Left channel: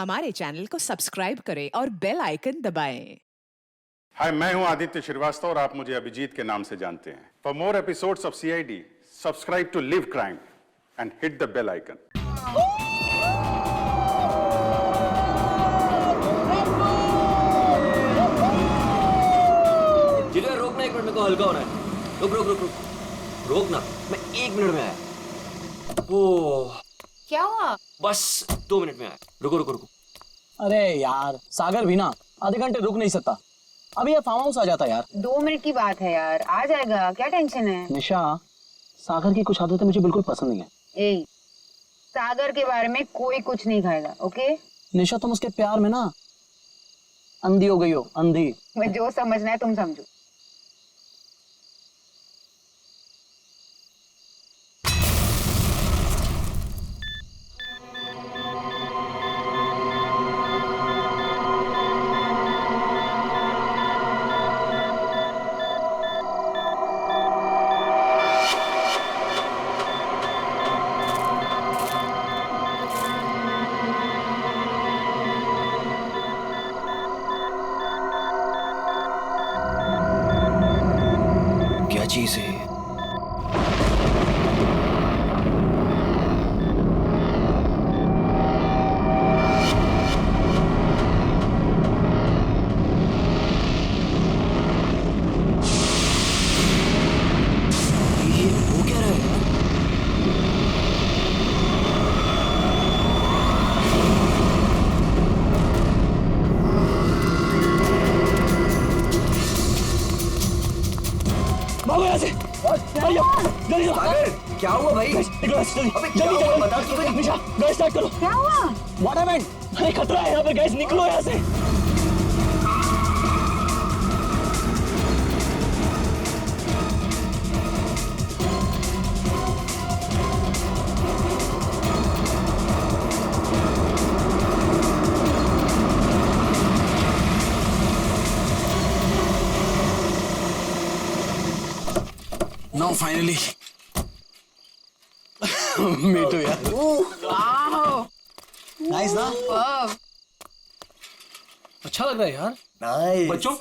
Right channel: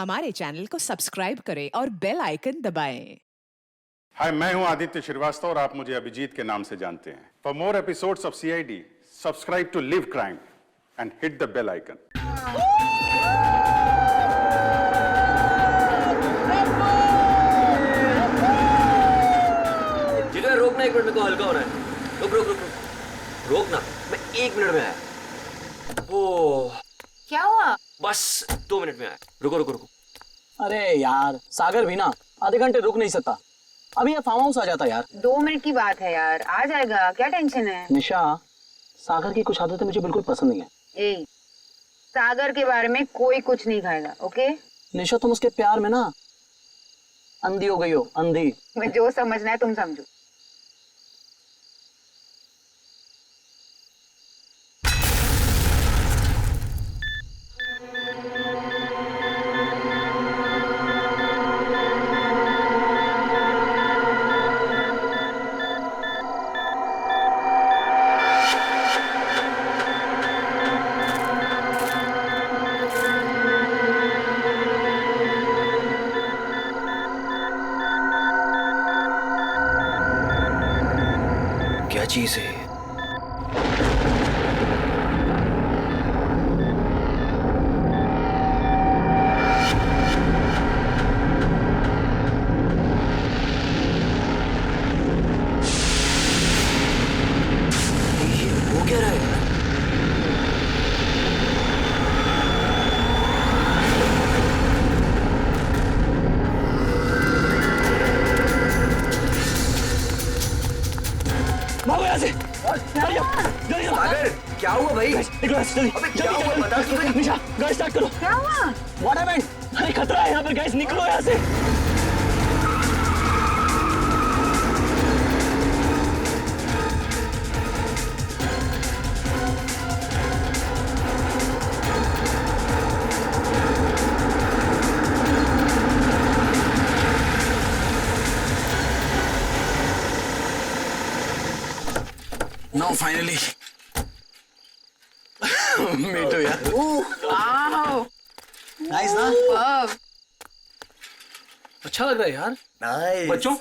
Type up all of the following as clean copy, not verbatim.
हमारे चैनल को सब्सक्राइब करें और बेल आइकन दबाएं। हाय, मैं हूं आदित्य श्रीवास्तव और आप मुझे अभिजीत के नाम से जानते हैं। For more episodes of CID, subscribe to live crime and hit the bell icon. जिधर रोकना, 1 मिनट में को हल्का होना है। रुक रुक रुक रुक रोकना, मैं 1 मिनट में आया। ओह, क्या हुआ? बस 2 मिनट में आया। रुको रुको रुको। अरे यार, सागर भी ना आधे घंटे रुक नहीं सकता। अभी ये फार्म हाउस आ जाता यार। 2 मिनट की बात है यार, आ जाएगा, क्या टेंशन है? निशा, सागर की कुछ आदतें मुझे बिल्कुल पसंद नहीं है। ए, सागर के बारे में कोई कुछ नहीं खाएगा, ओके? निशा, तुम उसके प्यार में ना अंधी हो गई हो, अंधी। मैं जो समझना है तुम समझो। क्या चीज है? ये हो क्या रहा है यार? भागो यहाँ से। जल्दी सागर, क्या हुआ भाई? जल्दी अबे क्या हुआ? बता तो सही। निशा, गैस स्टार्ट करो। क्या हुआ? What happened? अरे खतरा है यहाँ पे, गैस निकलो यहाँ से। Now finally, me too यार। वाओ, नाइस ना? वाव। अच्छा लग रहा है यार। नाइस। बच्चों,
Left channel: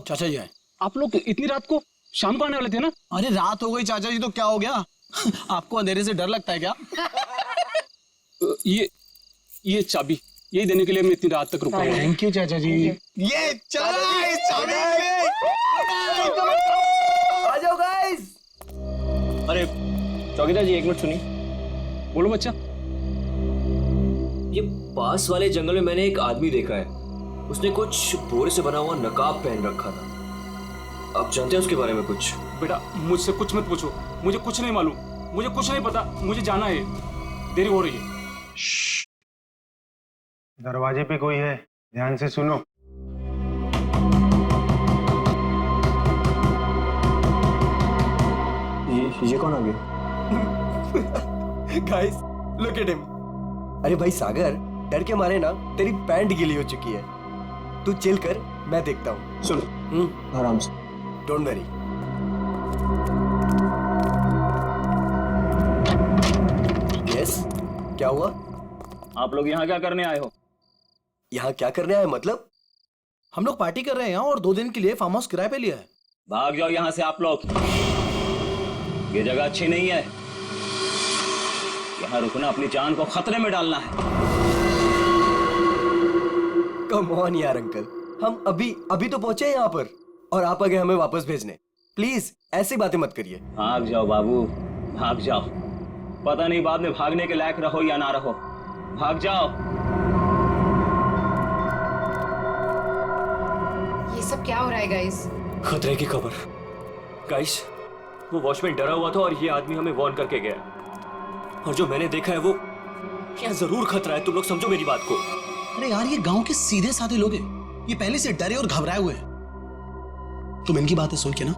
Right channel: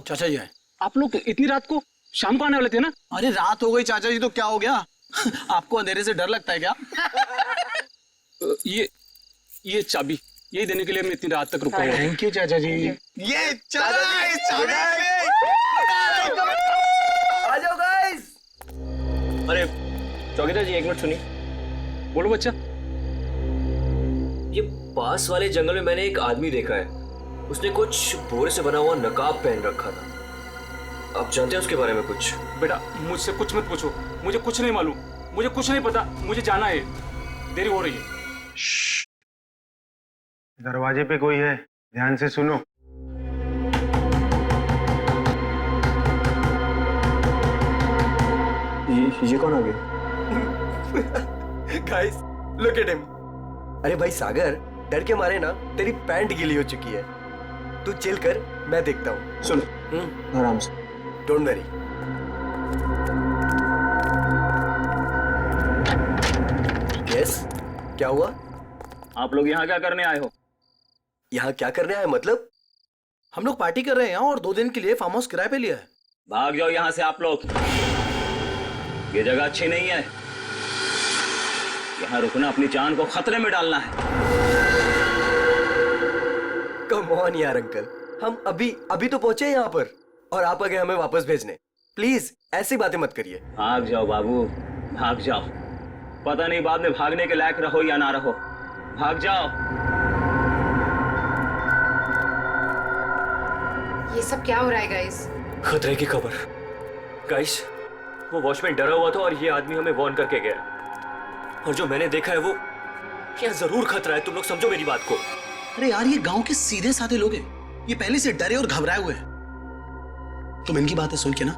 चाचा जी आए। आप लोग इतनी रात को शाम को आने वाले थे ना? अरे रात हो गई चाचा जी तो क्या हो गया? आपको अंधेरे से डर लगता है क्या? ये चाबी यही देने के लिए मैं इतनी रात तक रुका हुआ हूँ। थैंक यू चाचा जी। ये चला इस चाबी आ जाओ गाइस। अरे चौकीदार जी, 1 मिनट सुनिए। बोलो बच्चा। ये पास वाले जंगल में मैंने एक आदमी देखा है। उसने कुछ बोरे से बना हुआ नकाब पहन रखा था। आप जानते हैं उसके बारे में कुछ? बेटा, मुझसे कुछ मत पूछो, मुझे कुछ नहीं मालूम, मुझे कुछ नहीं पता, मुझे जाना है, देरी हो रही है। दरवाजे पे कोई है, ध्यान से सुनो। ये कौन आ गया? Guys, look at him. अरे भाई सागर, डर के मारे ना तेरी पैंट गीली हो चुकी है। तू चिल कर, मैं देखता हूँ। सुन, आराम से। Don't worry. यस, क्या हुआ? आप लोग यहाँ क्या करने आए हो? यहाँ क्या करने आए मतलब? हम लोग पार्टी कर रहे हैं यहाँ और 2 दिन के लिए फार्म हाउस किराए पे लिया है। भाग जाओ यहाँ से आप लोग, ये जगह अच्छी नहीं है। यहाँ रुकना अपनी जान को खतरे में डालना है। कम ऑन यार अंकल, हम अभी तो पहुंचे यहाँ पर और आप आ गए हमें वापस भेजने। प्लीज ऐसी बातें मत करिए। भाग जाओ बाबू, भाग जाओ। पता नहीं बाद में भागने के लायक रहो या ना रहो। भाग जाओ। ये सब क्या हो रहा है गाइस? खतरे की खबर। गाइस, वो वॉचमैन डरा हुआ था और ये आदमी हमें वार्न करके गया। और जो मैंने देखा है वो यहाँ जरूर खतरा है। तुम लोग समझो मेरी बात को। अरे यार, ये गांव के सीधे साधे लोग हैं। ये पहले से डरे और घबराए हुए हैं। तुम इनकी बातें सुन के ना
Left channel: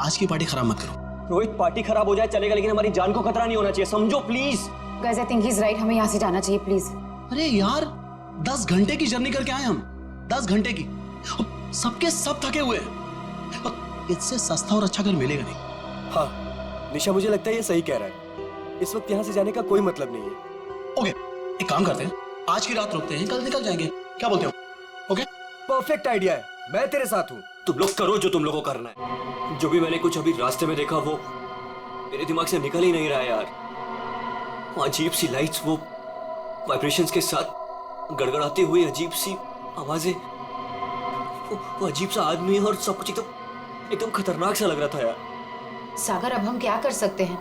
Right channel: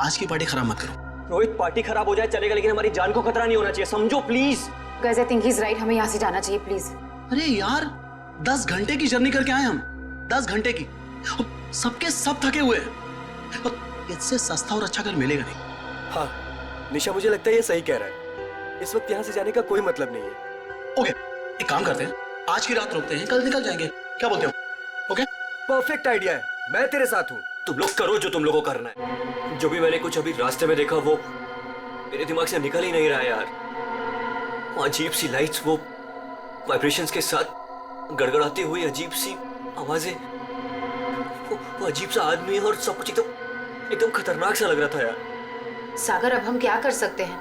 आज की पार्टी खराब मत करो। रोहित, पार्टी खराब हो जाए चलेगा, लेकिन हमारी जान को खतरा नहीं होना चाहिए, समझो please. Guys, I think he is right, हमें यहाँ से जाना चाहिए प्लीज। अरे यार, 10 घंटे की जर्नी करके आए हम, 10 घंटे की। सबके सब थके हुए हैं। इससे सस्ता और अच्छा घर मिलेगा नहीं। हाँ, निशा मुझे लगता है ये सही कह रहा है। इस वक्त यहाँ से जाने का कोई मतलब नहीं है। ओके, एक काम करते हैं, आज की रात रुकते हैं, कल निकल जाएंगे। क्या बोलते हो? ओके? परफेक्ट आइडिया है, मैं तेरे साथ हूँ। तुम लोग करो जो तुम लोगों को करना है। जो भी मैंने कुछ अभी रास्ते में देखा वो मेरे दिमाग से निकल ही नहीं रहा है यार। वो अजीब सी लाइट्स, वो वाइब्रेशंस के साथ गड़गड़ाती हुई अजीब सी आवाजें, वो अजीब सा आदमी और सब कुछ एकदम खतरनाक सा लग रहा था यार। सागर अब हम क्या कर सकते हैं?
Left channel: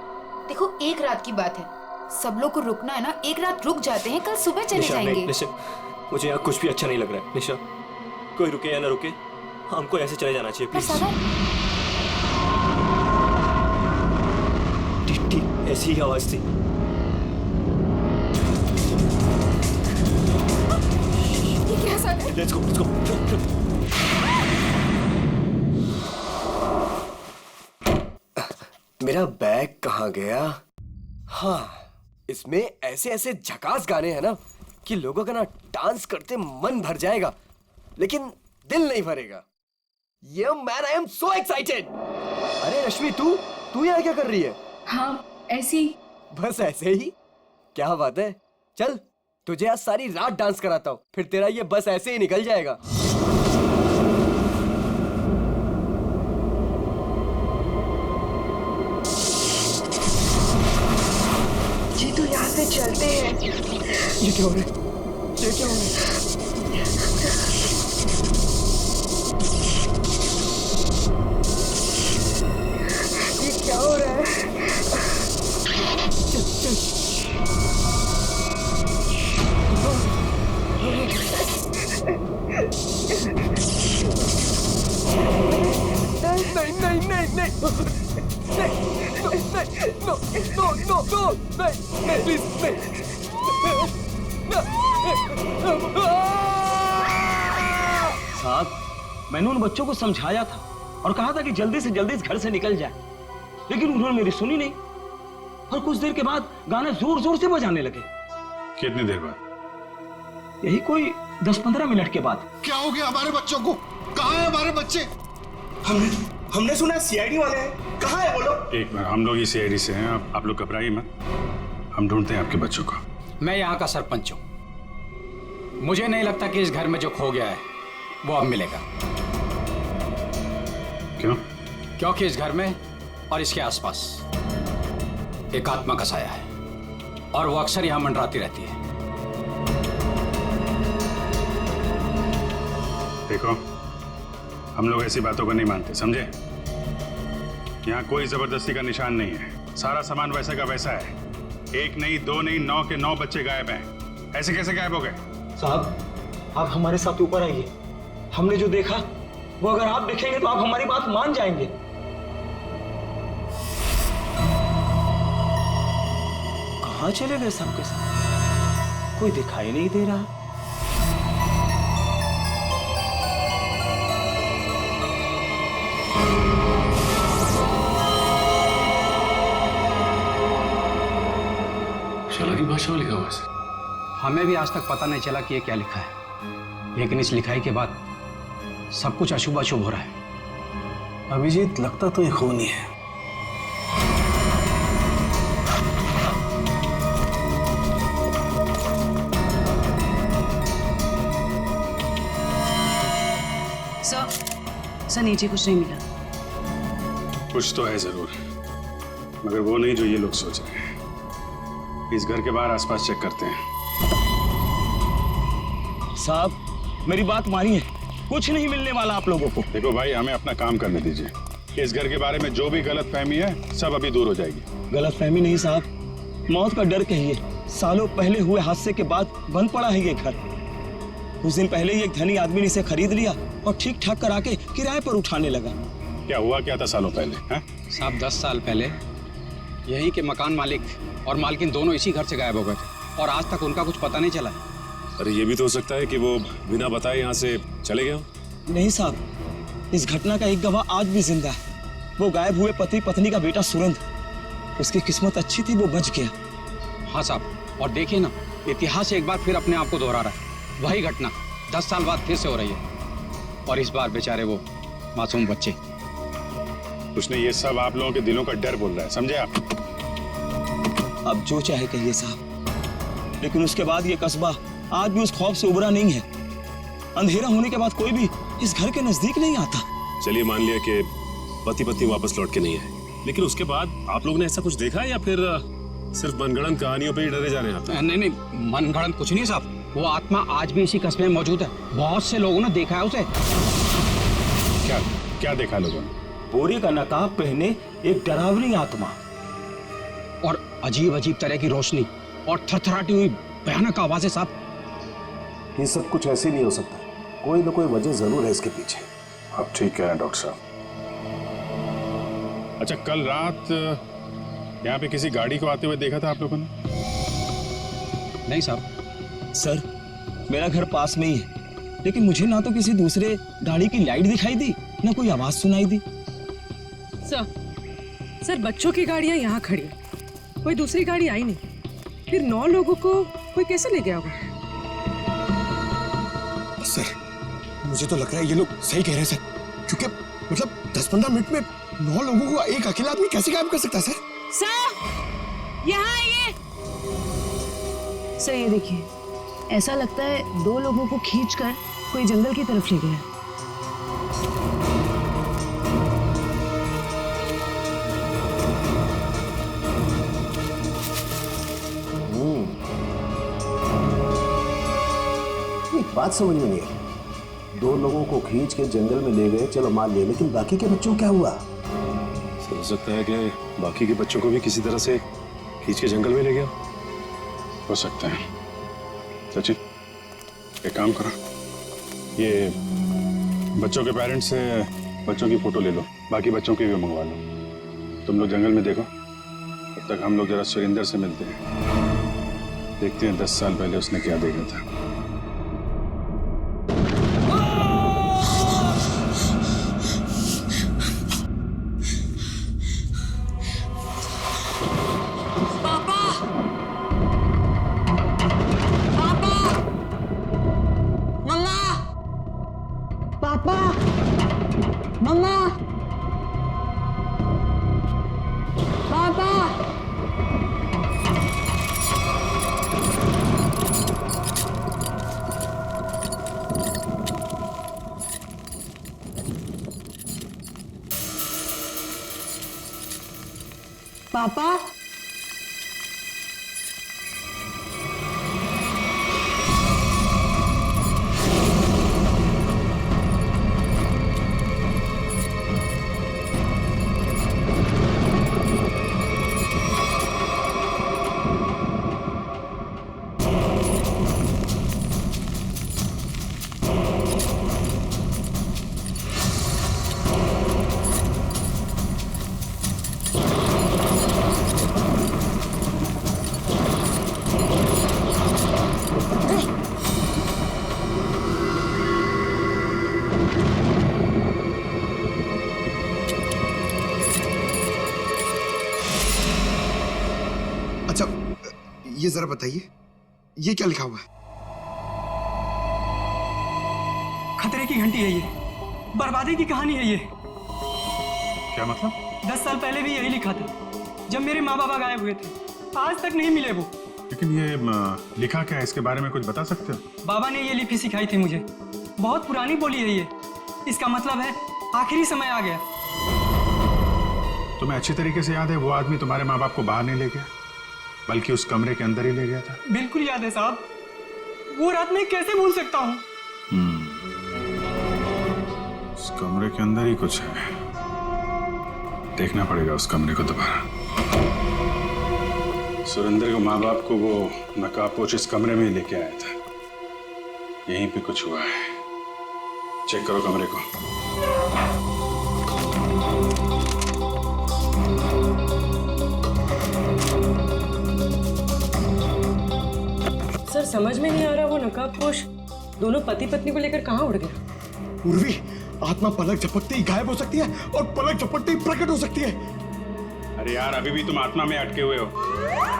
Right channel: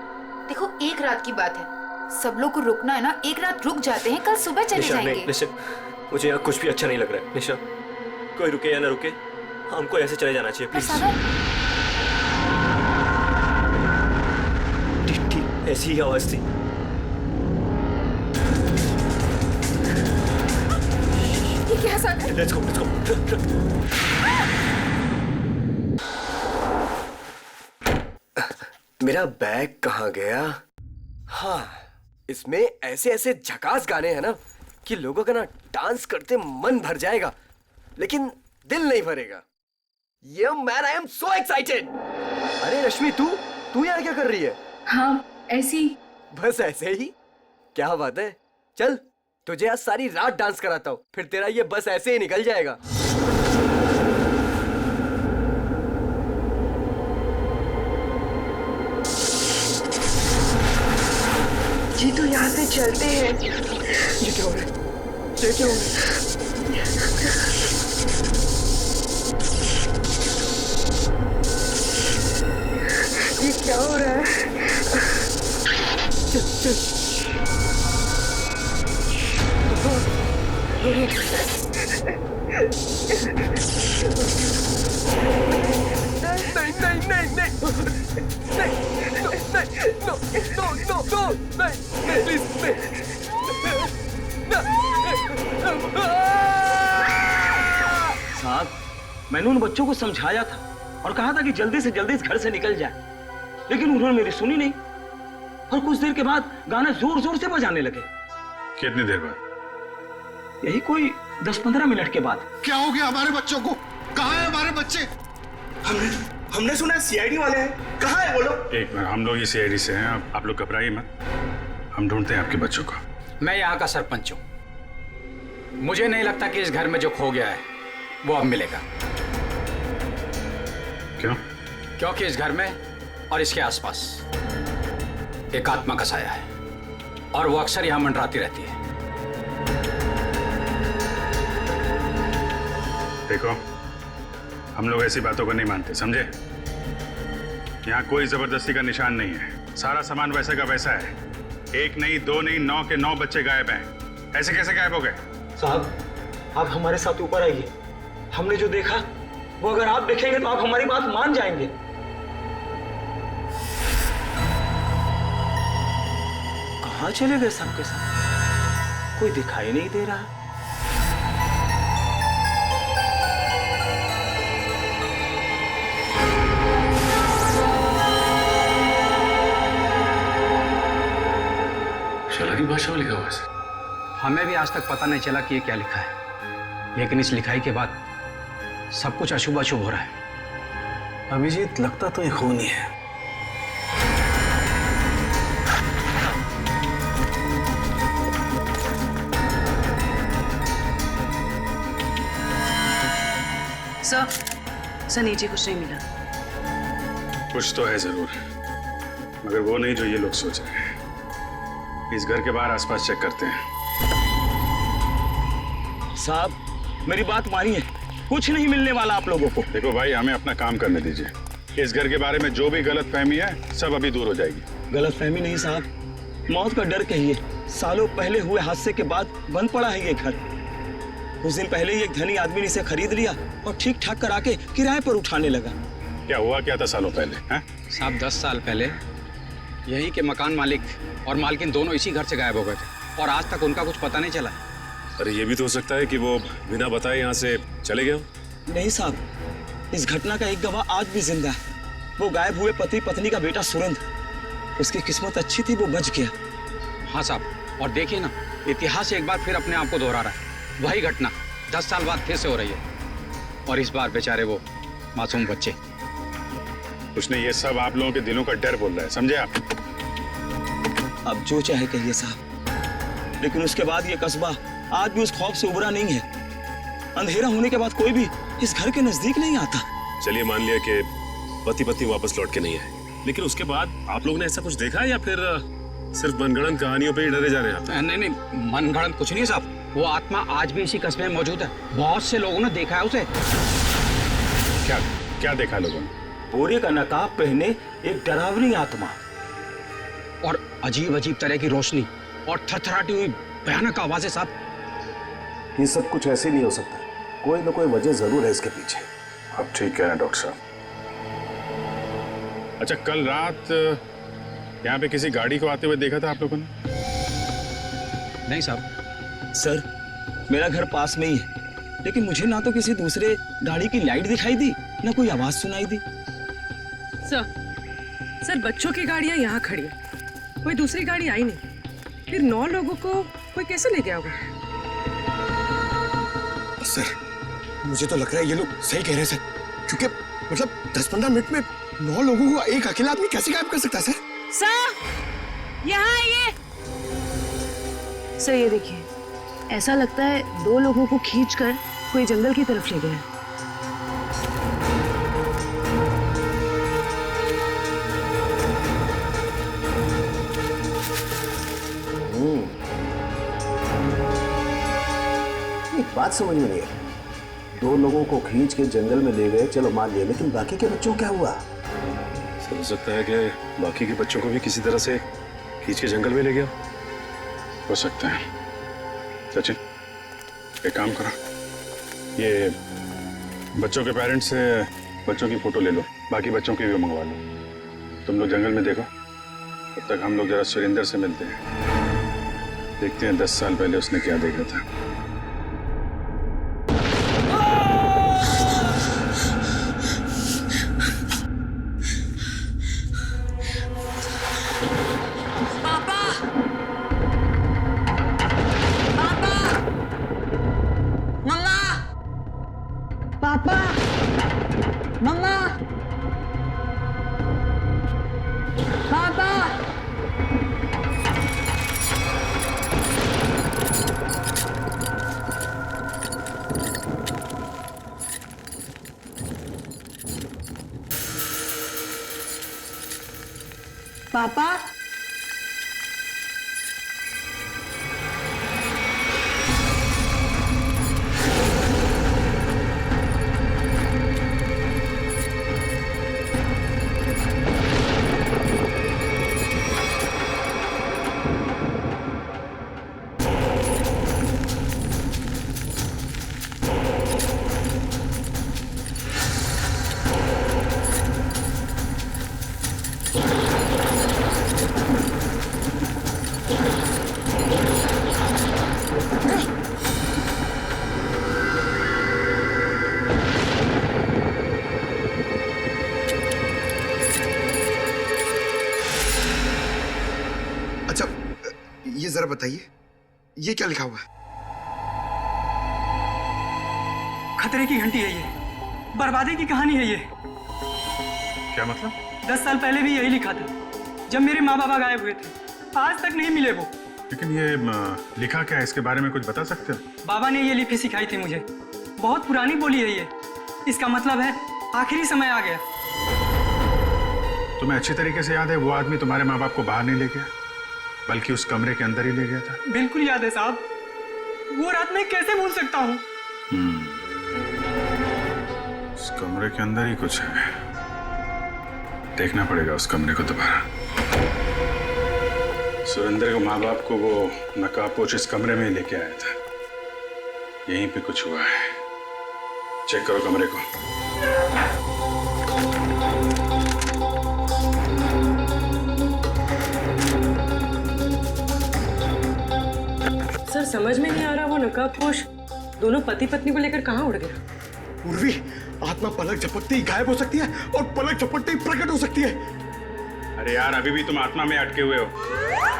देखो एक रात की बात है, सब लोग को रुकना है ना, एक रात रुक जाते हैं, कल सुबह चले जाएंगे। निशा, मुझे यहाँ कुछ भी अच्छा नहीं लग रहा है। निशा, कोई रुके या ना रुके, हमको ऐसे चले जाना चाहिए प्लीज। ठीक ऐसी ही आवाज थी। ये क्या सागर? Let's go. मेरा बैग कहाँ गया? हाँ, इसमें ऐसे ऐसे झकास गाने हैं ना कि लोगों का ना डांस करते मन भर जाएगा, लेकिन दिल नहीं भरेगा। ये man, I am so excited. अरे रश्मि, तू यहाँ क्या कर रही है? हाँ ऐसी। बस ऐसे ही? क्या बात है, चल तुझे आज सारी रात डांस कराता हूँ, फिर तेरा ये बस ऐसे ही निकल जाएगा। जी तो यहाँ से चलते हैं। ये क्या हो रहा है? ये क्या हो रहा है? ये क्या हो रहा है? चल चल। नहीं नहीं नहीं नहीं नो नो नो नो नहीं प्लीज नहीं। साहब, मैंने उन बच्चों को समझाया था और कहा था कि जल्दी से जल्दी इस घर से निकल जाए, लेकिन उन्होंने मेरी सुनी नहीं और कुछ देर के बाद गाना जोर जोर से बजाने लगे। कितनी देर बाद? यही कोई 10-15 मिनट के बाद। क्या हो गया हमारे बच्चों को? कहाँ है हमारे बच्चे? हमने सुना सीआईडी वाले हैं, कहाँ है वो लोग? एक मिनट, हम लोग ही सीआईडी से हैं, आप लोग घबराइए मत, हम ढूंढते हैं आपके बच्चों को। मैं यहाँ का सरपंच हूँ, मुझे नहीं लगता कि इस घर में जो खो गया है वो अब मिलेगा। क्यों? क्योंकि इस घर में और इसके आसपास एक आत्मा का साया है और वो अक्सर यहाँ मंडराती रहती है। देखो, हम लोग ऐसी बातों को नहीं मानते, समझे? यहाँ कोई जबरदस्ती का निशान नहीं है, सारा सामान वैसे का वैसा है। एक नहीं, दो नहीं, 9 के 9 बच्चे गायब हैं। ऐसे कैसे गायब हो गए? साहब, आप हमारे साथ ऊपर आइए। हमने जो देखा वो अगर आप देखेंगे तो आप हमारी बात मान जाएंगे। कहाँ चले गए सबके सब? कोई दिखाई नहीं दे रहा। की भाषा में लिखा हुआ है। हमें भी आज तक पता नहीं चला कि ये क्या लिखा है, लेकिन इस लिखाई के बाद सब कुछ अशुभ अशुभ हो रहा है। अभिजीत, लगता तो ये खूनी है। सर नीचे कुछ नहीं मिला। कुछ तो है जरूर, मगर वो नहीं जो ये लोग सोच रहे हैं। इस घर के बाहर आसपास चेक करते हैं। साहब, मेरी बात मानिए, कुछ नहीं मिलने वाला आप लोगों को। देखो भाई, हमें अपना काम करने दीजिए। इस घर के बारे में जो भी गलतफहमी है सब अभी दूर हो जाएगी। गलतफहमी नहीं साहब, मौत का डर कहिए। सालों पहले हुए हादसे के बाद बंद पड़ा है ये घर। कुछ दिन पहले ही एक धनी आदमी ने इसे खरीद लिया और ठीक ठाक करा के किराए पर उठाने लगा। क्या हुआ क्या था सालों पहले? साहब, 10 साल पहले यहीं के मकान मालिक और मालकिन दोनों इसी घर से गायब हो गए थे और आज तक उनका कुछ पता नहीं चला। अरे ये भी तो हो सकता है कि वो बिना बताए यहाँ से चले गए हो। नहीं साहब, इस घटना का एक गवाह आज भी जिंदा है। वो गायब हुए पति पत्नी का बेटा सुरंद। उसकी किस्मत अच्छी थी, वो बच गया। हाँ साहब, और देखिए ना, इतिहास एक बार फिर अपने आप को दोहरा रहा है। वही घटना 10 साल बाद फिर से हो रही है और इस बार बेचारे वो मासूम बच्चे। उसने ये सब आप लोगों के दिलों का डर बोल रहा है, समझे आप? अब जो चाहे कहिए साहब, लेकिन उसके बाद ये कस्बा आज भी उस खौफ से उबरा नहीं है। अंधेरा होने के बाद कोई भी इस घर के नजदीक नहीं आता। चलिए मान लिया कि पति पत्नी वापस लौट के नहीं आए, लेकिन उसके बाद आप लोगों ने ऐसा कुछ देखा है या फिर सिर्फ मनगढ़ंत कहानियों पे ही डरे जा रहे हैं आप? नहीं नहीं, मनगढ़ंत कुछ नहीं साहब। वो आत्मा आज भी इसी कस्बे में मौजूद है। बहुत से लोगों ने देखा है उसे। क्या क्या देखा लोगों ने? बोरे का नकाब पहने एक डरावनी आत्मा और अजीब अजीब तरह की रोशनी और थरथराती हुई भयानक आवाजें साहब। ये सब कुछ ऐसे नहीं हो सकता, कोई ना कोई वजह जरूर है इसके पीछे। आप ठीक कह रहे हैं डॉक्टर साहब। अच्छा, कल रात यहाँ पे किसी गाड़ी को आते हुए देखा था आप लोगों ने? नहीं साहब। सर, मेरा घर पास में ही है, लेकिन मुझे ना तो किसी दूसरे गाड़ी की लाइट दिखाई दी, ना कोई आवाज सुनाई दी। सर, बच्चों की गाड़ियां यहाँ खड़ी है, कोई दूसरी गाड़ी आई नहीं। फिर 9 लोगों को कोई कैसे ले गया होगा? सर, मुझे तो लग रहा है ये लोग सही कह रहे हैं सर, क्योंकि मतलब 10-15 मिनट में 9 लोगों को एक अकेला आदमी कैसे गायब कर सकता है सर? सर, यहाँ आइए। सर ये देखिए, ऐसा लगता है 2 लोगों को खींचकर कोई जंगल की तरफ ले गया। एक बात समझ में नहीं आई, 2 लोगों को खींच के जंगल में ले गए, चलो मान लिया, लेकिन बाकी के बच्चों क्या हुआ? सर, हो सकता है कि बाकी के बच्चों को भी किसी तरह से खींच के जंगल में ले गया। हो सकता है। सचिन, एक काम करो, ये बच्चों के पेरेंट्स से बच्चों की फोटो ले लो, बाकी बच्चों की भी मंगवा लो। तुम लोग जंगल में देखो, तब तक हम लोग जरा सुरेंद्र से मिलते हैं, देखते हैं 10 साल पहले उसने क्या देखा था। पापा, ये जरा बताइए, ये क्या लिखा हुआ है? खतरे की घंटी है ये, बर्बादी की कहानी है ये। क्या मतलब? 10 साल पहले भी यही लिखा था, जब मेरे माँ बाबा गायब हुए थे। आज तक नहीं मिले वो। लेकिन ये लिखा क्या है, इसके बारे में कुछ बता सकते हो? बाबा ने ये लिपि सिखाई थी मुझे, बहुत पुरानी बोली है ये। इसका मतलब है आखिरी समय आ गया। तुम्हें अच्छी तरीके से याद है वो आदमी तुम्हारे माँ बाप को बाहर नहीं ले गया, बल्कि उस कमरे के अंदर ही ले गया था? बिल्कुल याद है साहब, वो रात मैं कैसे भूल सकता हूँ। उस कमरे के अंदर ही कुछ है, देखना पड़ेगा उस कमरे को दोबारा। सुरेंद्र के माँ बाप को वो नकाबपोश इस कमरे में ही लेके आया था, यहीं पे कुछ हुआ है। चेक करो कमरे को। सर, समझ में नहीं आ रहा वो नकाबपोश दोनों पति पत्नी को लेकर कहाँ उड़ गया। उर्वी, आत्मा पलक झपकते ही गायब हो सकती है और पलक झपकते ही प्रकट हो सकती है। अरे यार, अभी भी तुम आत्मा में अटके हुए हो।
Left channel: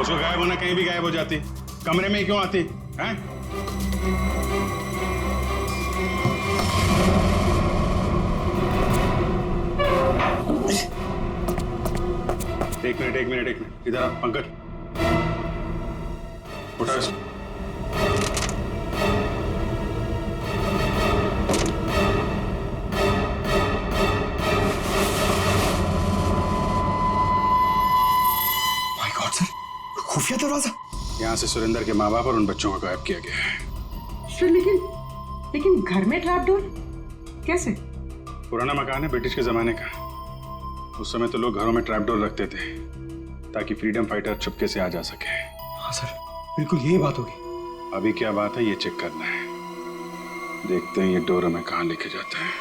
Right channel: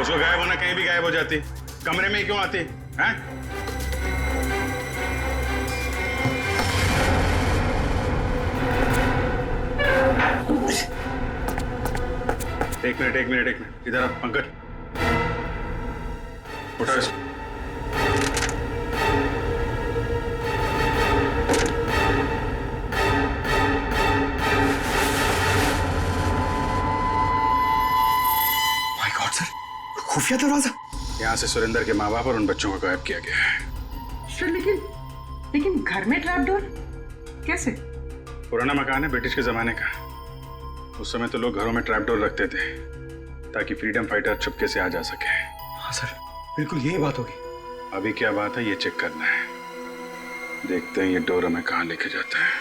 उसको गायब होना कहीं भी गायब हो जाती, कमरे में ही क्यों आती हैं? एक मिनट, इधर आ पंकज, उठा इसको। खुफिया दरवाजा। यहाँ से सुरेंद्र के माँ बाप और उन बच्चों को गायब किया गया है। सर लेकिन घर में ट्रैप डोर कैसे? पुराना मकान है ब्रिटिश के जमाने का। उस समय तो लोग घरों में ट्रैप डोर रखते थे ताकि फ्रीडम फाइटर चुपके से आ जा सके। हाँ सर, बिल्कुल यही बात होगी। अभी क्या बात है ये चेक करना है। देखते हैं ये डोर हमें कहाँ लेके जाता है।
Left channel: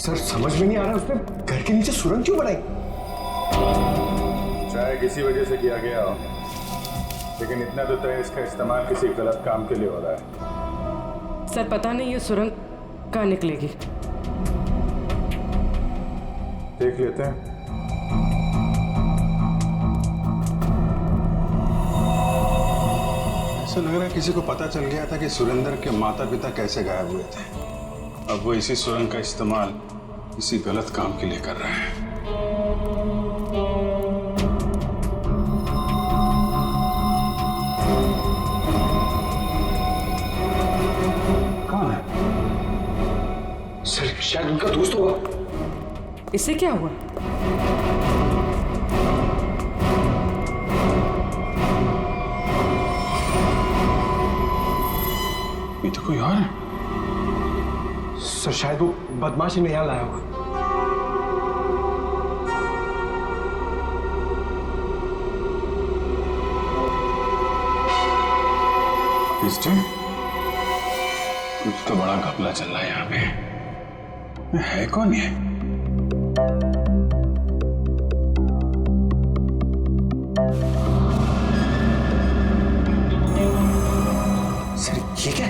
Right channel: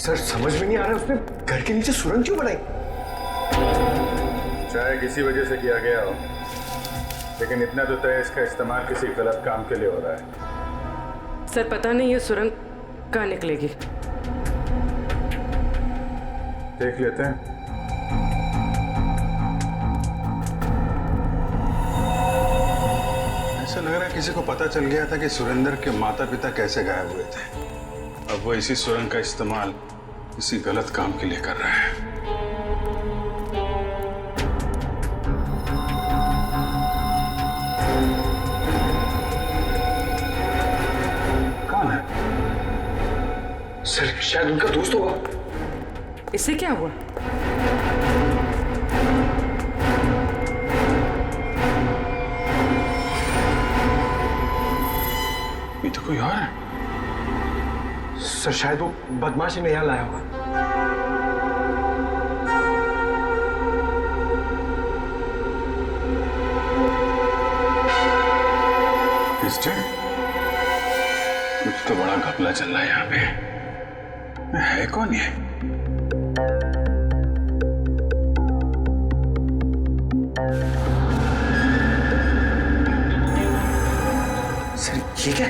सर समझ में नहीं आ रहा है, उसने घर के नीचे सुरंग क्यों बनाई? चाहे किसी वजह से किया गया हो, लेकिन इतना तो तय इसका इस्तेमाल किसी गलत काम के लिए हो रहा है। सर पता नहीं ये सुरंग कहाँ निकलेगी। देख लेते हैं। ऐसा लग रहा है किसी को पता चल गया था कि सुरेंद्र के माता पिता कैसे गायब हुए थे। अब वो इसी सुरंग का इस्तेमाल किसी गलत काम के लिए कर रहा है। कौन है? सर शायद उनका दोस्त होगा। इससे क्या हुआ? ये तो कोई और है। सर शायद वो बदमाश इन्हें यहाँ लाया होगा। कुछ तो बड़ा घपला चल रहा है यहाँ पे। है कौन ये? सर ये क्या?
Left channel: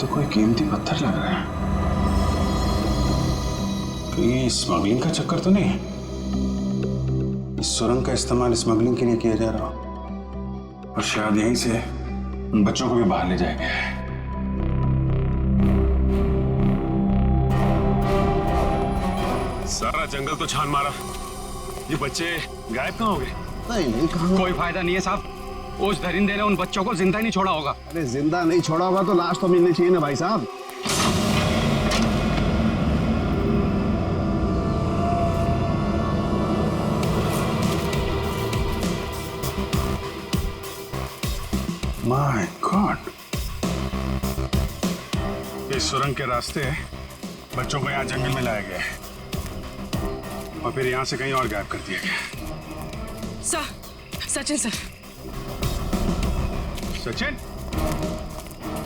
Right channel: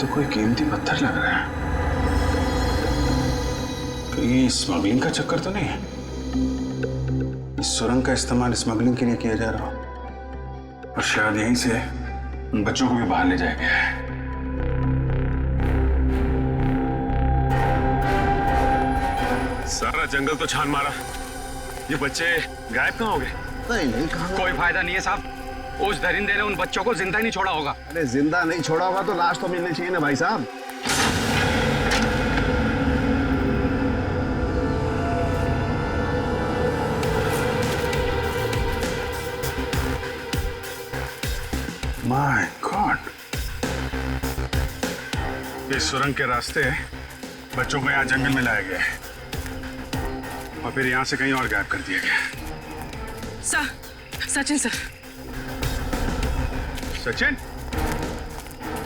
तो कोई कीमती पत्थर लग रहा है। कहीं स्मगलिंग का चक्कर तो नहीं है? इस सुरंग का इस्तेमाल स्मगलिंग के लिए किया जा रहा हो और शायद यहीं से उन बच्चों को भी बाहर ले जाया गया है। सारा जंगल तो छान मारा, ये बच्चे गायब कहाँ हो गए? नहीं कहाँ? कोई फायदा नहीं है साहब, उस दरिंदे ने उन बच्चों को जिंदा ही नहीं छोड़ा होगा। अरे जिंदा नहीं छोड़ा होगा तो लाश तो मिलनी चाहिए ना भाई साहब। माय गॉड, इस सुरंग के रास्ते बच्चों को यहाँ जंगल में लाया गया है और फिर यहाँ से कहीं और गायब कर दिया गया। सचिन सर। सचिन?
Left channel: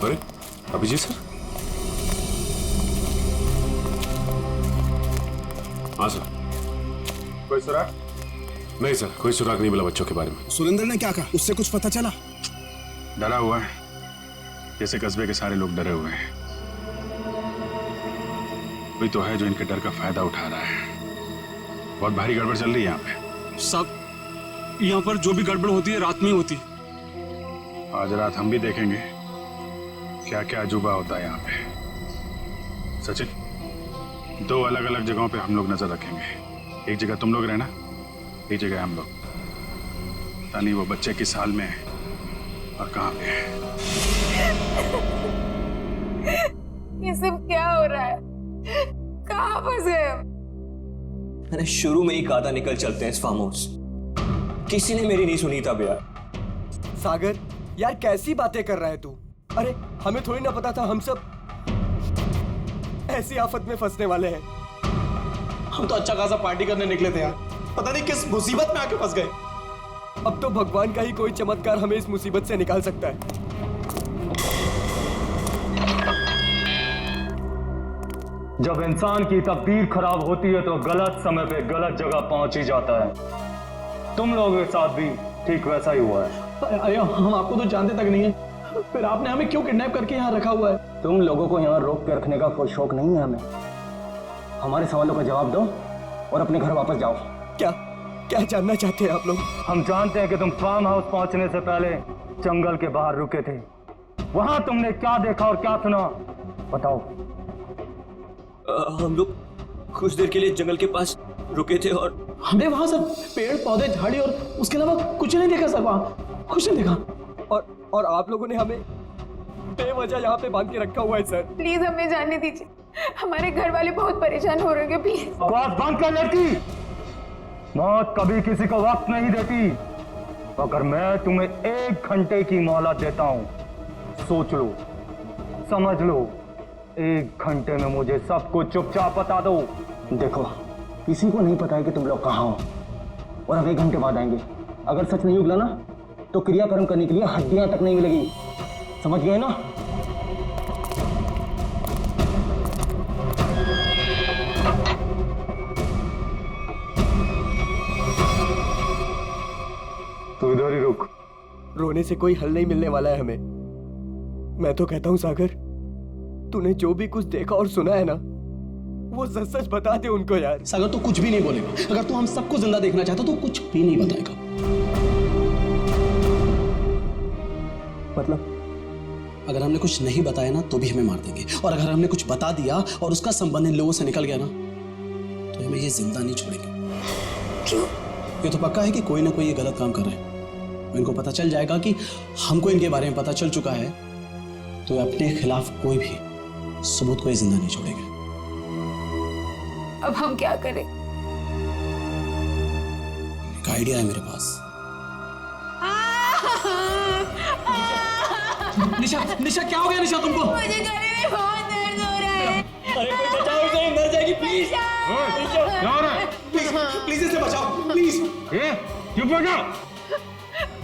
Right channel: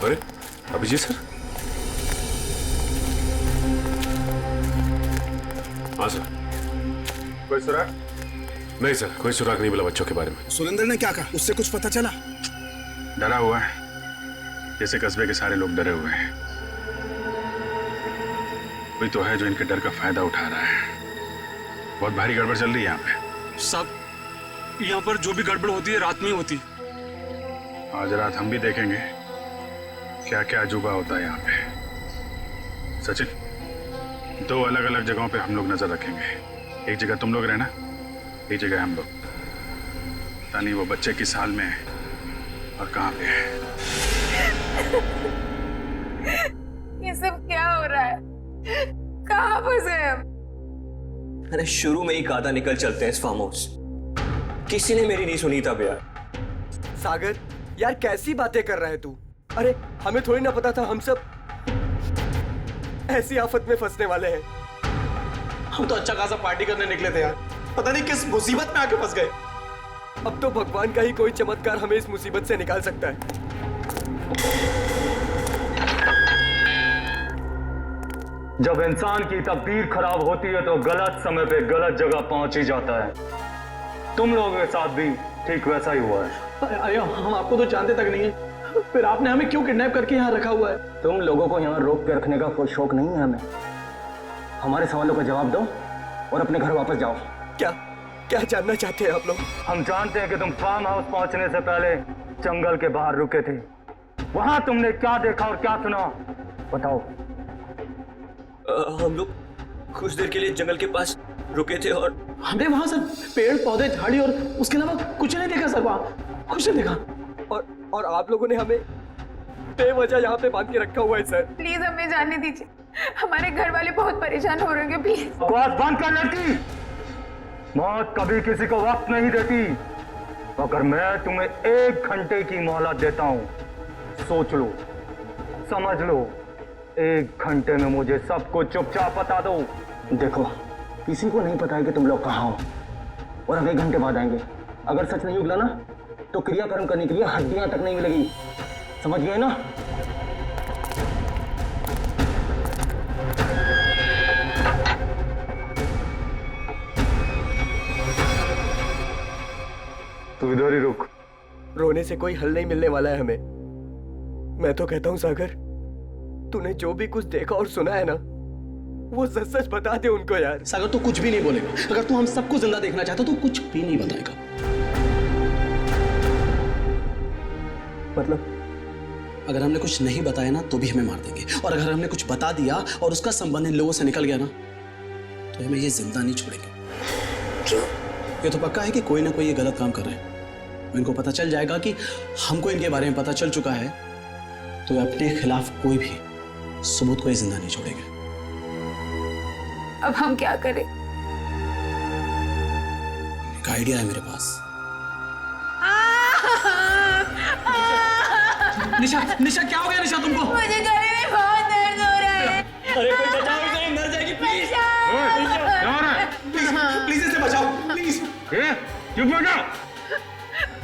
अरे अभिजीत सर। हाँ सर। कोई सुराग? नहीं सर, कोई सुराग नहीं मिला बच्चों के बारे में। सुरेंद्र ने क्या कहा? उससे कुछ पता चला? डरा हुआ है, जैसे कस्बे के सारे लोग डरे हुए हैं। कोई तो है जो इनके डर का फायदा उठा रहा है। बहुत भारी गड़बड़ चल रही है यहाँ पे। सब यहाँ पर जो भी गड़बड़ होती है रात में ही होती है। आज रात हम भी देखेंगे क्या क्या अजूबा होता है यहाँ पे। सचिन, 2 अलग अलग जगहों पे हम लोग नजर रखेंगे। एक जगह तुम लोग रहना, एक जगह हम लोग। पता नहीं वो बच्चे किस हाल में है और कहाँ पे है। ये सब क्या हो रहा है? कहाँ फंस गए हम? मैंने शुरू में ही कहा था निकल चलते हैं इस फार्म हाउस। किसी ने मेरी नहीं सुनी तब यार। सागर यार कैसी बातें कर रहा है तू? अरे हमें थोड़ी ना पता था हम सब ऐसी आफत में फंसने वाले हैं। हम तो अच्छा खासा पार्टी करने निकले थे यार, पता नहीं किस मुसीबत में आके फंस गए। अब तो भगवान का ही कोई चमत्कार हमें इस मुसीबत से निकाल सकता है। जब इंसान की तकदीर खराब होती है तो गलत समय पे गलत जगह पहुंच ही जाता है। तुम लोगों के साथ भी ठीक वैसा ही हुआ है। अरे हम आपको तो जानते तक नहीं है, फिर आपने हमें क्यों किडनैप करके यहाँ रखा हुआ है? तुम लोगों को यहाँ रोक के रखने का कोई शौक नहीं है हमें। हमारे सवालों का जवाब दो और अपने घर वापस जाओ। क्या क्या जानना चाहते हैं आप लोग? हम जानते हैं कि तुम फार्म हाउस पहुंचने से पहले जंगल के बाहर रुके थे। वहां तुमने क्या देखा और क्या सुना, बताओ। हम लोग कुछ देर के लिए जंगल के पास रुके थे और हमने वहां सर पेड़ पौधे झाड़ी और उसके अलावा कुछ नहीं देखा सर, वहां कुछ नहीं देखा। और आप लोगों ने हमें बेवजह यहाँ पे बांध के रखा हुआ है सर। प्लीज हमें जाने दीजिए, हमारे घर वाले बहुत परेशान हो रहे हैं, प्लीज। बकवास बंद कर लड़की। मौत कभी किसी को वक्त नहीं देती। अगर मैं तुम्हें 1 घंटे की मोहलत देता हूं, सोच लो, समझ लो, 1 घंटे में मुझे सब कुछ चुपचाप बता दो। देखो, किसी को नहीं पता है कि तुम लोग कहाँ हो, और हम 1 घंटे बाद आएंगे। अगर सच नहीं उगला ना, तो क्रियाकर्म करने के लिए हड्डियां तक नहीं मिलेगी। समझ गए ना? तू इधर ही रुक। रोने से कोई हल नहीं मिलने वाला है हमें। मैं तो कहता हूं सागर, तूने जो भी कुछ देखा और सुना है ना, वो सच सच बता दे उनको यार। सागर तू कुछ भी नहीं बोलेगा। अगर तू हम सबको जिंदा देखना चाहता तो कुछ भी नहीं बताएगा। मतलब अगर हमने कुछ नहीं बताया ना तो भी हमें मार देंगे, और अगर हमने कुछ बता दिया और उसका संबंध इन लोगों से निकल गया ना, तो हमें ये जिंदा नहीं छोड़ेंगे। क्यों? ये तो पक्का है कि कोई ना कोई ये गलत काम कर रहे हैं। इनको पता चल जाएगा कि हमको इनके बारे में पता चल चुका है, तो अपने खिलाफ कोई भी सबूत को जिंदा नहीं छोड़ेंगे। अब हम क्या करें? एक आइडिया है मेरे पास। निशा, निशा क्या हो गया निशा तुमको? मुझे गले में बहुत दर्द हो रहा है। अरे कोई बचाओ इसे, मर जाएगी प्लीज। क्या हो रहा है? प्लीज इसे बचाओ, प्लीज। चुप हो जाओ।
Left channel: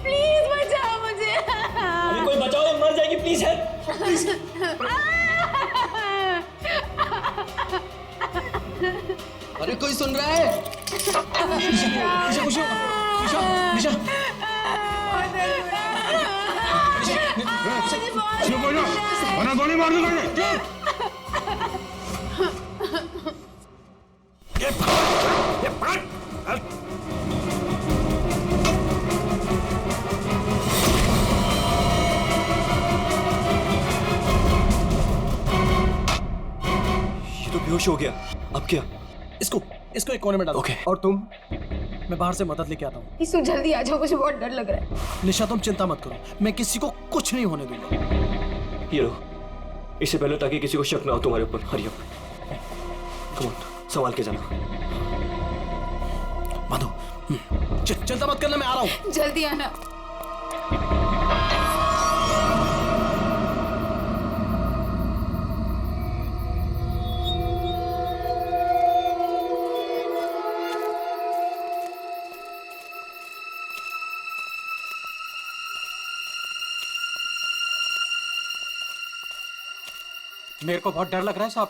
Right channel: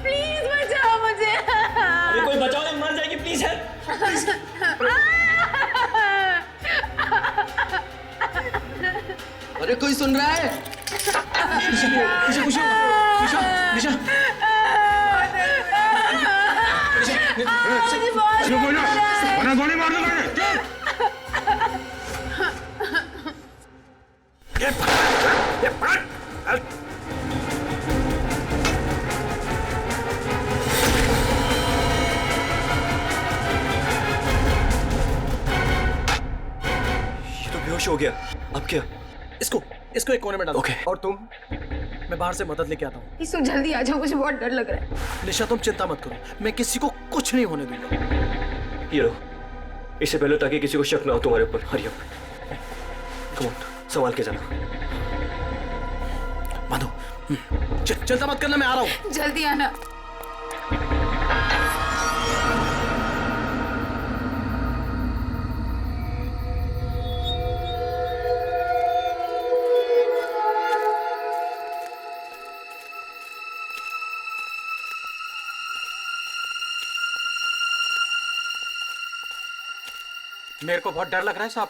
प्लीज बचाओ मुझे। अरे कोई बचाओ, ये मर जाएगी प्लीज। अरे कोई सुन रहा है? निशा, निशा, निशा, निशा, निशा। चुप हो जाओ, वरना गोली मार दूंगा। ये तो बेहोश हो गया। अब क्या? इसको एक कोने में डालो। ओके। और तुम? मैं बाहर से मदद लेके आता हूँ। इसु जल्दी आ जाओ, मुझे बहुत डर लग रहा है। निशा तुम चिंता मत करो, मैं किसी को कुछ नहीं होने दूंगा। ये लो, इससे पहले ताकि किसी को शक ना हो तुम्हारे ऊपर। हरी अप, कम ऑन, संभाल के जाना। माधो, चिंता मत करना, मैं आ रहा हूँ। जल्दी आना। मेरे को बहुत डर लग रहा है साहब।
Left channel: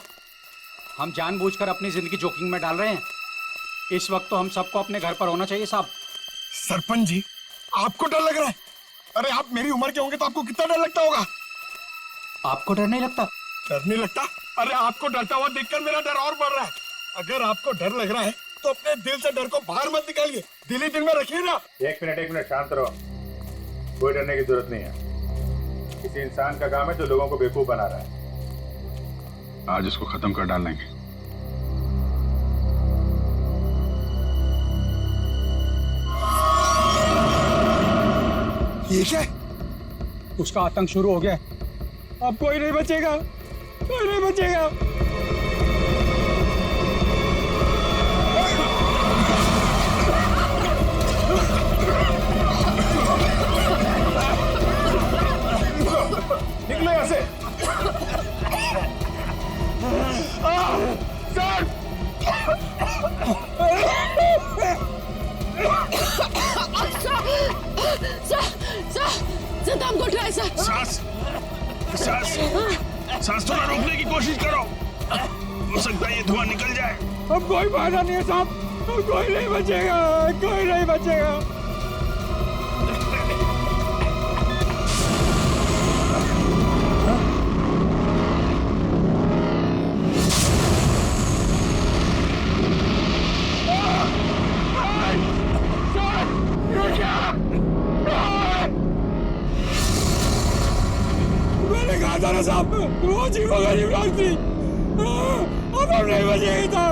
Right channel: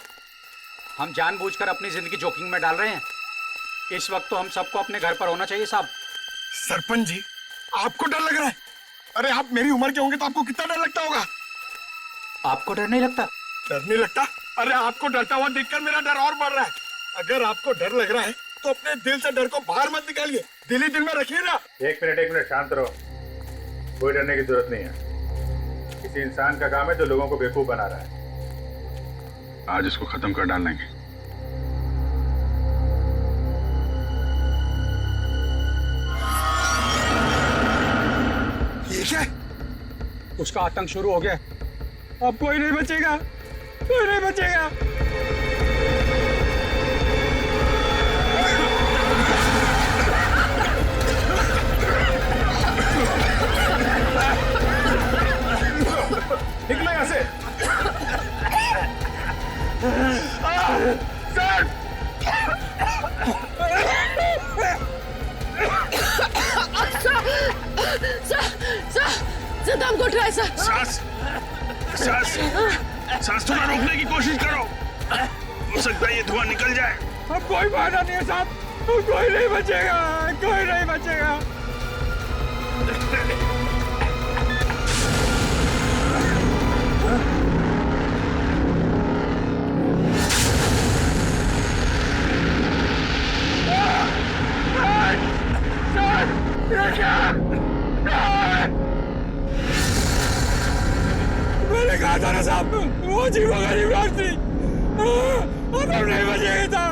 हम जानबूझकर अपनी जिंदगी जोखिम में डाल रहे हैं। इस वक्त तो हम सबको अपने घर पर होना चाहिए साहब। सरपंच जी, आपको डर लग रहा है? अरे आप मेरी उम्र के होंगे तो आपको कितना डर लगता होगा? आपको डर नहीं लगता? डर नहीं लगता? अरे आपको डरता हुआ देखकर मेरा डर और बढ़ रहा है। अगर आपको डर लग रहा है तो अपने दिल से डर को बाहर मत निकालिए, दिल ही दिल में रखिए ना। 1 मिनट शांत रहो। कोई डरने की जरूरत नहीं है। किसी इंसान का काम है जो लोगों को बेवकूफ बना रहा है। आज इसको खत्म कर डालेंगे। ये क्या? उसका आतंक शुरू हो गया। अब कोई नहीं बचेगा, कोई नहीं बचेगा। निकलो यहाँ से। सर! सर दम घुट रहा है सर। सांस थोड़ा रोकने की कोशिश करो। हो सकता है ये धुआं निकल जाए। अब कोई फायदा नहीं है साहब, कोई नहीं बचेगा, कोई नहीं बचेगा। मैंने कहा था ना साहब, वो अजीब गरीब लोग थी। अब नहीं बचेगी तो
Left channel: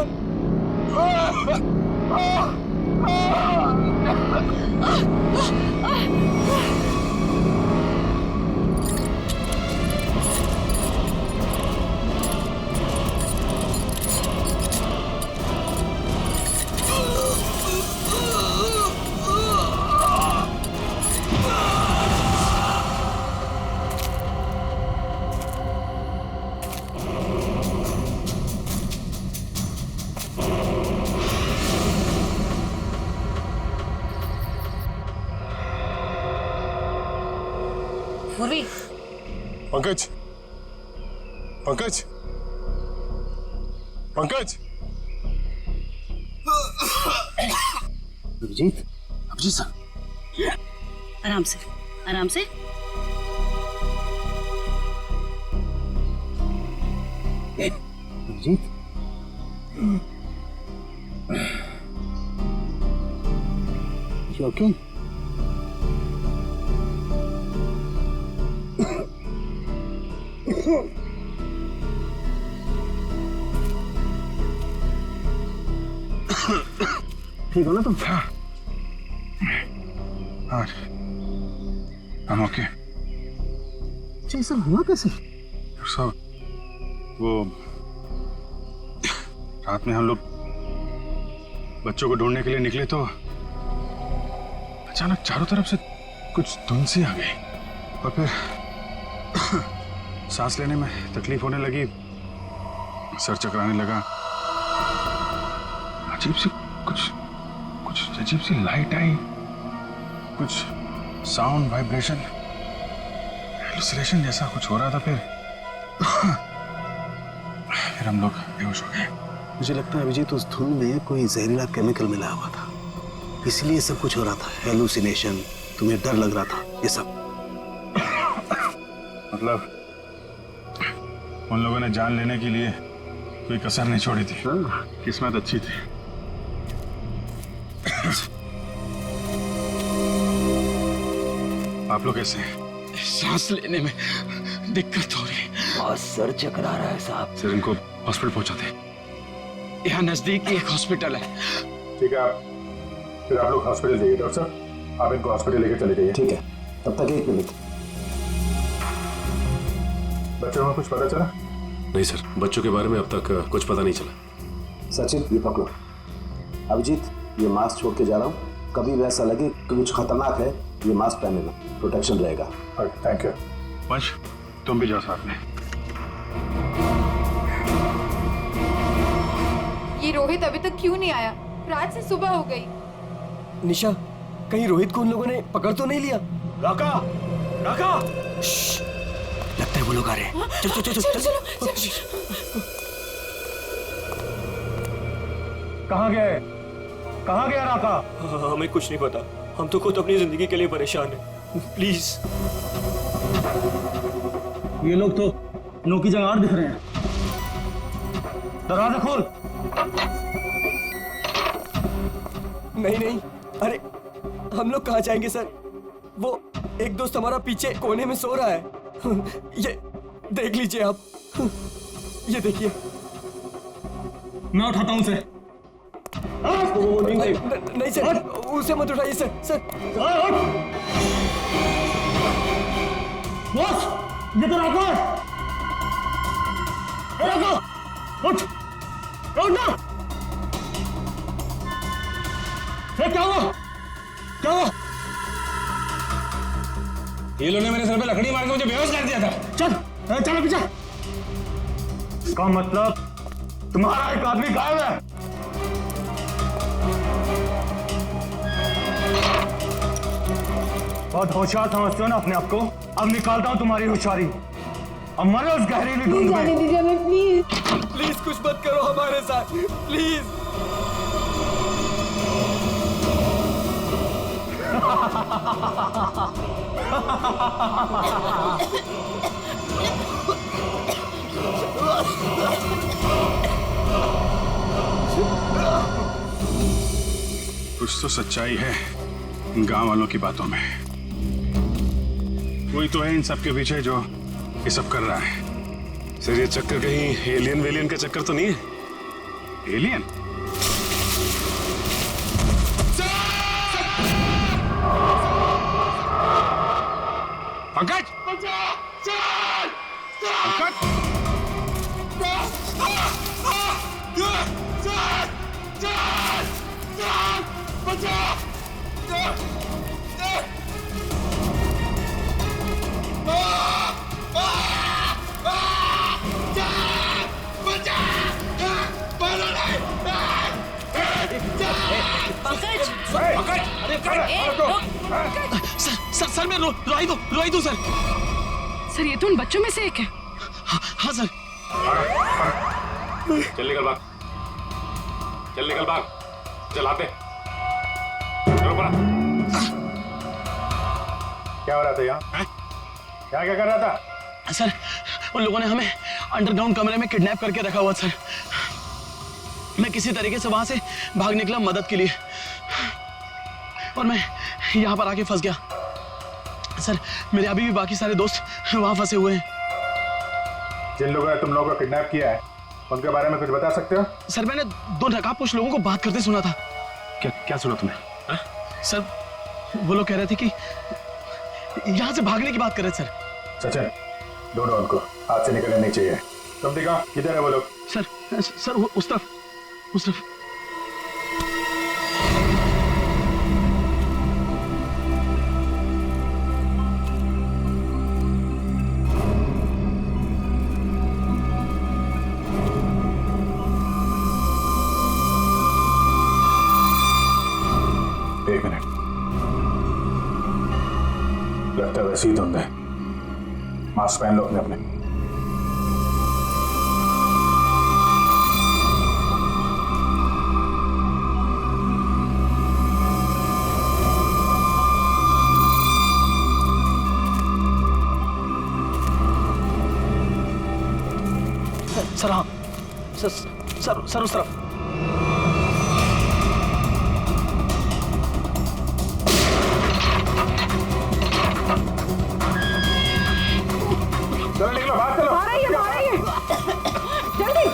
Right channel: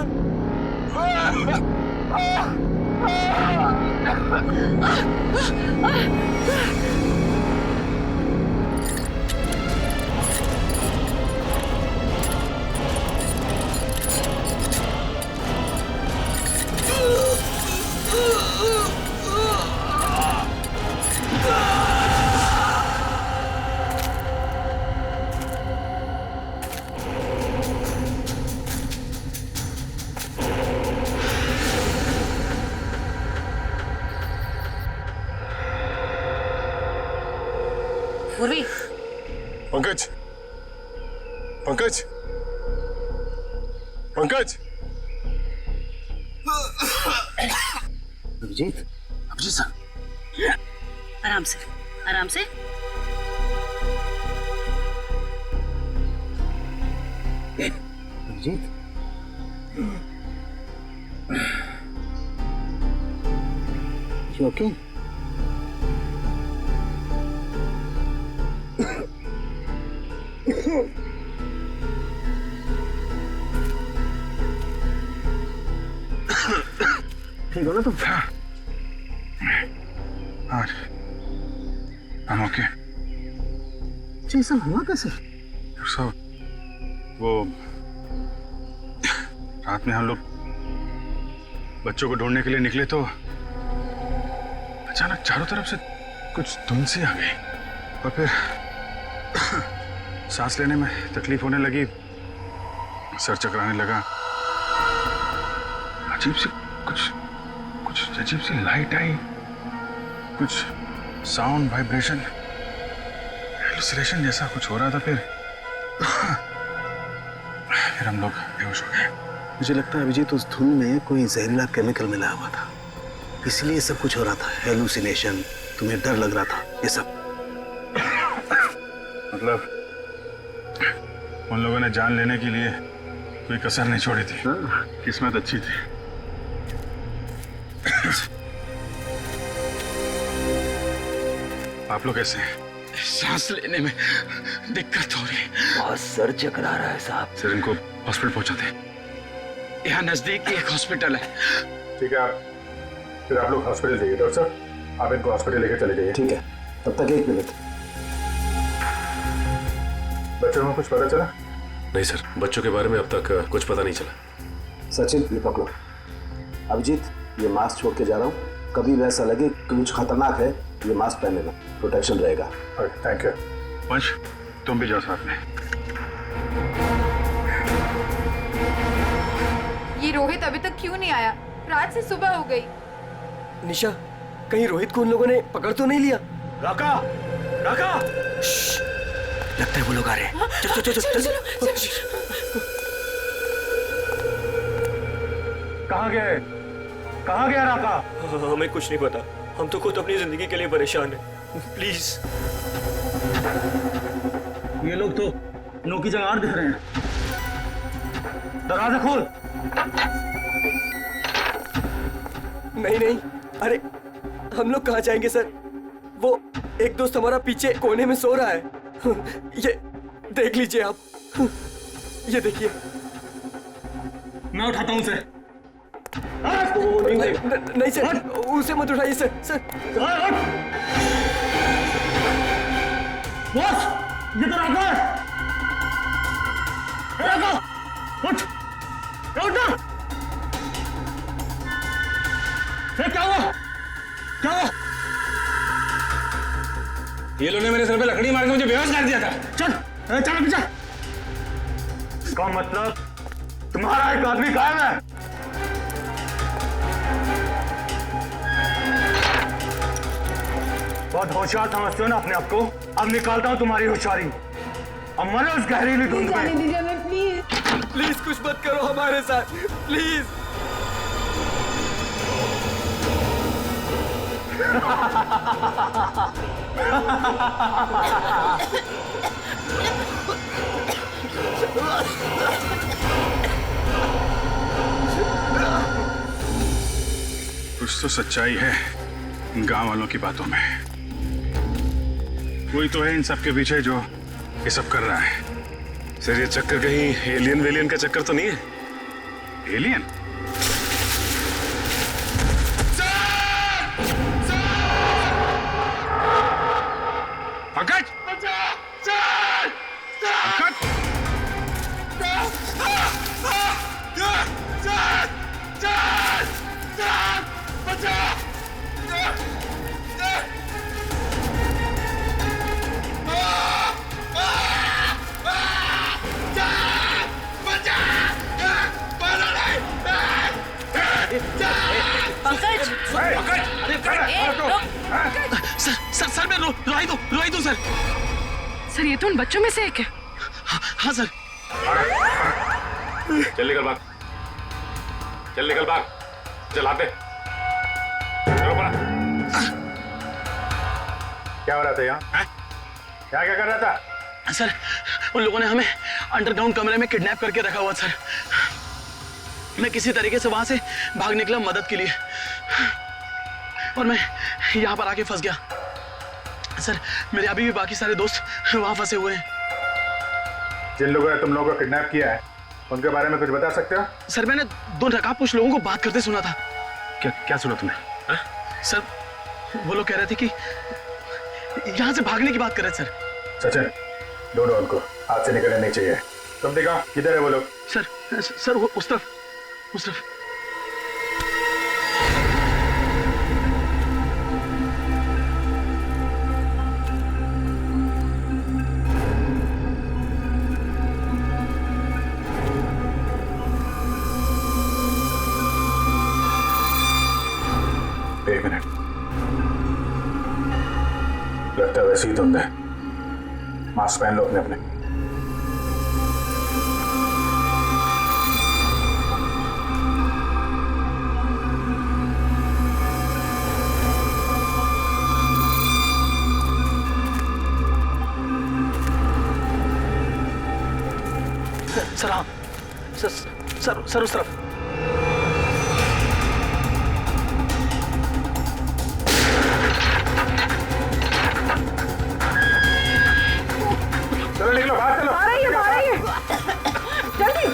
पूर्वी, पंकज, पंकज, पंकज। अभिजीत, अभिजीत सर, आराम से, आराम से। Abhijit, you okay? ठीक हो ना तुम? हाँ, I'm okay। ये सब हुआ कैसे? सब वो रात में हम लोग बच्चों को ढूंढने के लिए निकले तो अचानक चारों तरफ से कुछ धुंध सी आ गई और फिर सांस लेने में तकलीफ होने लगी, सर चकराने लगा, अजीब सी कुछ अजीब सी लाइट आई, कुछ साउंड वाइब्रेशन हेलुसिनेशन जैसा कुछ हो रहा था। फिर हम लोग बेहोश हो गए। मुझे लगता है अभिजीत उस धुन में कोई जहरीला केमिकल मिला हुआ था, इसलिए सब कुछ हो रहा था। हेलुसिनेशन, तुम्हें डर लग रहा था, ये सब। मतलब उन लोगों ने जान लेने के लिए कोई कसर नहीं छोड़ी थी। किस्मत अच्छी थी। आप लोग कैसे हैं? सांस लेने में दिक्कत हो रही है। बहुत सर चकरा रहा है साहब। सर इनको हॉस्पिटल पहुंचाते। यहाँ नजदीक ही एक हॉस्पिटल है। ठीक है, फिर आप लोग हॉस्पिटल जाइए। डॉक्टर साहब, आप इनको हॉस्पिटल लेकर चले जाइए। ठीक है, तब तक 1 मिनट। बच्चों को कुछ पता चला? नहीं सर, बच्चों के बारे में अब तक कुछ पता नहीं चला। सचिन, ये पकड़ो। अभिजीत, ये मास्क छोड़ के जा रहा हूँ, कभी भी ऐसा लगे कि कुछ खतरनाक है, ये मास्क पहन लेना, प्रोटेक्शन रहेगा। Thank you. वंश, तुम भी जाओ साथ में। ये रोहित अभी तक क्यों नहीं आया? रात से सुबह हो गई। निशा, कहीं रोहित को उन लोगों ने पकड़ तो नहीं लिया? राका, राका! लगता है वो लोग आ रहे हैं। चल चल चल चल। कहाँ गए? कहाँ गया राका? हमें कुछ नहीं पता, हम तो खुद अपनी जिंदगी के लिए परेशान हैं। प्लीज। ये लोग तो नो की जगह दिख रहे हैं। दरवाजा खोल। नहीं नहीं, अरे हम लोग कहाँ जाएंगे सर? वो एक दोस्त हमारा पीछे कोने में सो रहा है। ये देख लीजिए आप, ये देखिए। मैं उठाता हूँ उसे। नहीं सर, उसे मत उठाइए सर। सर बॉस, ये तो राका है। राका, उठ, उठ ना। क्या हुआ? क्या हुआ? ये लोगों ने मेरे सर पे लकड़ी मार के मुझे बेहोश कर दिया था। चल चल पीछे। इसका मतलब तुम्हारा एक आदमी गायब है। बहुत होशियार समझते हो ना अपने आप को? अब निकालता हूं तुम्हारी होशियारी। अब मरो उस गहरीली धुंध में। प्लीज कुछ मत करो हमारे साथ, प्लीज। कुछ तो सच्चाई है इन गांव वालों की बातों में। कोई तो है इन सब के पीछे जो ये सब कर रहा है। सर ये चक्कर कहीं एलियन वेलियन का चक्कर तो नहीं है? Alien? Pankaj! Pankaj! Pankaj! Sir sir sir मैं रोई दूं सर। सर ये तो उन बच्चों में से एक है। हाँ सर। चल निकल भाग, चल निकल भाग, चल आते। चलो पड़ा। क्या हो रहा था यहाँ? क्या क्या कर रहा था? सर उन लोगों ने हमें अंडरग्राउंड कमरे में किडनैप करके रखा हुआ सर। मैं किसी तरीके से वहां से भाग निकला मदद के लिए और मैं यहाँ पर आके फंस गया सर। मेरे अभी भी बाकी सारे दोस्त वहां फंसे हुए हैं। जिन लोगों ने तुम लोगों को किडनैप किया है उनके बारे में कुछ बता सकते हो? सर मैंने 2 नकाबपोश लोगों को बात करते सुना था। क्या क्या सुना तुमने? सर वो लोग कह रहे थे कि यहाँ से भागने की बात कर रहे थे सर। सचिन, ढूंढो उनको, हाथ से निकलने नहीं चाहिए। तुम दिखाओ किधर है वो लोग? सर वो उस तरफ। एक मिनट, लगता है वैसे ही धुंध है। मास्क पहन लो अपने अपने। सर हाँ सर उस तरफ। चलो निकलो, बाहर चलो। आ रही है जल्दी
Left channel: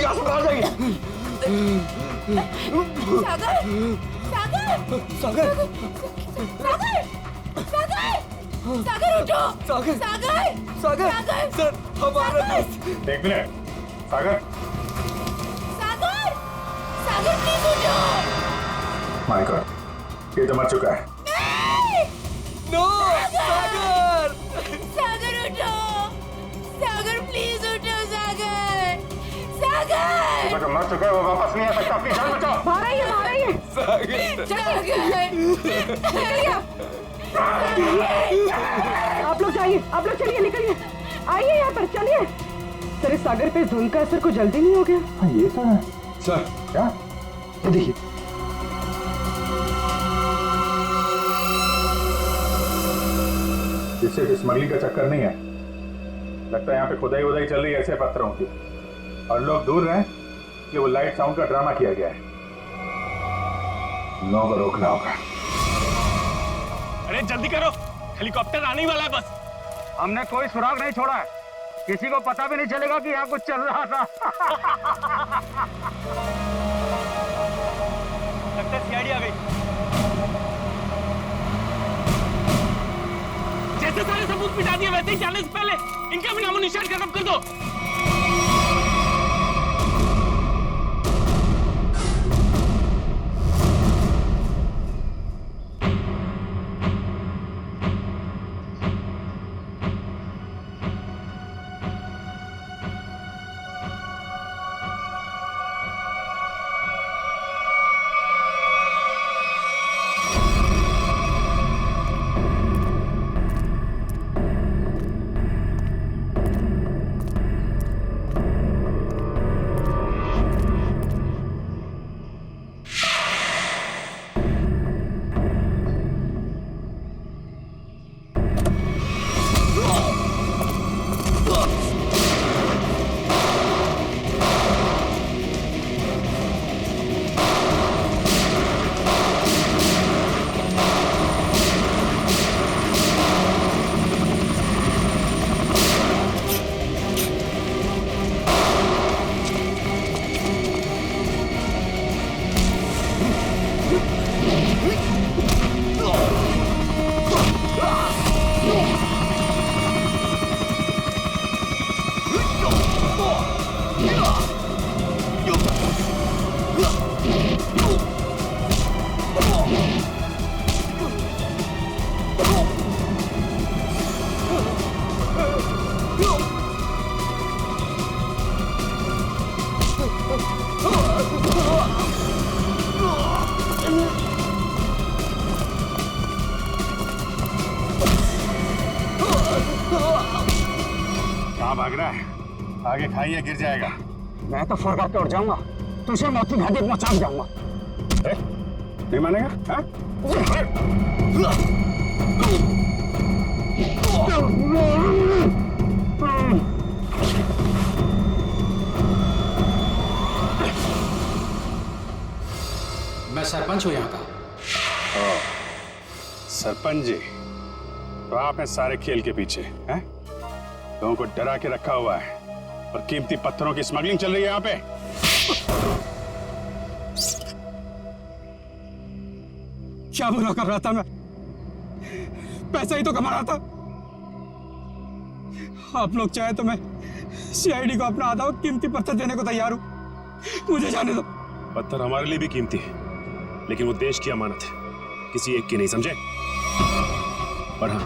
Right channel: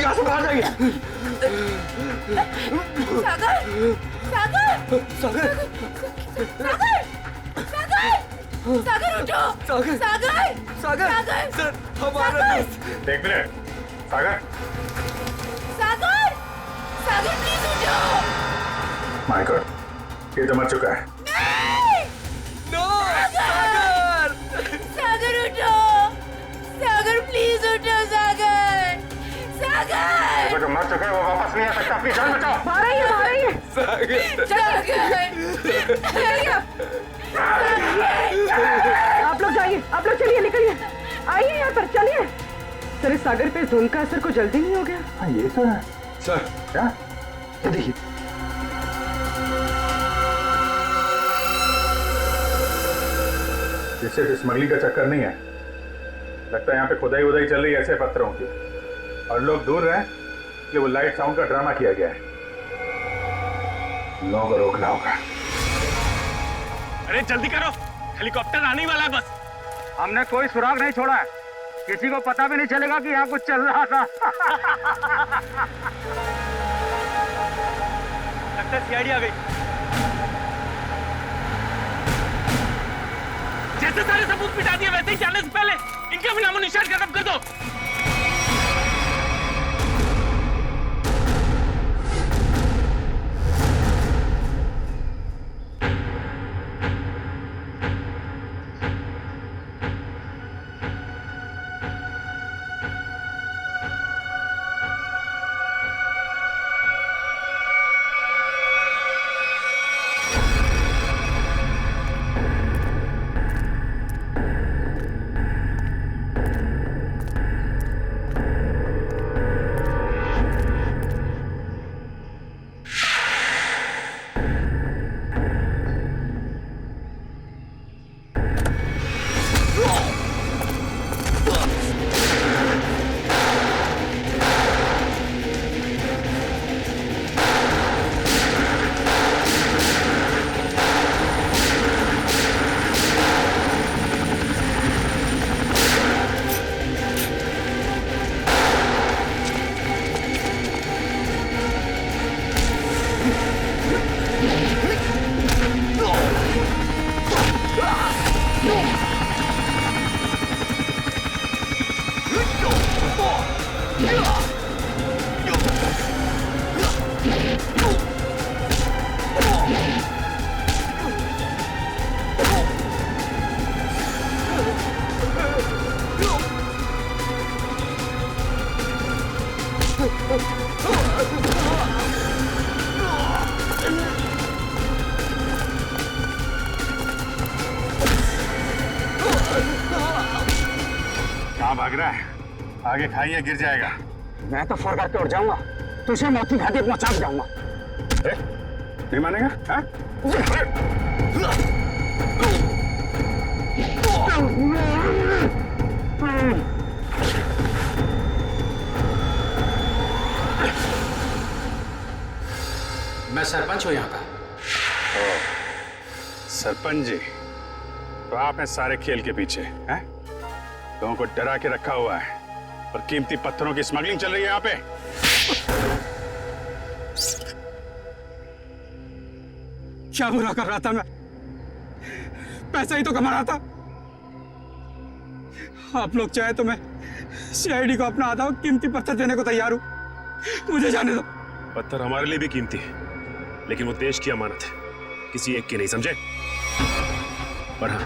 यहाँ से बाहर जाइए। सागर उठो। सागर सर हमारा दोस्त। एक मिनट, सागर प्लीज उठो। माय गॉड, ये तो मर चुका है। नो सागर उठो। सागर प्लीज उठो। सागर वो जो मर चुका है वो वापस नहीं आ सकता। अपनी जान बचाओ। आ रही है आप लोग जाइए, आप लोग चलिए, निकलिए, आइए यहाँ पर, चलिए। सर इस सागर पे धुंध का असर को जल्दी नहीं हो गया? हाँ ये तो है सर। क्या? ये देखिए, इससे स्मगलिंग का चक्कर नहीं है। लगता है यहाँ पे खुदाई वुदाई चल रही है ऐसे पत्थरों की, और लोग दूर रहे कि वो लाइट साउंड का ड्रामा किया गया है। लोगों को रोकना होगा। अरे जल्दी करो, हेलीकॉप्टर आने ही वाला है बस। हमने कोई सुराग नहीं छोड़ा है, किसी को पता भी नहीं चलेगा कि यहाँ कुछ चल रहा था। लगता है सीआईडी आ गई। जैसे सारे सबूत मिटा दिए वैसे ही जाने से पहले इनका भी नामो निशान खत्म कर दो। कहाँ भाग रहा है? आगे खाइए, गिर जाएगा। मैं तो फर करके उठ जाऊंगा, तुझे मौत की घाटी पहुंचा जाऊंगा। नहीं मानेगा? हाँ? मैं सरपंच हूँ यहाँ का। सरपंच जी, तो आप हैं सारे खेल के पीछे, हैं? लोगों को डरा के रखा हुआ है और कीमती पत्थरों की स्मगलिंग चल रही है यहाँ पे। क्या बुरा कर रहा था मैं? पैसा ही तो कमा रहा था। आप लोग चाहे तो मैं सीआईडी को अपना आधा कीमती पत्थर देने को तैयार हूं। मुझे जाने दो। पत्थर हमारे लिए भी कीमती है, लेकिन वो देश की अमानत है, किसी एक की नहीं, समझे? और हाँ,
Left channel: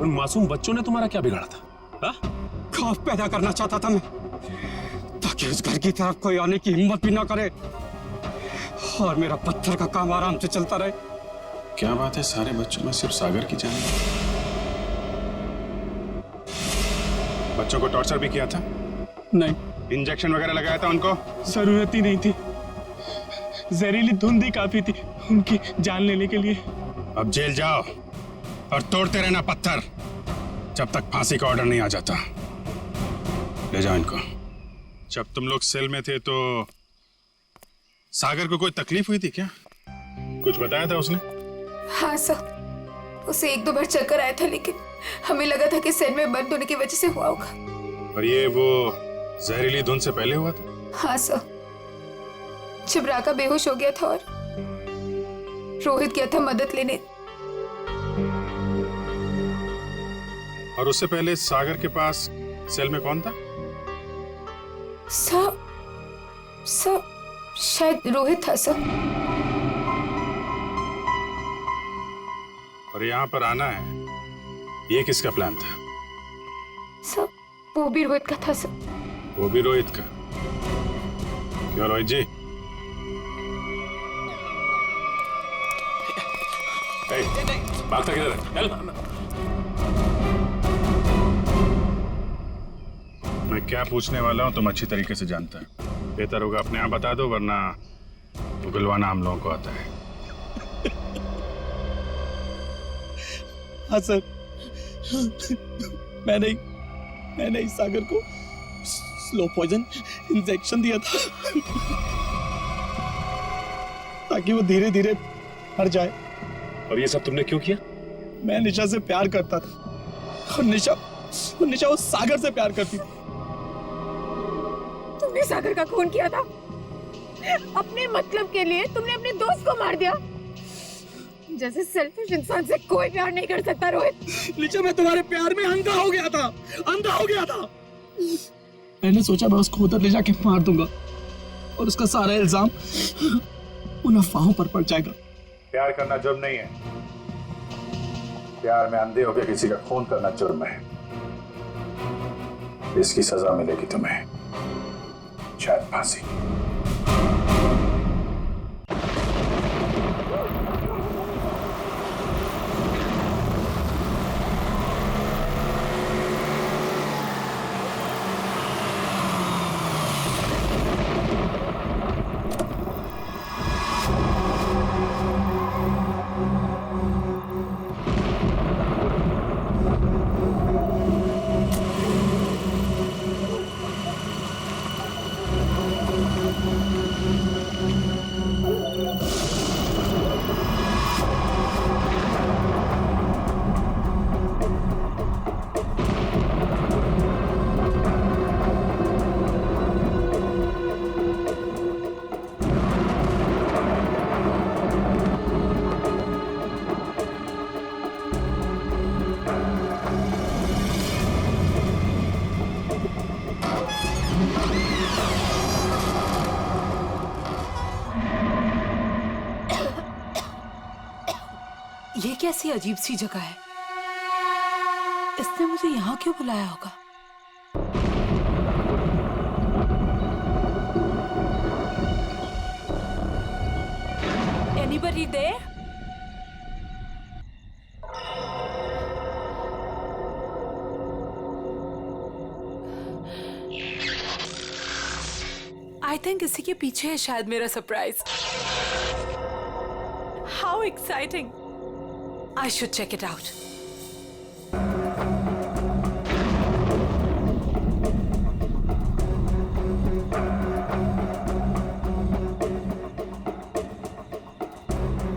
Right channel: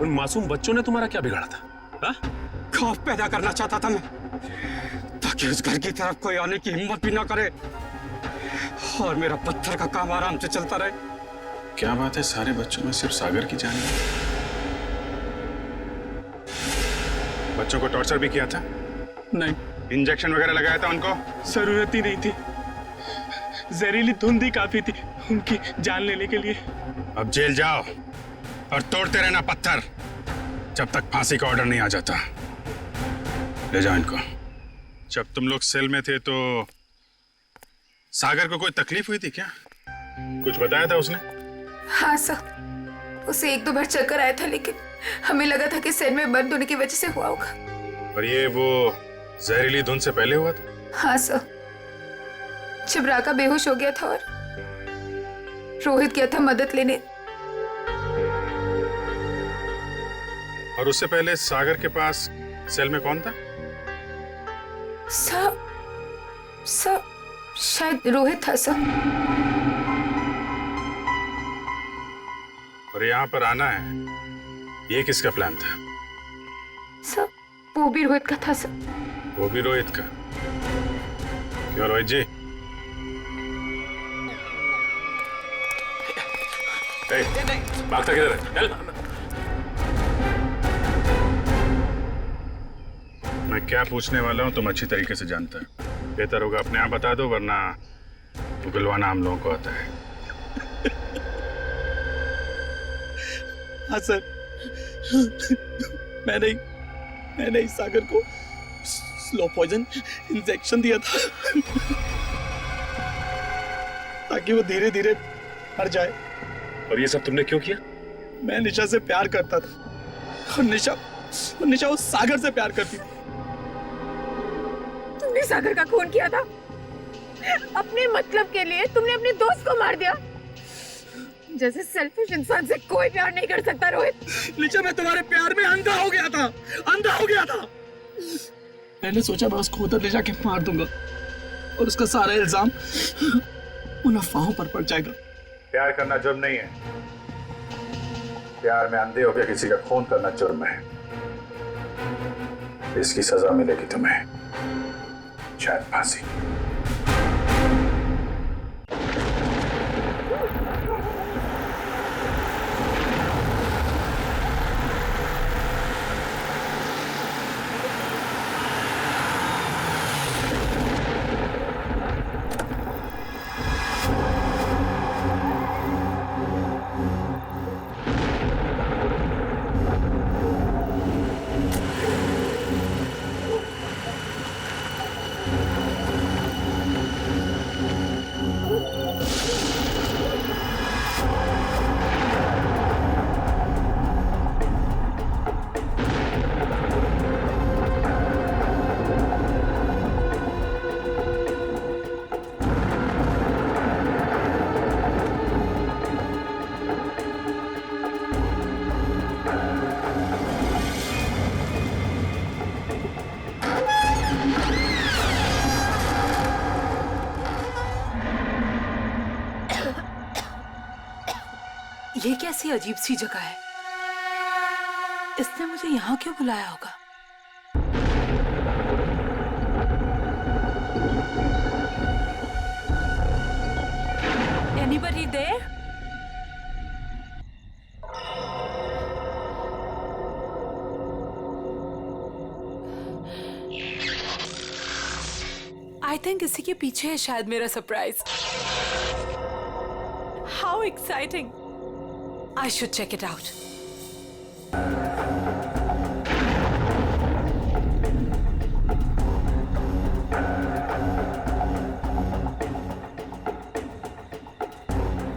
उन मासूम बच्चों ने तुम्हारा क्या बिगाड़ा था? हा? खौफ पैदा करना चाहता था मैं, ताकि उस घर की तरफ कोई आने की हिम्मत भी ना करे और मेरा पत्थर का काम आराम से चलता रहे। क्या बात है, सारे बच्चों में सिर्फ सागर की जान है? बच्चों को टॉर्चर भी किया था? नहीं। इंजेक्शन वगैरह लगाया था उनको? जरूरत ही नहीं थी, जहरीली धुंध ही काफी थी उनकी जान लेने के लिए। अब जेल जाओ और तोड़ते रहना पत्थर जब तक फांसी का ऑर्डर नहीं आ जाता। ले जाओ इनको। जब तुम लोग सेल में थे तो सागर को कोई तकलीफ हुई थी क्या? कुछ बताया था उसने? हाँ सर, उसे 1-2 बार चक्कर आया था, लेकिन हमें लगा था कि सेल में बंद होने की वजह से हुआ होगा। और ये वो जहरीली धुंध से पहले हुआ था? हाँ सर, जब राका बेहोश हो गया था और रोहित गया था मदद लेने। और उससे पहले सागर के पास सेल में कौन था? सर शायद रोहित था सर। और यहाँ पर आना है, ये किसका प्लान था? सर वो भी रोहित का था सर। वो भी रोहित का? क्यों रोहित जी? भागता किधर है? चल। मैं क्या पूछने वाला हूँ तुम अच्छी तरीके से जानता है। बेहतर होगा अपने आप बता दो, वरना उगलवाना हम लोगों को आता है। हाँ सर, मैंने इस सागर को स्लो पॉइजन इंजेक्शन दिया था ताकि वो धीरे धीरे मर जाए। और ये सब तुमने क्यों किया? मैं निशा से प्यार करता था और निशा उस सागर से प्यार करती थी। तुमने सागर का खून किया था अपने मतलब के लिए। तुमने अपने दोस्त को मार दिया। जैसे सेल्फिश इंसान से कोई प्यार नहीं कर सकता रोहित। निशा, मैं तुम्हारे प्यार में अंधा हो गया था। मैंने सोचा मैं उसको उधर ले जाके मार दूंगा और उसका सारा इल्जाम उन अफवाहों पर पड़ जाएगा। प्यार करना जुर्म नहीं है। प्यार में अंधे होकर किसी का खून करना जुर्म है। इसकी सजा मिलेगी तुम्हें, शायद फांसी। ये कैसी अजीब सी जगह है? इसने मुझे यहाँ क्यों बुलाया होगा? Anybody there? I think इसी के पीछे है शायद मेरा surprise. How exciting! I should check it out.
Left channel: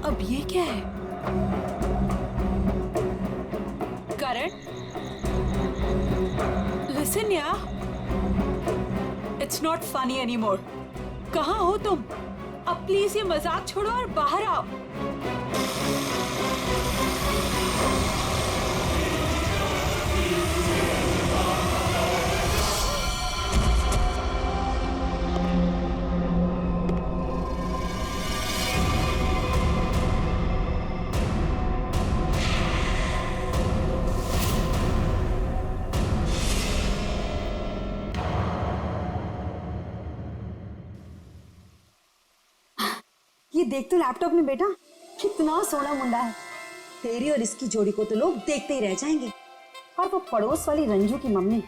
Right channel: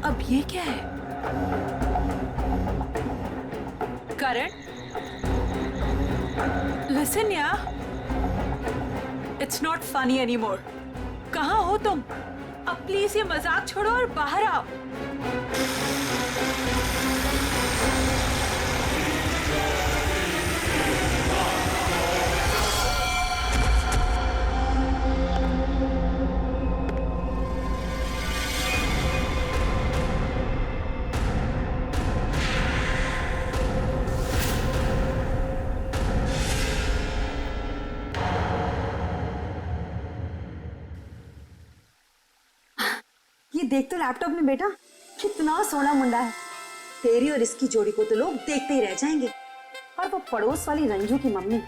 अब ये क्या है? करण, listen यार. It's not funny anymore. कहाँ हो तुम? अब प्लीज ये मजाक छोड़ो और बाहर आओ. ये देख तो लैपटॉप में बेटा, कितना सोना मुंडा है. तेरी और इसकी जोड़ी को तो लोग देखते ही रह जाएंगे. और वो पड़ोस वाली रंजू की मम्मी,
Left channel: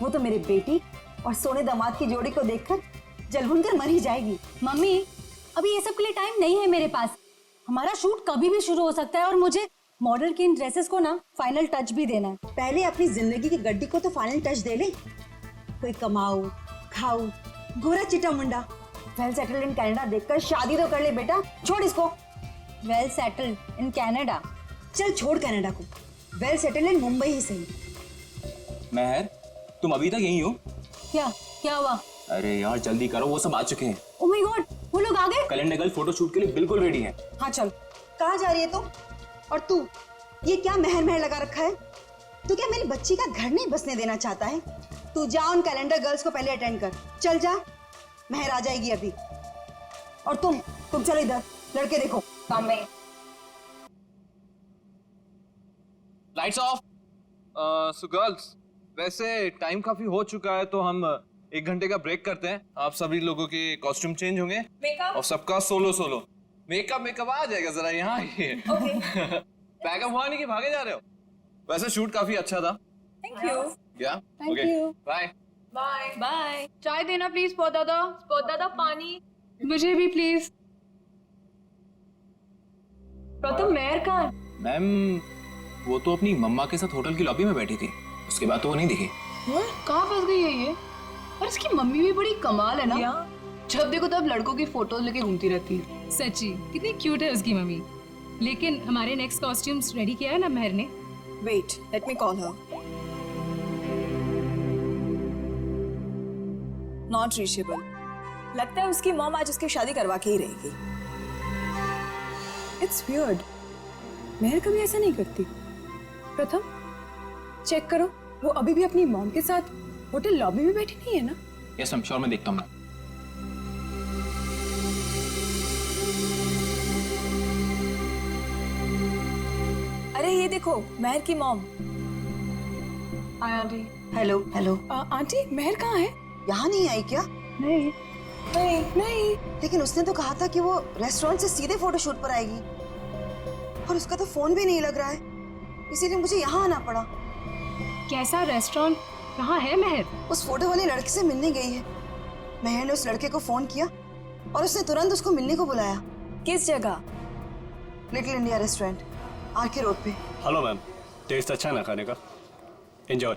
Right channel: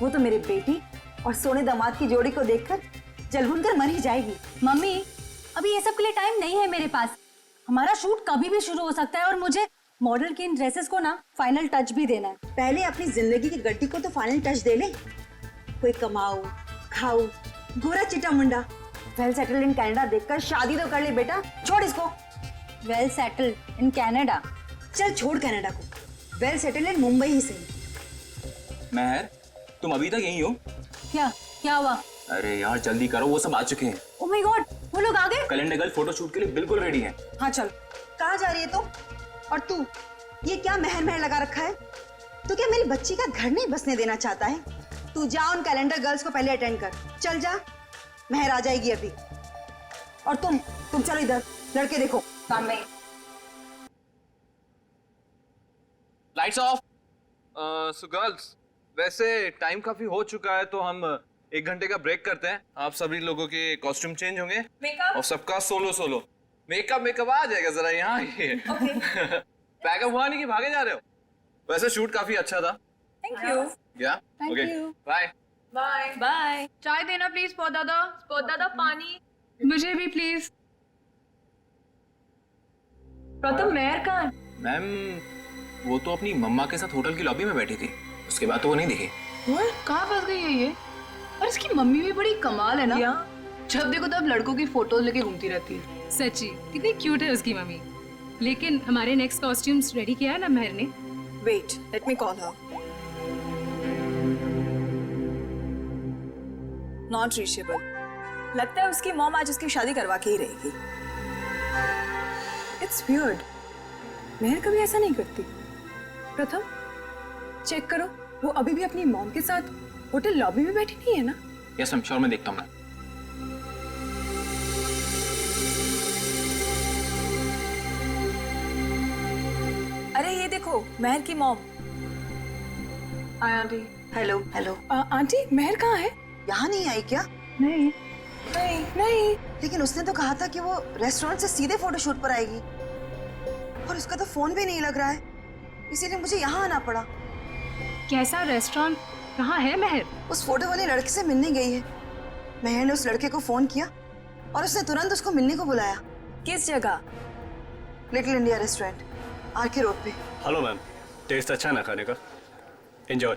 वो तो मेरे बेटी और सोने दामाद की जोड़ी को देखकर जलभुन कर मर ही जाएगी. मम्मी, अभी ये सब के लिए टाइम नहीं है मेरे पास. हमारा शूट कभी भी शुरू हो सकता है और मुझे मॉडल की इन ड्रेसेस को ना फाइनल टच भी देना है. पहले अपनी जिंदगी की गड्डी को तो फाइनल टच दे ले. कोई कमाऊ खाऊ गोरा चिटा मुंडा वेल सेटल्ड इन कनाडा देखकर शादी तो कर ले बेटा. छोड़ इसको. Well settled in Canada? चल छोड़ कनाडा को. वेल सेटल्ड इन मुंबई ही सही. महर, तुम अभी तक यहीं हो? क्या क्या हुआ? अरे यार जल्दी करो, वो सब आ चुके हैं. ओह माय गॉड, वो लोग आ गए? कैलेंडर गर्ल फोटोशूट के लिए बिल्कुल रेडी है. हाँ चल. कहाँ जा रही है तुम? और तू ये क्या महर महर लगा रखा है? तू क्या मेरी बच्ची का घर नहीं बसने देना चाहता है? तू जा उन कैलेंडर गर्ल्स को पहले अटेंड कर. चल जा, महर आ जाएगी अभी. और तुम चलो इधर, लड़के देखो. Lights off. सो गर्ल्स, वैसे टाइम काफी हो चुका है तो हम 1 घंटे का ब्रेक करते हैं. आप सभी लोगों के कॉस्ट्यूम चेंज होंगे और सबका सोलो मेकअप आ जाएगा. जरा यहाँ पैकअप हुआ नहीं कि भागे जा रहे हो? वैसे शूट काफी अच्छा था. Thank you. या ओके, बाय बाय बाय. चाय देना प्लीज. स्पॉट दादा पानी. मुझे भी प्लीज. प्रथम मेहर कहाँ है? मैम, वो तो अपनी मम्मा के साथ होटल की लॉबी में बैठी थी. उसके बाद तो वो नहीं दिखी. कहाँ फंस गई है ये? और इसकी मम्मी भी बड़ी कमाल है ना. जब देखो तब लड़कों की फोटोज लेके घूमती रहती है. सच्ची कितनी क्यूट है उसकी मम्मी. लेकिन हमारे नेक्स्ट कॉस्ट्यूम्स रेडी किया है ना महर ने. Wait, let me call her. Not reachable. लगता है उसकी मॉम आज उसकी शादी करवा के ही रहेगी. It's weird. महर कभी ऐसा नहीं करती. प्रथम चेक करो, वो अभी भी अपनी मॉम के साथ होटल लॉबी में बैठी नहीं है ना? यस मैम, श्योर, मैं देखता हूँ. अरे ये देखो, महर की mom. Hi aunty. Hello. Hello. Aunty, Mehar कहाँ है? यहाँ नहीं आई क्या? नहीं. लेकिन उसने तो कहा था कि वो रेस्टोरेंट से सीधे फोटोशूट पर आएगी. और उसका तो फोन भी नहीं लग रहा है, इसीलिए मुझे यहाँ आना पड़ा. कैसा रेस्टोरेंट? कहाँ है महर? उस फोटो वाले लड़के से मिलने गई है. महर ने उस लड़के को फोन किया और उसने तुरंत उसको मिलने को बुलाया. किस जगह? Little India restaurant, RK road पे. हेलो मैम, टेस्ट अच्छा है ना खाने का? एंजॉय.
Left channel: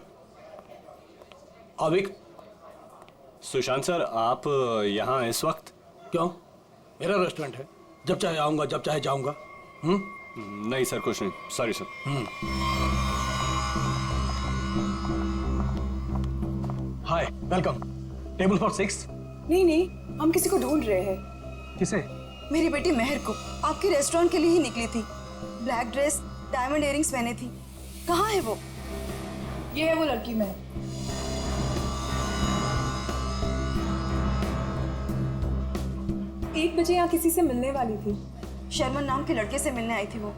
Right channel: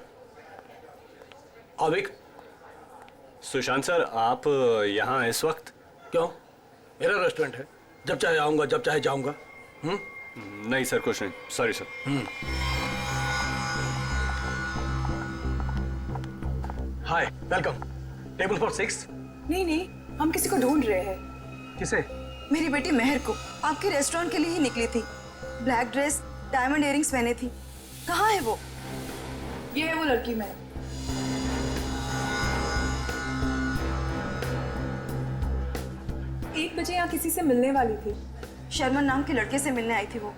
अविक, सुशांत सर, आप यहाँ इस वक्त? क्यों? मेरा रेस्टोरेंट है, जब चाहे आऊंगा, जब चाहे जाऊंगा. नहीं सर, कुछ नहीं. Sorry sir. Hi, welcome. Table for 6. नहीं, हम किसी को ढूंढ रहे हैं. किसे? मेरी बेटी महर को. आपके रेस्टोरेंट के लिए ही निकली थी. ब्लैक ड्रेस, डायमंड इयरिंग्स पहने थी. कहाँ है वो? ये है वो लड़की महर. 1 बजे यहाँ किसी से मिलने वाली थी. शर्मन नाम के लड़के से मिलने आई थी वो.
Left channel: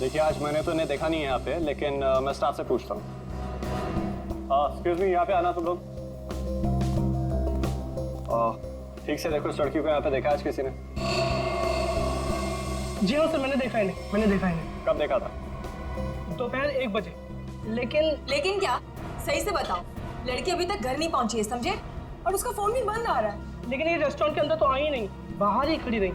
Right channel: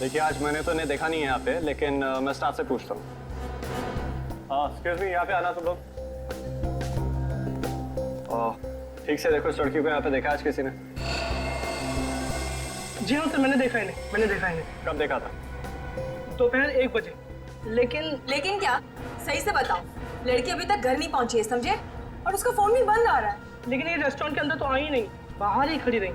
देखिए, आज मैंने तो इन्हें देखा नहीं है यहाँ पे, लेकिन मैं स्टाफ से पूछता हूँ. एक्सक्यूज मी, यहाँ पे आना सब लोग. ठीक से देखो, इस लड़की को यहाँ पे देखा आज किसी ने? जी हाँ सर, मैंने देखा इन्हें। कब देखा था? दोपहर 1 बजे। लेकिन क्या? सही से बताओ। लड़की अभी तक घर नहीं पहुंची है, समझे? और उसका फोन भी बंद आ रहा है। लेकिन ये रेस्टोरेंट के अंदर तो आई ही नहीं, बाहर ही खड़ी रही।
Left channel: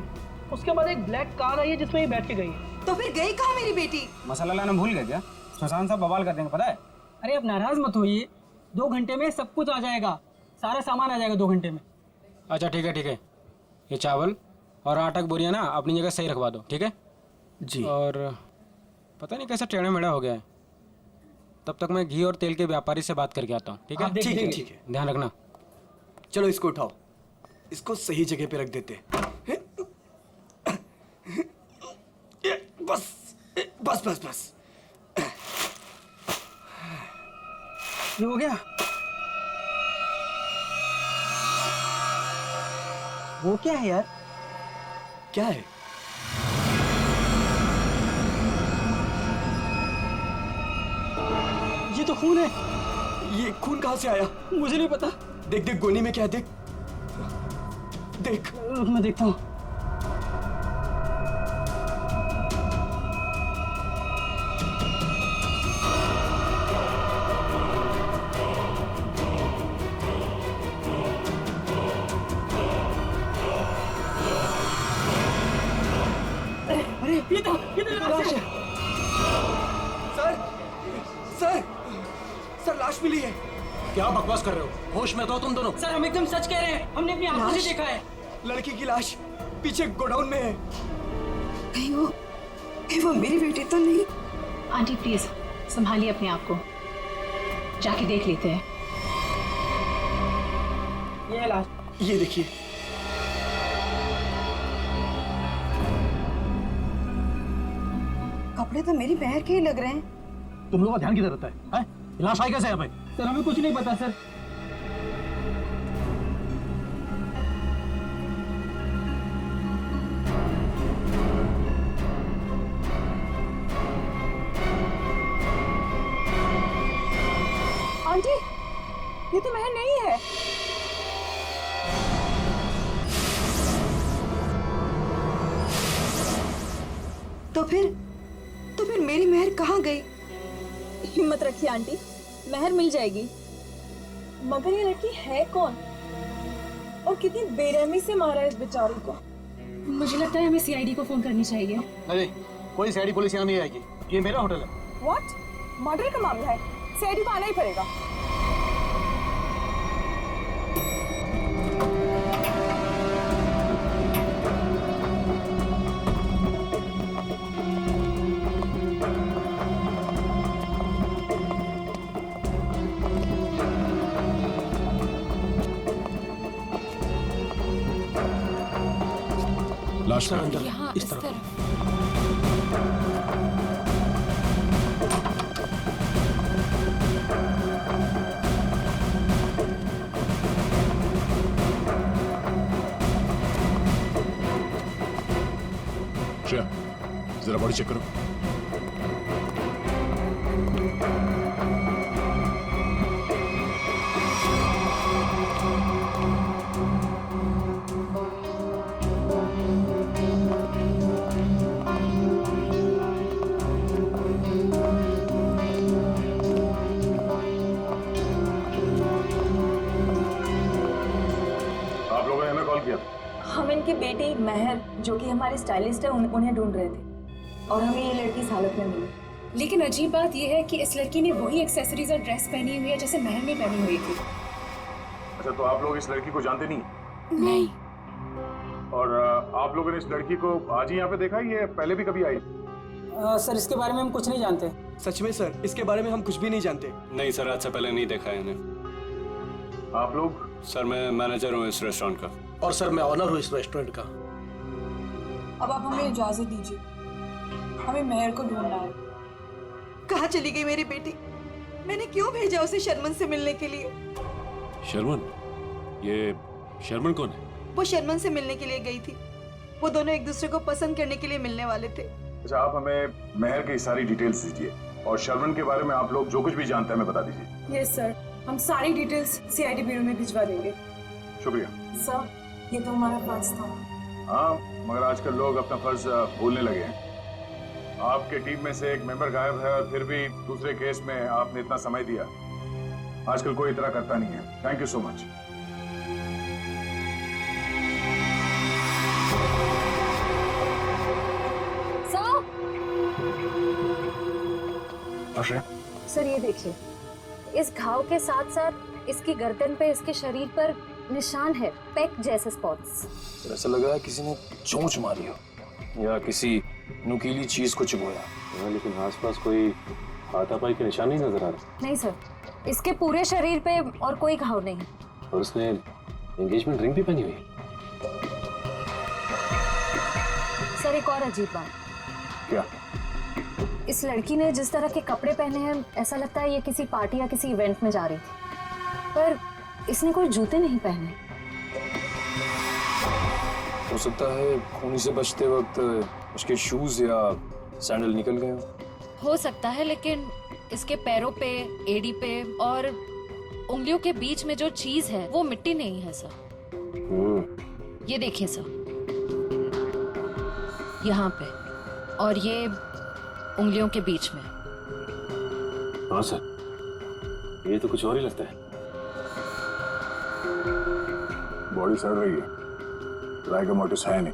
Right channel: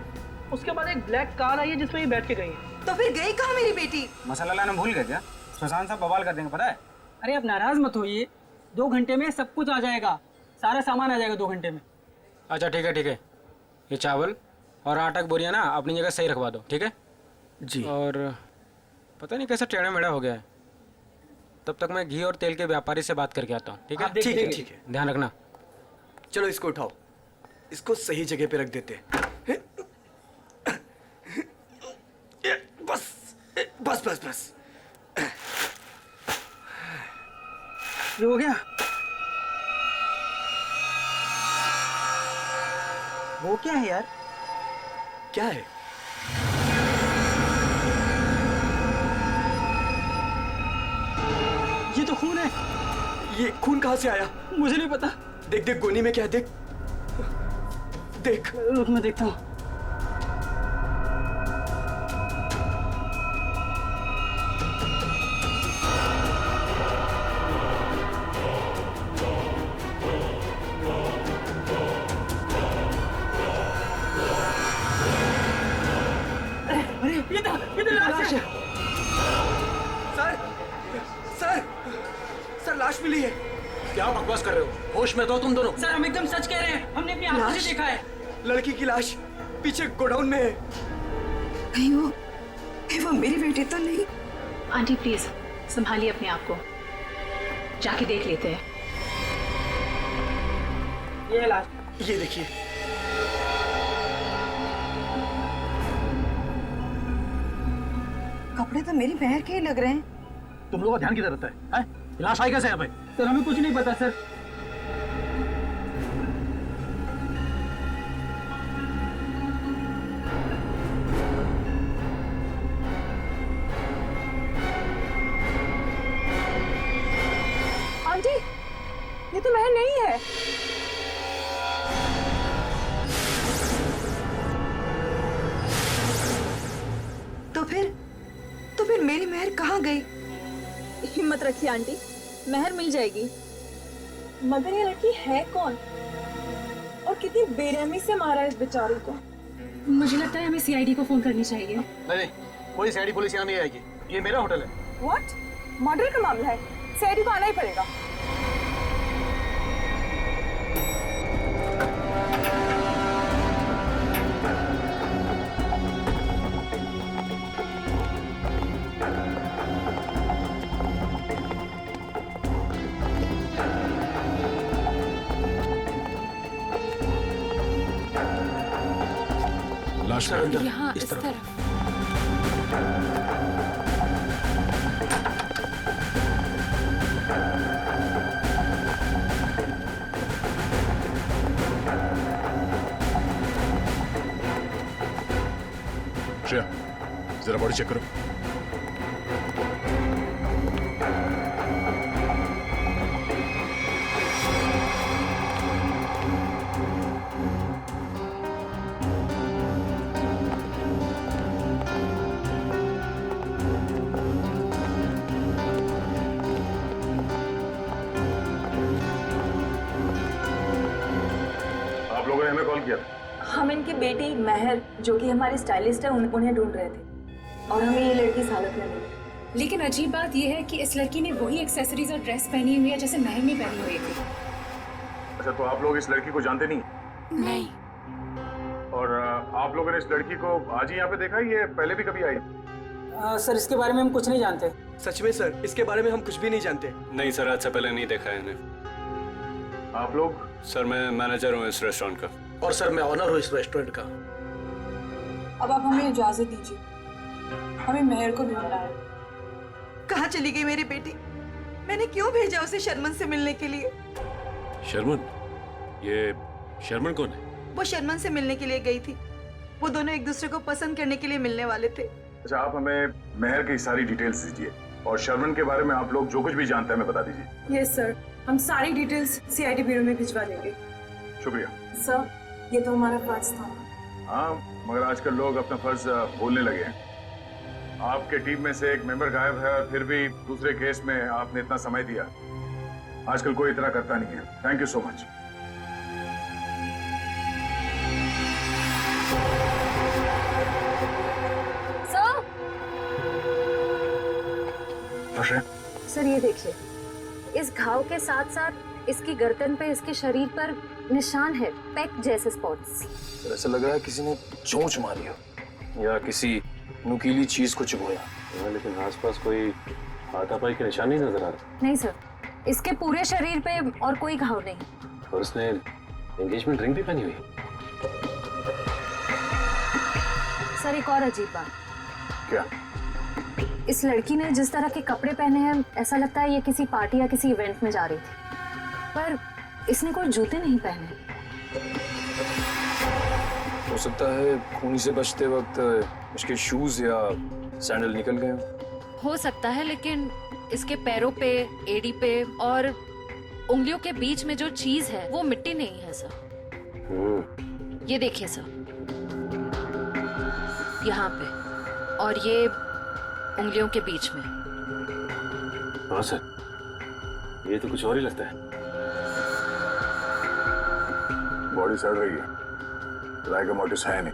उसके बाद एक ब्लैक कार आई है जिसमें ये बैठ के गई है। तो फिर गई कहाँ मेरी बेटी? मसाला लाना भूल गए क्या? सुशांत साहब बवाल कर देंगे, पता है? अरे अब नाराज मत होइए, 2 घंटे में सब कुछ आ जाएगा, सारा सामान आ जाएगा 2 घंटे में। अच्छा ठीक है, ये चावल और आटा की बोरियां ना अपनी जगह सही रखवा दो, ठीक है जी। और पता नहीं कैसा टेढ़ा मेढ़ा हो गया है, तब तक मैं घी और तेल के व्यापारी से बात करके आता हूँ, ठीक है? ठीक है। ध्यान रखना। चलो इसको उठाओ, इसको सही जगह पे रख देते हैं। बस। ये हो गया? वो क्या है यार? क्या है? ये तो खून है। ये खून कहाँ से आया? मुझे नहीं पता। देख गोनी में क्या है, देख। रुक मैं देखता हूँ। अरे ये तो लाश है। सर लाश मिली है। क्या बकवास कर रहे हो? होश में तो तुम दोनों। सर हम एकदम सच कह रहे हैं, हमने अपनी आंखों से देखा है। लड़की की लाश पीछे गोडाउन में है। कहीं वो मेरी बेटी तो नहीं? आंटी प्लीज संभालिए अपने आप को, जाके देख लेते हैं। ये लाश। ये देखिए। कपड़े तो मेरी बहन के ही लग रहे हैं। तुम लोगों का ध्यान किधर रहता है? लाश आई कैसे यहाँ पे? सर हमें कुछ नहीं पता सर। आंटी, ये तो महल नहीं है। तो फिर मेरी मेहर कहाँ गई? हिम्मत रखिए आंटी, महर मिल जाएगी। मगर ये लड़की है कौन और कितनी बेरहमी से मारा है इस बेचारी को? मुझे लगता है हमें सीआईडी को फोन करनी चाहिए। नहीं, कोई सीआईडी पुलिस यहाँ नहीं आएगी, ये मेरा होटल है। व्हाट? मर्डर का मामला है, सीआईडी को आना ही पड़ेगा। लाश का अंदर यहाँ इस तरफ। श्रेया, जरा बॉडी चेक करो। आप लोगों ने हमें कॉल किया था? हम इनकी बेटी महर, जो कि हमारी स्टाइलिस्ट है, उन्हें ढूंढ रहे थे और हमें ये लड़की इस हालत में मिली। लेकिन अजीब बात यह है कि इस लड़की ने वही एक्सेसरीज और ड्रेस पहनी हुई है जैसे महर ने पहनी हुई थी। अच्छा, तो आप लोग इस लड़की को जानते नहीं? नहीं। और आप लोगों ने इस लड़की को आज ही यहाँ पे देखा, ये पहले भी कभी आई? सर इसके बारे में हम कुछ नहीं जानते। सच में सर, इसके बारे में हम कुछ भी नहीं जानते। नहीं सर, आज से पहले नहीं देखा है इन्हें। आप लोग? सर मैं मैनेजर हूँ इस रेस्टोरेंट का। और सर मैं ऑनर हूँ इस रेस्टोरेंट का। अब आप हमें इजाजत दीजिए, हमें महर को ढूंढना है। कहाँ चली गई मेरी बेटी? मैंने क्यों भेजा उसे शर्मन से मिलने के लिए? शर्मन? ये शर्मन कौन है? वो शर्मन से मिलने के लिए गई थी। वो दोनों एक दूसरे को पसंद करने के लिए मिलने वाले थे। अच्छा, आप हमें महर की सारी डिटेल्स दीजिए और शर्मन के बारे में आप लोग जो कुछ भी जानते हैं हमें बता दीजिए। यस सर, हम सारी डिटेल्स सीआईडी ब्यूरो में भिजवा देंगे। शुक्रिया सर। ये तो हमारा फर्ज था। हाँ, मगर आजकल लोग अपना फर्ज भूलने लगे हैं। आपके टीम में से एक मेंबर गायब है और फिर भी दूसरे केस में आपने इतना समय दिया। आजकल कोई इतना करता नहीं है। Thank you so much. Sir ये देखिए, इस घाव के साथ साथ इसकी गर्दन पे, इसके शरीर पर निशान है, पेक जैसे स्पॉट्स। सर ऐसा लग रहा है किसी ने चोंच मारी हो या किसी नुकीली चीज को चुभोया। लेकिन आसपास कोई हाथापाई के निशान नहीं नजर आ रहे। नहीं सर, इसके पूरे शरीर पे और कोई घाव नहीं। और उसने एंगेजमेंट रिंग भी पहनी हुई है। सर एक और अजीब बात। क्या? इस लड़की ने जिस तरह के कपड़े पहने हैं, ऐसा लगता है ये किसी पार्टी या किसी इवेंट में जा रही थी, पर इसने कोई जूते नहीं पहने। हो सकता है खूनी से बचते वक्त उसके शूज या सैंडल निकल गए हो सकता है, लेकिन इसके पैरों पे, एड़ी पे और उंगलियों के बीच में जो चीज है वो मिट्टी नहीं है सर। ये देखिए सर, यहाँ पे और ये उंगलियों के बीच में। हाँ सर, ये तो कुछ और ही लगता है। बॉडी सड़ रही है, राय का मोटिस है नहीं।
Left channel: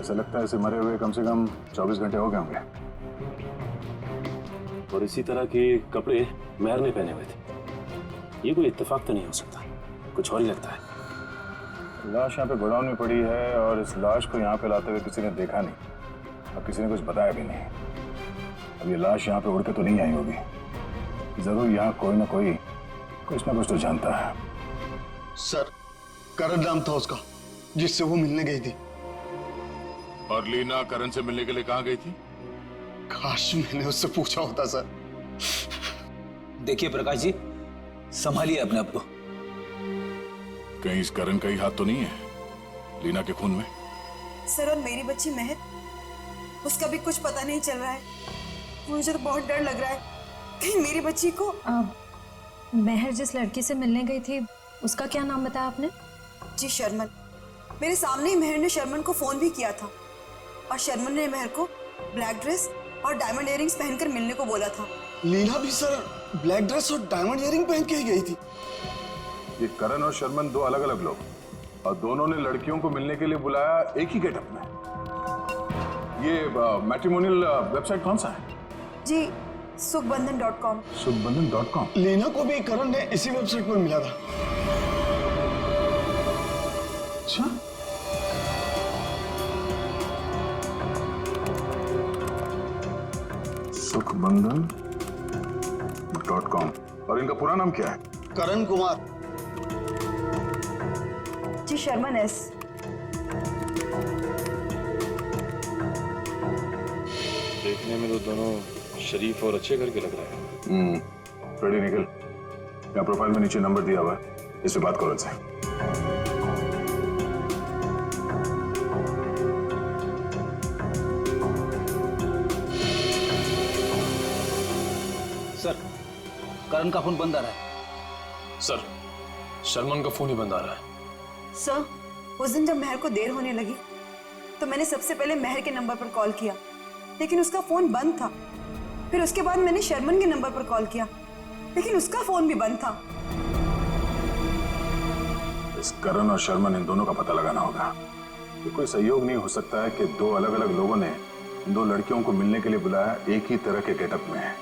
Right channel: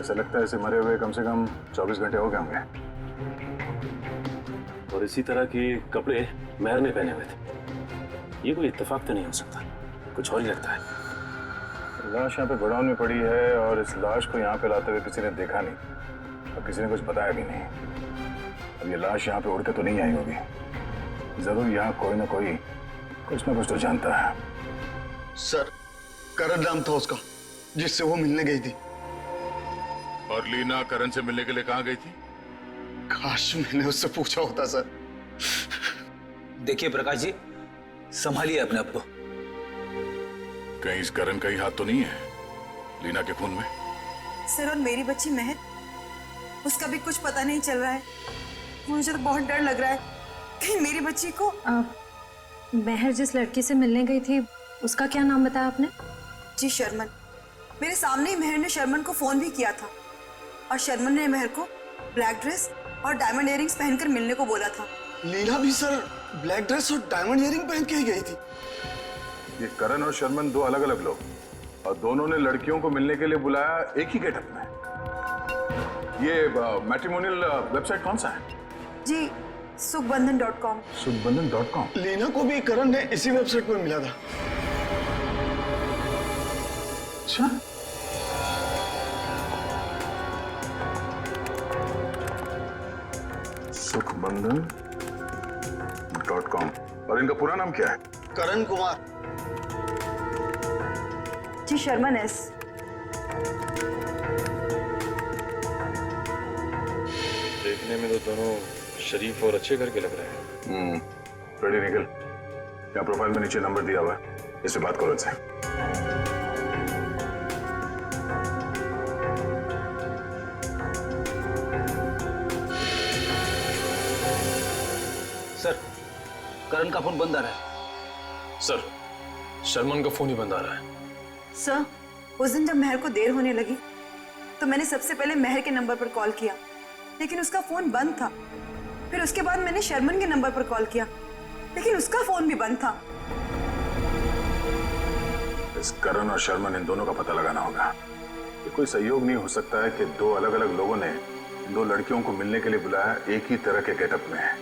ऐसा लगता है इसे मरे हुए कम से कम 24 घंटे हो गए होंगे। और इसी तरह के कपड़े मेहर ने पहने हुए थे। ये कोई इत्तेफाक तो नहीं हो सकता, कुछ और ही लगता है। लाश यहाँ पे गोडाउन में पड़ी है और इस लाश को यहाँ पे लाते हुए किसी ने देखा नहीं और किसी ने कुछ बताया भी नहीं। अब ये लाश यहाँ पे उड़ के तो नहीं आई होगी। जरूर यहाँ कोई ना कोई कुछ ना कुछ तो जानता है। सर, करण नाम था उसका जिससे वो मिलने गई थी। और लीना करण से मिलने के लिए कहाँ गई थी? काश मैंने उससे पूछा होता सर। देखिए प्रकाश जी, संभालिए अपने आप को। कहीं इस करण का ही हाथ तो नहीं है लीना के खून में? सर, और मेरी बच्ची महक, उसका भी कुछ पता नहीं चल रहा है। मुझे तो बहुत डर लग रहा है कहीं मेरी बच्ची को। महर जिस लड़की से मिलने गई थी, उसका क्या नाम बताया आपने? जी शर्मन। मेरे सामने ही महर ने शर्मन को फोन भी किया था और शर्मन ने महर को ब्लैक ड्रेस और डायमंड इयरिंग्स पहनकर मिलने को बोला था। लीना भी सर ब्लैक ड्रेस और डायमंड इयरिंग पहन के ही गई थी। ये करण और शर्मन दो अलग अलग लोग, और दोनों ने लड़कियों को मिलने के लिए बुलाया एक ही गेटअप में। ये मैट्रिमोनियल वेबसाइट कौन सा है? जी सुखबंधन.com। सुखबंधन.com। लीना को भी करण ने इसी वेबसाइट पर मिला था। अच्छा, सुखबंधन.com। और इनका पूरा नाम क्या है? करण कुमार। जी शर्मन एस। देखने में तो दोनों शरीफ और अच्छे घर के लग रहे हैं। रेडी निकल। यहाँ प्रोफाइल में नीचे नंबर दिया हुआ है, इससे बात करो इनसे। सर, करण का फोन बंद आ रहा है। सर, शर्मन का फोन ही बंद आ रहा है। सर, उस दिन जब महर को देर होने लगी तो मैंने सबसे पहले महर के नंबर पर कॉल किया, लेकिन उसका फोन बंद था। फिर उसके बाद मैंने शर्मन के नंबर पर कॉल किया, लेकिन उसका फोन भी बंद था। इस करण और शर्मन, इन दोनों का पता लगाना होगा। ये कोई संयोग नहीं हो सकता है कि दो अलग अलग लोगों ने इन दो लड़कियों को मिलने के लिए बुलाया एक ही तरह के गेटअप में,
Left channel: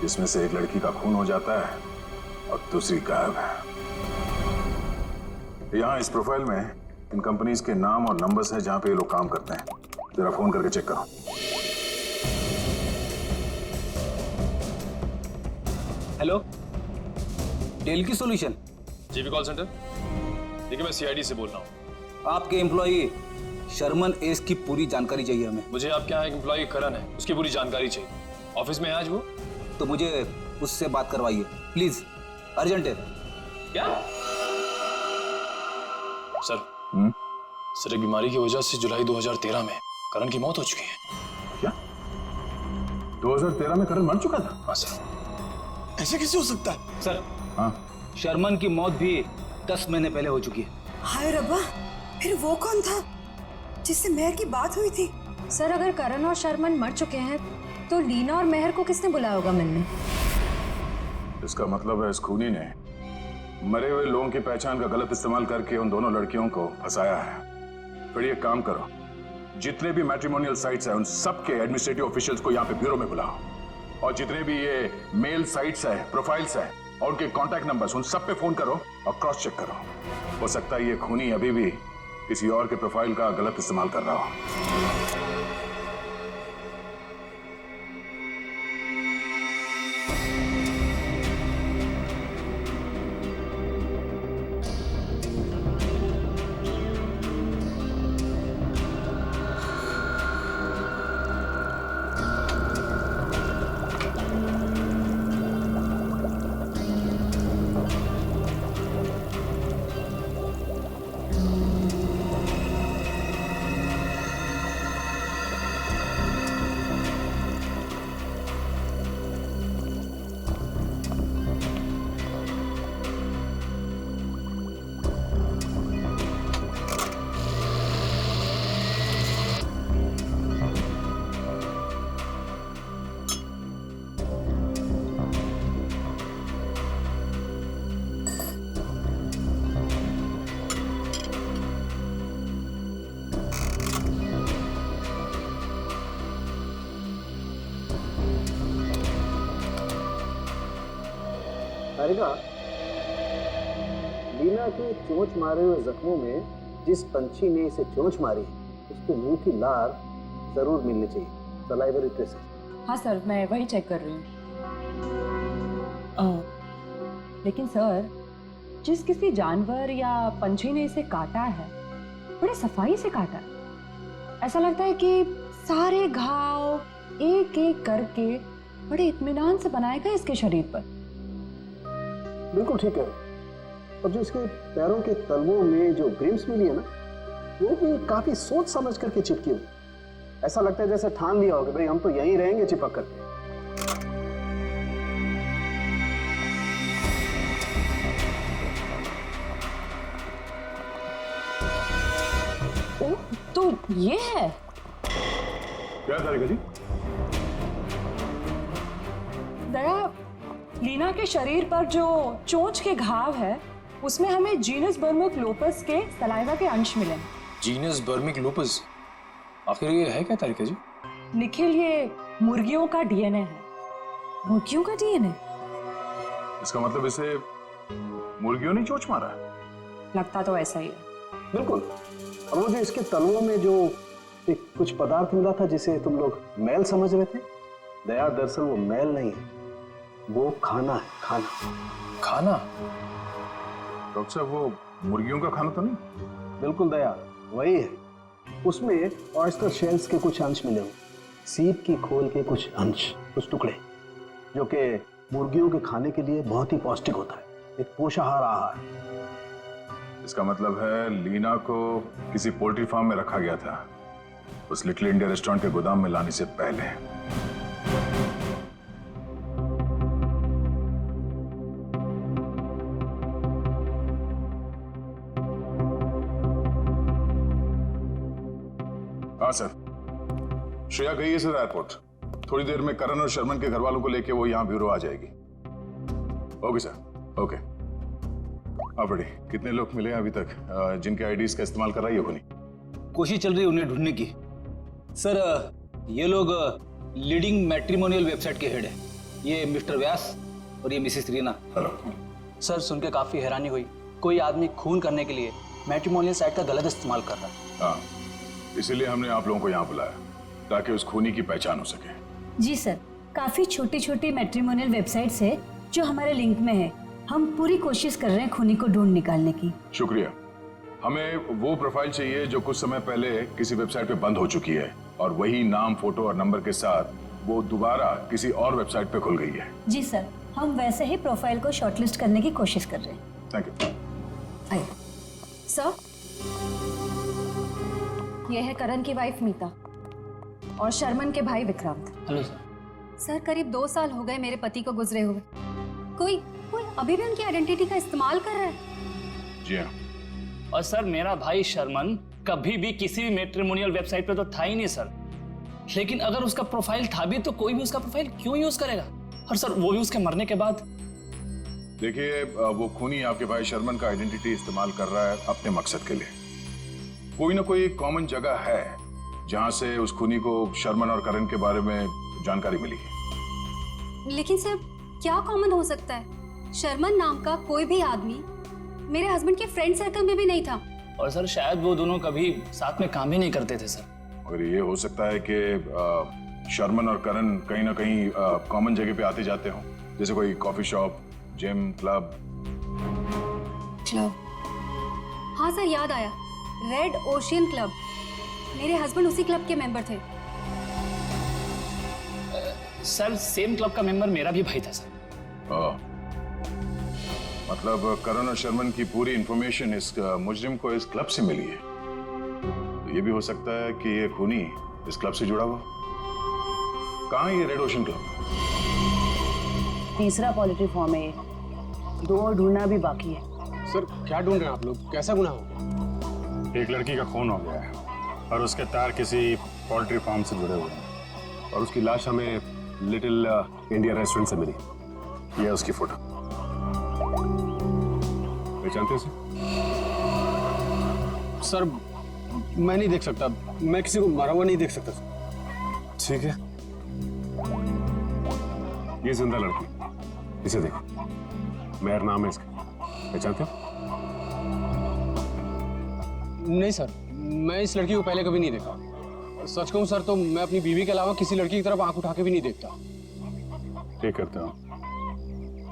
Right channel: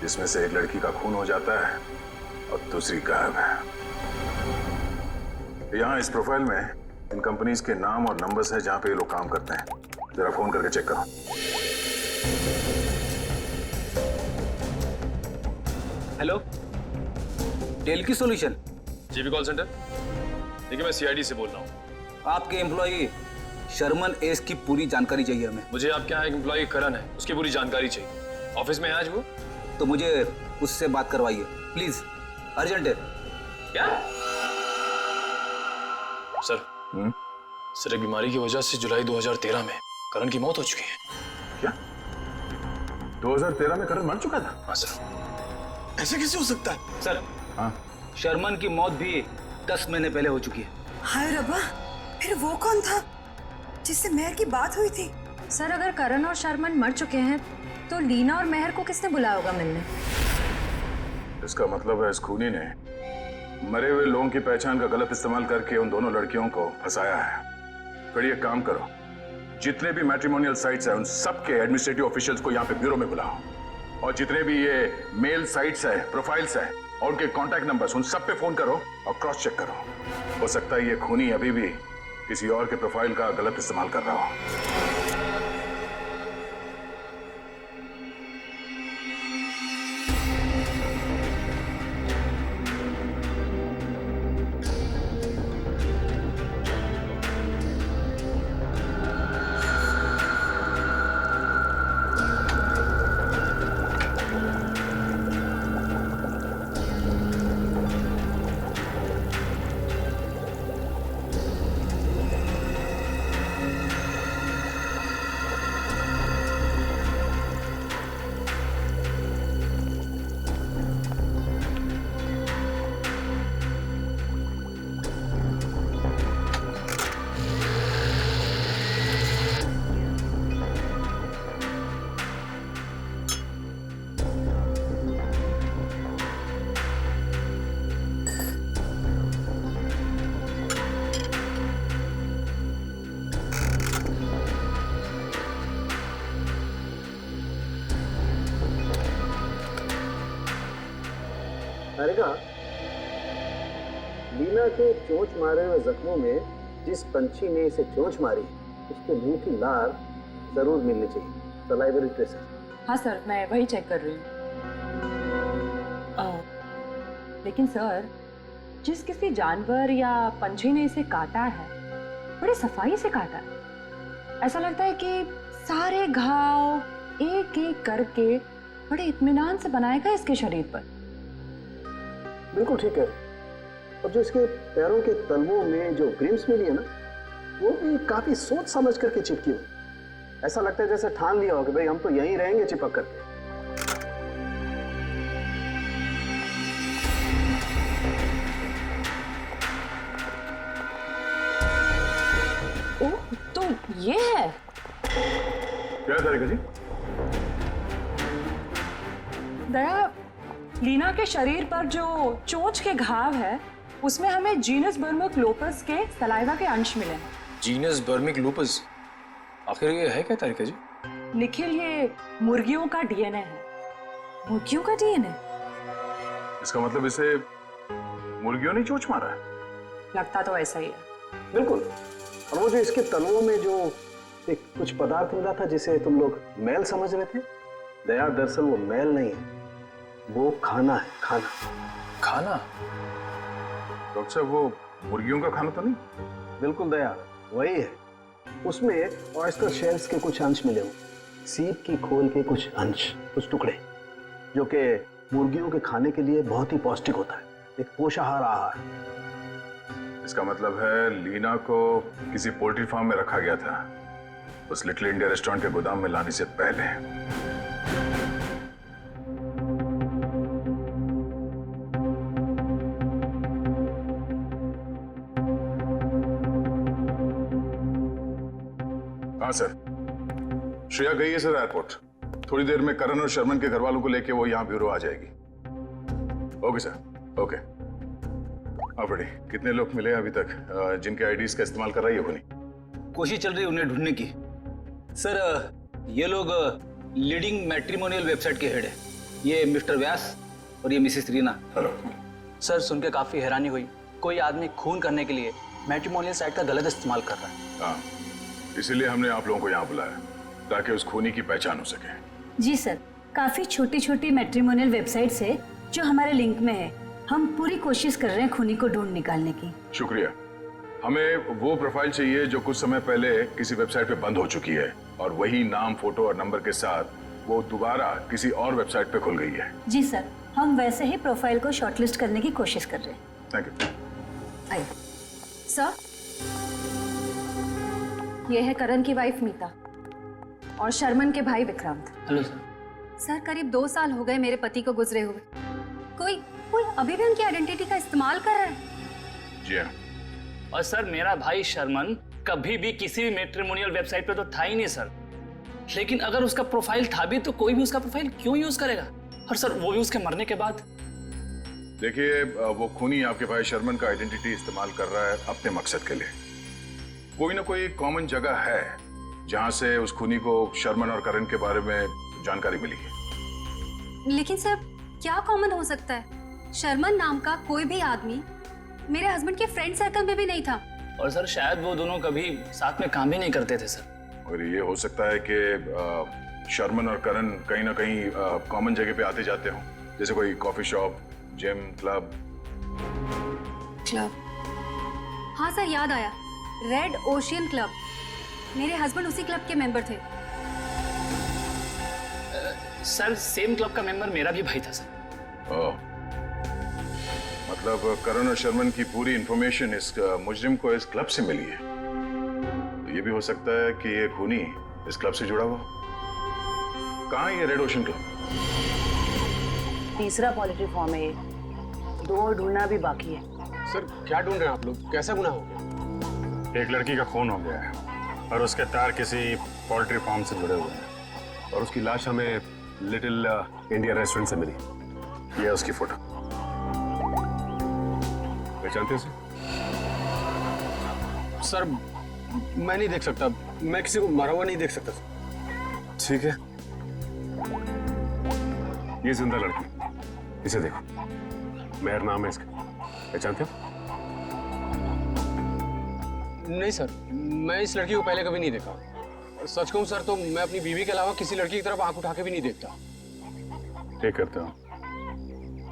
जिसमें से एक लड़की का खून हो जाता है और दूसरी गायब है। यहाँ इस प्रोफाइल में इन कंपनीज के नाम और नंबर्स हैं जहां पे ये लोग काम करते हैं। जरा फोन करके चेक करो। हेलो, डेल की सॉल्यूशन। GB call centre. देखिए, मैं सीआईडी से बोल रहा हूँ। आपके एम्प्लॉई शर्मन एस की पूरी जानकारी चाहिए हमें। मुझे आपके यहाँ एक एम्प्लॉय करण है, उसकी पूरी जानकारी चाहिए। ऑफिस में है आज वो? तो मुझे उससे बात करवाइए प्लीज, अर्जेंट है। क्या सर? सर, एक बीमारी की वजह से जुलाई 2013 में करण की मौत हो चुकी है। क्या 2013 में करण मर चुका था? हाँ सर। ऐसे कैसे हो सकता है? सर, हाँ, शर्मन की मौत भी 10 महीने पहले हो चुकी है। हाय रब्बा, फिर वो कौन था जिससे मेहर की बात हुई थी? सर अगर करण और शर्मन मर चुके हैं तो लीना और मेहर को किसने बुलाया होगा मिलने? इसका मतलब है इस खूनी ने मरे हुए लोगों की पहचान का गलत इस्तेमाल करके उन दोनों लड़कियों को फंसाया है। फिर ये काम करो, जितने भी मैट्रिमोनियल साइट्स हैं उन सबके एडमिनिस्ट्रेटिव ऑफिशियल्स को यहाँ पे ब्यूरो में बुलाओ, और जितने भी ये मेल साइट्स है, प्रोफाइल्स है और उनके कॉन्टैक्ट नंबर्स, उन सब पे फोन करो और क्रॉस चेक करो। हो सकता है ये खूनी अभी भी किसी और के प्रोफाइल का गलत इस्तेमाल कर रहा हो। हारिका, लीना के चोंच मारे हुए जख्मों में जिस पंछी ने इसे चोंच मारी उसके मुंह की लार जरूर मिलनी चाहिए, सलाइवरी ट्रेसेस। हाँ सर, मैं वही चेक कर रही हूँ। लेकिन सर, जिस किसी जानवर या पंछी ने इसे काटा है बड़े सफाई से काटा है। ऐसा लगता है कि सारे घाव एक एक करके बड़े इत्मीनान से बनाए गए इसके शरीर पर। बिल्कुल ठीक है। और जो इसके पैरों के तलवों में जो ग्रिम्स मिली है ना, वो भी काफी सोच समझ करके चिपकी हुई। ऐसा लगता है जैसे ठान लिया हो कि भाई हम तो यहीं रहेंगे चिपक करके। ओह, तो ये है। क्या तारिका जी? दया, लीना के शरीर पर जो चोंच के घाव है उसमें हमें जीनस बर्मिक लूपस के सलाइवा के अंश मिले हैं। जीनस बर्मिक लूपस? आखिर ये है क्या तारिका जी? निखिल, ये मुर्गियों का डीएनए है। मुर्गियों का डीएनए? इसका मतलब इसे मुर्गियों ने चोंच मारा है? लगता तो ऐसा ही है। बिल्कुल। और वो जो इसके तलवों में जो एक कुछ पदार्थ मिला था जिसे तुम लोग मैल समझ रहे थे, दया दरअसल वो मैल नहीं है, वो खाना है। खाना। खाना? डॉक्टर साहब, वो मुर्गियों का खाना तो नहीं? बिल्कुल दया, वही है। उसमें ऑयस्टर शेल्स के कुछ अंश मिले हुए, सीप की खोल के कुछ अंश, कुछ टुकड़े, जो कि मुर्गियों के खाने के लिए बहुत ही पौष्टिक होता है, एक पोषाहार आहार। इसका मतलब है लीना को किसी पोल्ट्री फार्म में रखा गया था, उस लिटिल इंडिया रेस्टोरेंट के गोदाम में लाने से पहले। हाँ सर, श्रेया गई है सर एयरपोर्ट। थोड़ी देर में करण और शर्मन के घर वालों को लेके वो यहाँ ब्यूरो आ जाएगी। Okay sir, okay. हाँ बड़ी, कितने लोग मिले अभी तक जिनके आईडीज का इस्तेमाल कर रही है कोई? कोशिश चल रही है उन्हें ढूंढने की। सर, ये लोग लीडिंग मैट्रिमोनियल वेबसाइट के हेड है। ये मिस्टर व्यास और ये मिसेस रीना। हेलो सर, सुन के काफी हैरानी हुई। कोई आदमी खून करने के लिए मैट्रिमोनियल साइट का गलत इस्तेमाल कर रहा है। हाँ, इसीलिए हमने आप लोगों को यहाँ बुलाया ताकि उस खूनी की पहचान हो सके। जी सर, काफी छोटी छोटी मैट्रिमोनियल वेबसाइट्स है जो हमारे लिंक में है। हम पूरी कोशिश कर रहे हैं खूनी को ढूंढ निकालने की। शुक्रिया। हमें वो प्रोफाइल चाहिए जो कुछ समय पहले किसी वेबसाइट पे बंद हो चुकी है और वही नाम, फोटो और नंबर के साथ वो दोबारा किसी और वेबसाइट पे खुल गई है। जी सर, हम वैसे ही प्रोफाइल को शॉर्टलिस्ट करने की कोशिश कर रहे हैं। Thank you. आइए सर, ये है करण की वाइफ मीता और शर्मन के भाई विक्रांत। Hello sir. सर, करीब 2 साल हो गए मेरे पति को गुजरे हुए। कोई अभी भी उनकी आइडेंटिटी का इस्तेमाल कर रहा है। जी हाँ, और सर मेरा भाई शर्मन कभी भी किसी भी मैट्रिमोनियल वेबसाइट पे तो था ही नहीं सर। लेकिन अगर उसका प्रोफाइल था भी तो कोई भी उसका प्रोफाइल क्यों यूज करेगा? और सर वो भी उसके मरने के बाद। देखिए वो खूनी आपके भाई शर्मन का आइडेंटिटी इस्तेमाल कर रहा है अपने मकसद के लिए। कोई ना कोई कॉमन जगह है जहां से उस खूनी को शर्मन और करण के बारे में जानकारी मिली है। लेकिन सर क्या कॉमन हो सकता है? शर्मन नाम का कोई भी आदमी मेरे हस्बैंड के फ्रेंड सर्कल में भी नहीं था। और सर शायद वो दोनों कभी साथ में काम भी नहीं करते थे सर। और ये हो सकता है कि शर्मन और करण कहीं ना कहीं कॉमन जगह पे आते जाते हों, जैसे कोई कॉफी शॉप, जिम, क्लब। हाँ सर, याद आया, रेड ओशियन क्लब। मेरे हस्बैंड उसी क्लब के मेंबर थे। सर सेम क्लब का मेंबर मेरा भी भाई था सर। मतलब करण और शर्मन की पूरी इंफॉर्मेशन इस मुजरिम को इस क्लब से मिली है। तो ये भी हो सकता है कि ये खूनी इस क्लब से जुड़ा हुआ। कहाँ है ये रेड ओशन क्लब? तीसरा पॉलिटिव फॉर्म है ये, 2 और ढूंढना भी बाकी है। सर क्या ढूंढ रहे हैं आप लोग? कैसा गुनाह हो गया? एक लड़की का खून हो गया है और उसके तार किसी पोल्ट्री फार्म से जुड़े हुए हैं और उसकी लाश हमें लिटिल इंडिया रेस्टोरेंट से मिली। यह उसकी फोटो। पहचानते हो सर? मैं नहीं देख सकता, मैं किसी को मरा हुआ नहीं देख सकता। ठीक है, ये जिंदा लड़की, इसे देखो, मेहर नाम है इसका, पहचानते हो? नहीं सर, मैं इस लड़की को पहले कभी नहीं देखा। सच कहूं सर तो मैं अपनी बीवी के अलावा किसी लड़की की तरफ आंख उठा के भी नहीं देखता। ठीक करते हो,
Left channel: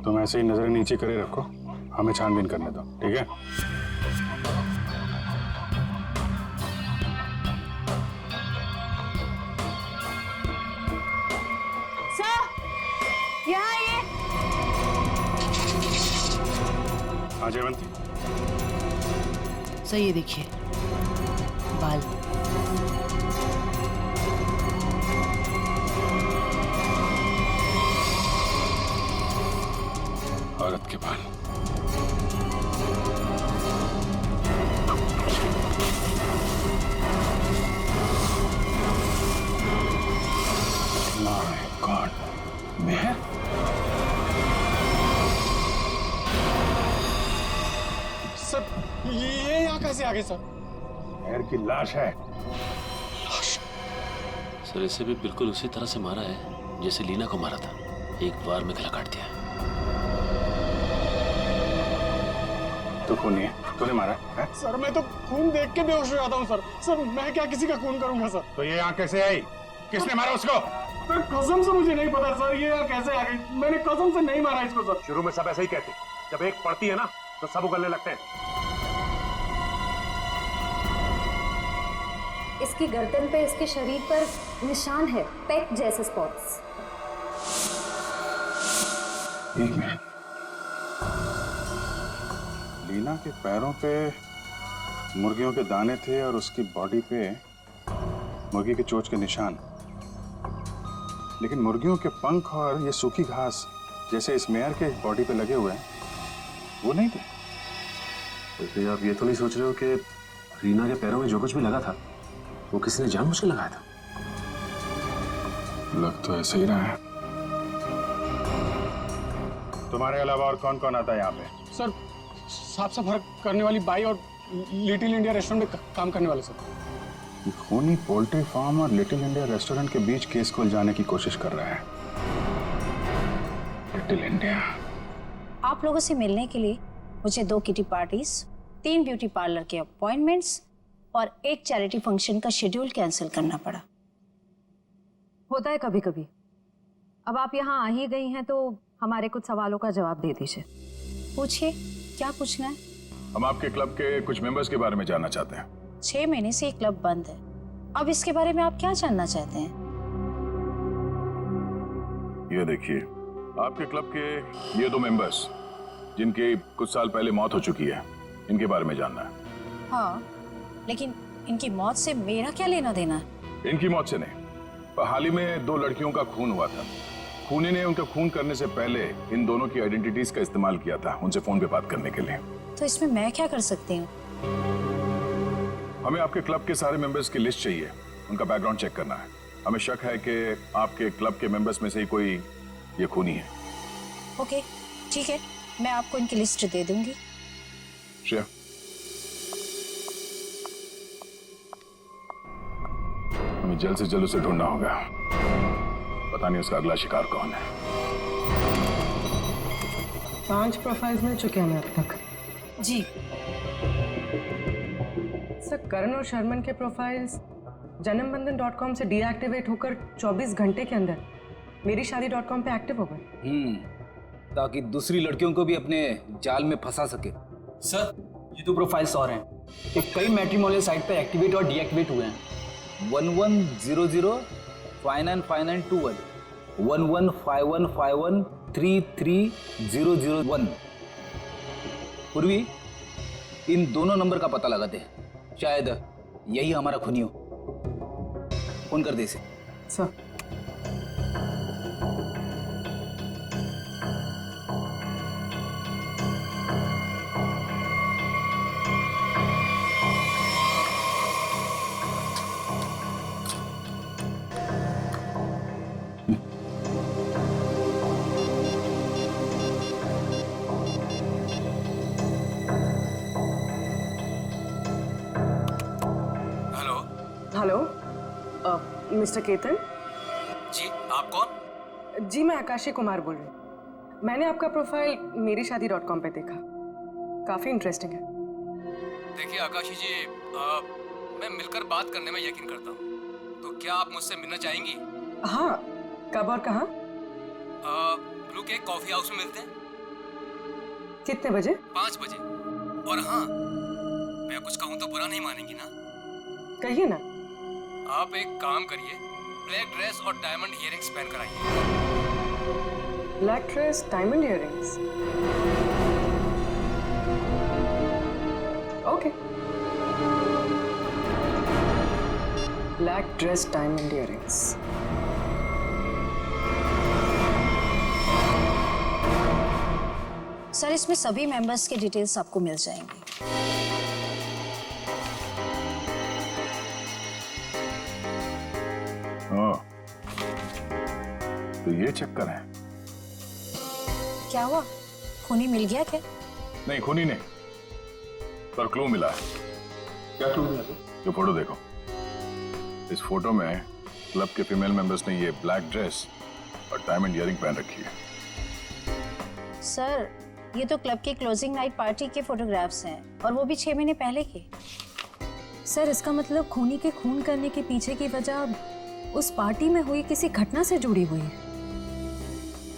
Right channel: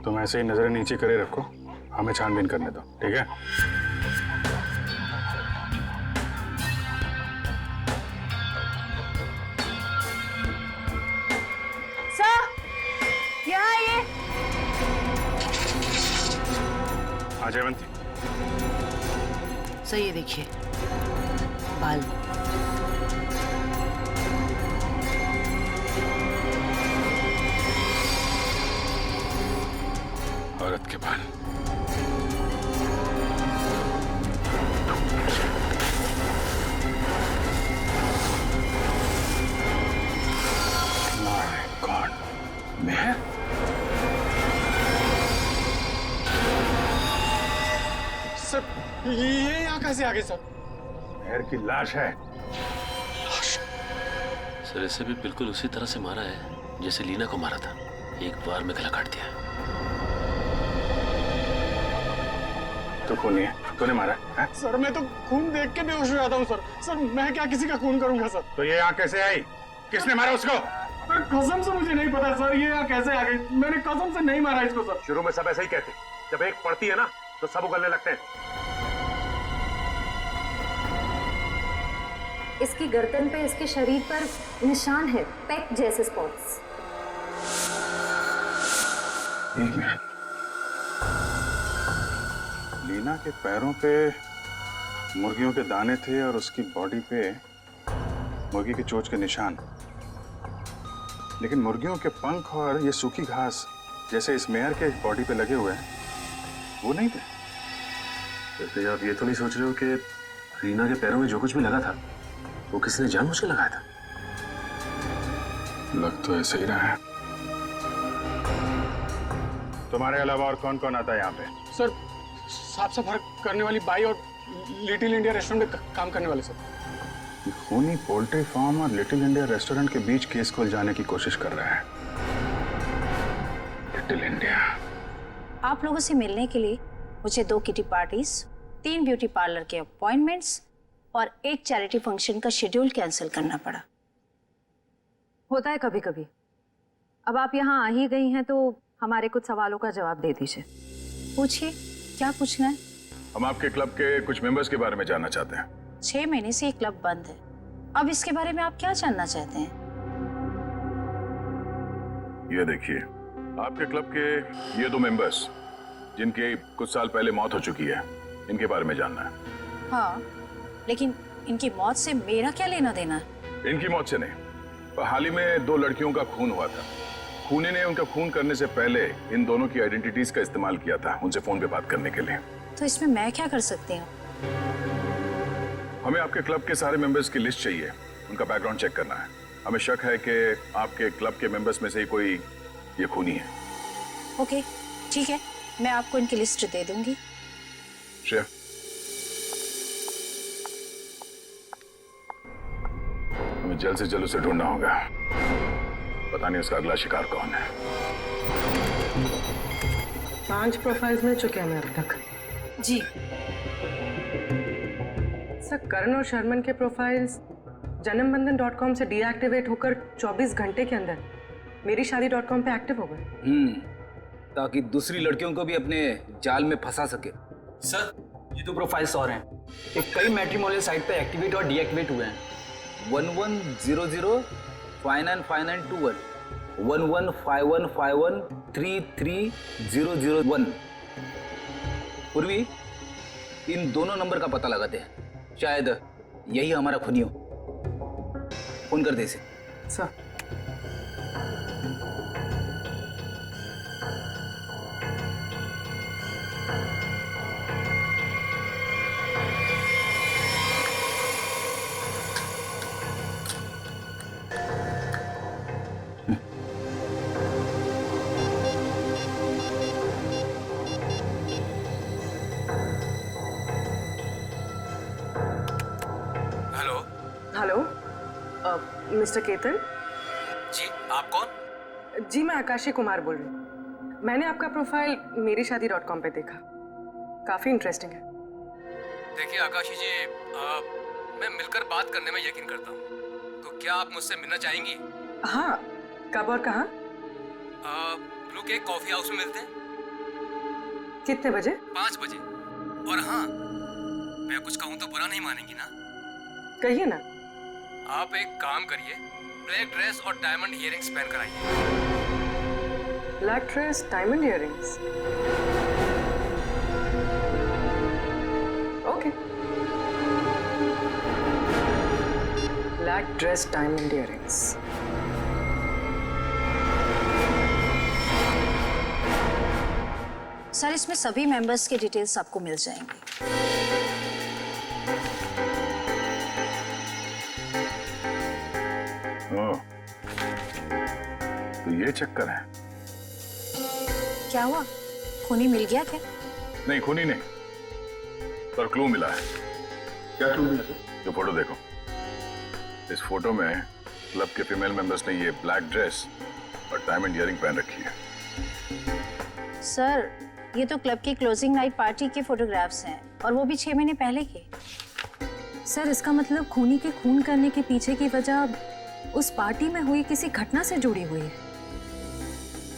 तुम ऐसे ही नजरें नीचे करे रखो, हमें छानबीन करने दो, ठीक है? सर यहाँ ये। हाँ जयवंती। सर ये देखिए बाल। औरत के बाल। माय गॉड, मैं? सर ये यहाँ कैसे आ गए सर? मेहर की लाश है। सर इसे भी बिल्कुल उसी तरह से मारा है जैसे लीना को मारा था, एक बार में गला काट दिया। तू खूनी है, तूने मारा है? सर मैं तो खून देख के बेहोश हो जाता हूँ सर। सर मैं क्या किसी का खून करूंगा सर? तो ये यहाँ कैसे आई? किसने मारा उसको? सर कसम से मुझे नहीं पता सर, ये यहाँ कैसे आ गई? मैंने कसम से नहीं मारा इसको सर। शुरू में सब ऐसे ही कहते, जब एक पड़ती है ना तो सब उगलने लगते हैं। इसकी गर्दन पे, इसके शरीर पर निशान है, पेक जैसे स्पॉट्स। एक मिनट, लीना के पैरों पे मुर्गियों के दाने थे और उसकी बॉडी पे मुर्गी के चोंच के निशान, लेकिन मुर्गियों के पंख और ये सूखी घास जैसे इस मेयर के बॉडी पे लगे हुए हैं वो नहीं थे। तो आप ये तो नहीं सोच रहे हो कि रीना के पैरों में जो कुछ भी लगा था वो किसी ने जानबूझ के लगाया था? लग तो ऐसे ही रहा है। तुम्हारे अलावा और कौन कौन आता है यहाँ पे? सर साफ सफाई करने वाली बाई और लिटिल इंडिया रेस्टोरेंट में काम करने वाले सर। ये खूनी पोल्ट्री फार्म और लिटिल इंडिया रेस्टोरेंट के बीच केस को उलझाने की कोशिश कर रहा है। Little India. आप लोगों से मिलने के लिए मुझे 2 किटी पार्टीज, 3 ब्यूटी पार्लर के अपॉइंटमेंट्स और 1 चैरिटी फंक्शन का शेड्यूल कैंसिल करना पड़ा। होता है कभी कभी। अब आप यहाँ आ ही गई हैं तो हमारे कुछ सवालों का जवाब दे दीजिए। पूछिए, क्या पूछना है? हम आपके क्लब के कुछ मेंबर्स के बारे में जानना चाहते हैं। 6 महीने से ये क्लब बंद है, अब इसके बारे में आप क्या जानना चाहते हैं? ये देखिए, आपके क्लब के ये 2 मेंबर्स जिनके कुछ साल पहले मौत हो चुकी है, इनके बारे में जानना है। हाँ, लेकिन इनकी मौत से मेरा क्या लेना देना है? इनकी मौत से नहीं, पर हाल ही में 2 लड़कियों का खून हुआ था। खूनी ने उनका खून करने से पहले इन दोनों की आइडेंटिटीज का इस्तेमाल किया था उनसे फोन पे बात करने के लिए। तो इसमें मैं क्या कर सकती हूँ? हमें आपके क्लब के सारे मेंबर्स की लिस्ट चाहिए, उनका बैकग्राउंड चेक करना है। हमें शक है कि आपके क्लब के मेंबर्स में से ही कोई ये खूनी है। ओके, ठीक है, मैं आपको इनकी लिस्ट दे दूंगी। श्रेया, हमें जल्द से जल्द उसे ढूंढना होगा। पता नहीं उसका अगला शिकार कौन है। 5 प्रोफाइल्स मिल चुके हैं अब तक। जी सर, करण और शर्मन के प्रोफाइल्स janambandan.com से डीएक्टिवेट होकर 24 घंटे के अंदर मेरीशादी.com पे एक्टिव हो गए। ताकि दूसरी लड़कियों को भी अपने जाल में फंसा सके। सर, ये 2 प्रोफाइल्स और हैं। ये कई मैट्रिमोनियल साइट पे एक्टिवेट और डीएक्टिवेट हुए हैं। 1100 595921 115151 33001। पूर्वी, इन दोनों नंबर का पता लगाते हैं, शायद यही हमारा खूनी हो। फोन कर दे इसे। Sir, hello, mister Ketan. जी, आप कौन? जी, मैं आकाशी कुमार बोल रही हूँ। मैंने आपका प्रोफाइल मेरीशादी.com पे देखा, काफी इंटरेस्टिंग है। देखिए आकाशी जी, मैं मिलकर बात करने में यकीन करता हूँ, तो क्या आप मुझसे मिलना चाहेंगी? हाँ, कब और कहाँ? ब्लू केक कॉफी हाउस में मिलते हैं। कितने बजे? 5 बजे। और हाँ, मैं कुछ कहूँ तो बुरा नहीं मानेंगी ना? कहिए ना। आप एक काम करिए, ब्लैक ड्रेस और डायमंड इयररिंग्स पहन कर आइए। Black dress, diamond earrings. Okay. Black dress, diamond earrings. Sir, इसमें सभी मेंबर्स के डिटेल्स आपको मिल जाएंगे। तो ये चक्कर है। क्या हुआ, खूनी मिल गया क्या? नहीं, खूनी नहीं, पर क्लू मिला है। क्या क्लू मिला? जो फोटो देखो, इस फोटो में क्लब के फीमेल मेंबर्स ने ये ब्लैक ड्रेस और डायमंड इयररिंग पहन रखी है। सर, ये तो क्लब की क्लोजिंग नाइट पार्टी के फोटोग्राफ्स हैं, और वो भी 6 महीने पहले के। सर, इसका मतलब खूनी के खून करने के पीछे की वजह उस पार्टी में हुई किसी घटना से जुड़ी हुई है।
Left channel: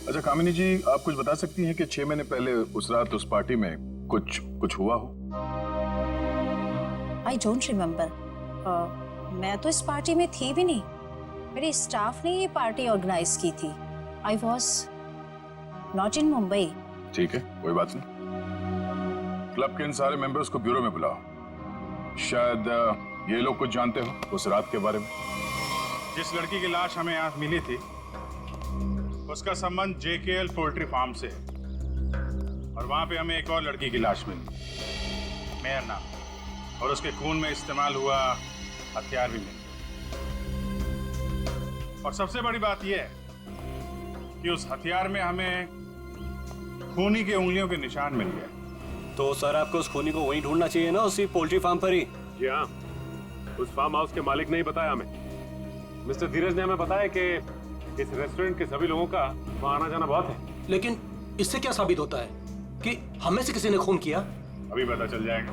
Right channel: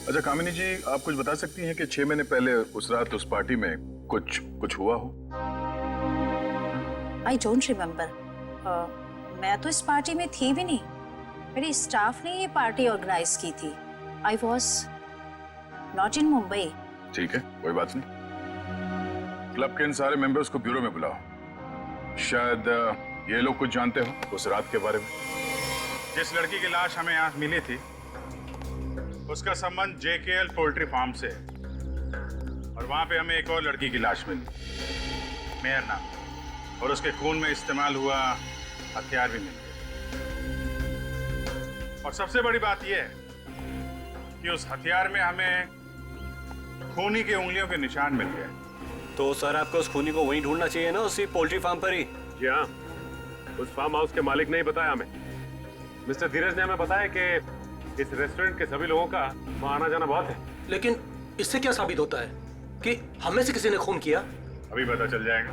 अच्छा कामिनी जी, आप कुछ बता सकती हैं कि 6 महीने पहले उस रात उस पार्टी में कुछ हुआ हो? I don't remember. मैं तो इस पार्टी में थी भी नहीं। मेरे स्टाफ ने ये पार्टी ऑर्गेनाइज की थी। I was not in Mumbai. ठीक है, कोई बात नहीं। क्लब के इन सारे मेंबर्स को ब्यूरो में बुलाओ। शायद ये लोग कुछ जानते हो उस रात के बारे में। जिस लड़की की लाश हमें यहाँ मिली थी, उसका संबंध JKL पोल्ट्री फार्म से है, और वहां पे हमें एक और लड़की की लाश मिली, मेहर नाम, और उसके खून में इस्तेमाल हुआ हथियार भी मिल गया। और सबसे बड़ी बात यह है कि उस हथियार में हमें खूनी के उंगलियों के निशान मिल गए। तो सर, आपको उस खूनी को वहीं ढूंढना चाहिए ना, उसी पोल्ट्री फार्म पर ही। जी हाँ, उस फार्म हाउस के मालिक ने ही बताया हमें। मिस्टर धीरज ने हमें बताया कि इस रेस्टोरेंट के सभी लोगों का वहाँ आना जाना बहुत है। लेकिन इससे क्या साबित होता है कि हमें से किसी ने खून किया? अभी पता चल जाएगा।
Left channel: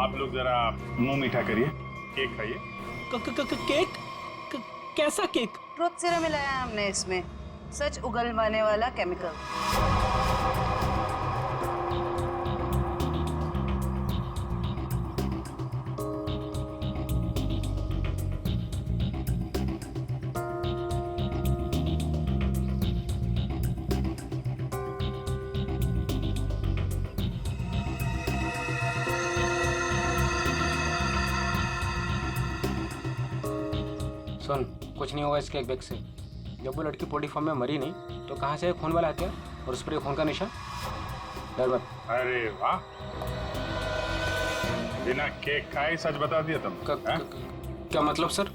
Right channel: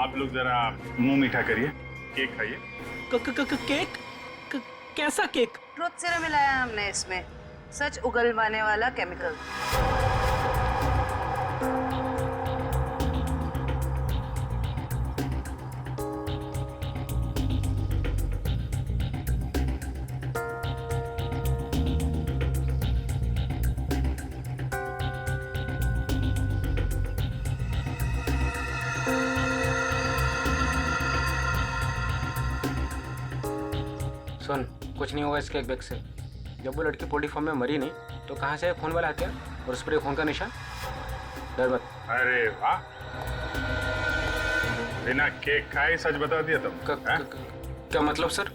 आप लोग जरा मुंह मीठा करिए, केक खाइए। केक? कैसा केक? ट्रुथ सीरम मिलाया हमने इसमें, सच उगलवाने वाला केमिकल। सुन, कुछ नहीं होगा इसके बैग से। जब वो लड़की पोल्ट्री फार्म में मरी नहीं तो कहाँ से खून वाला हथियार और उस पर खून का निशान? डर मत। अरे वाह, बिना केक खाए सच बता दिया तुम? क्या मतलब सर?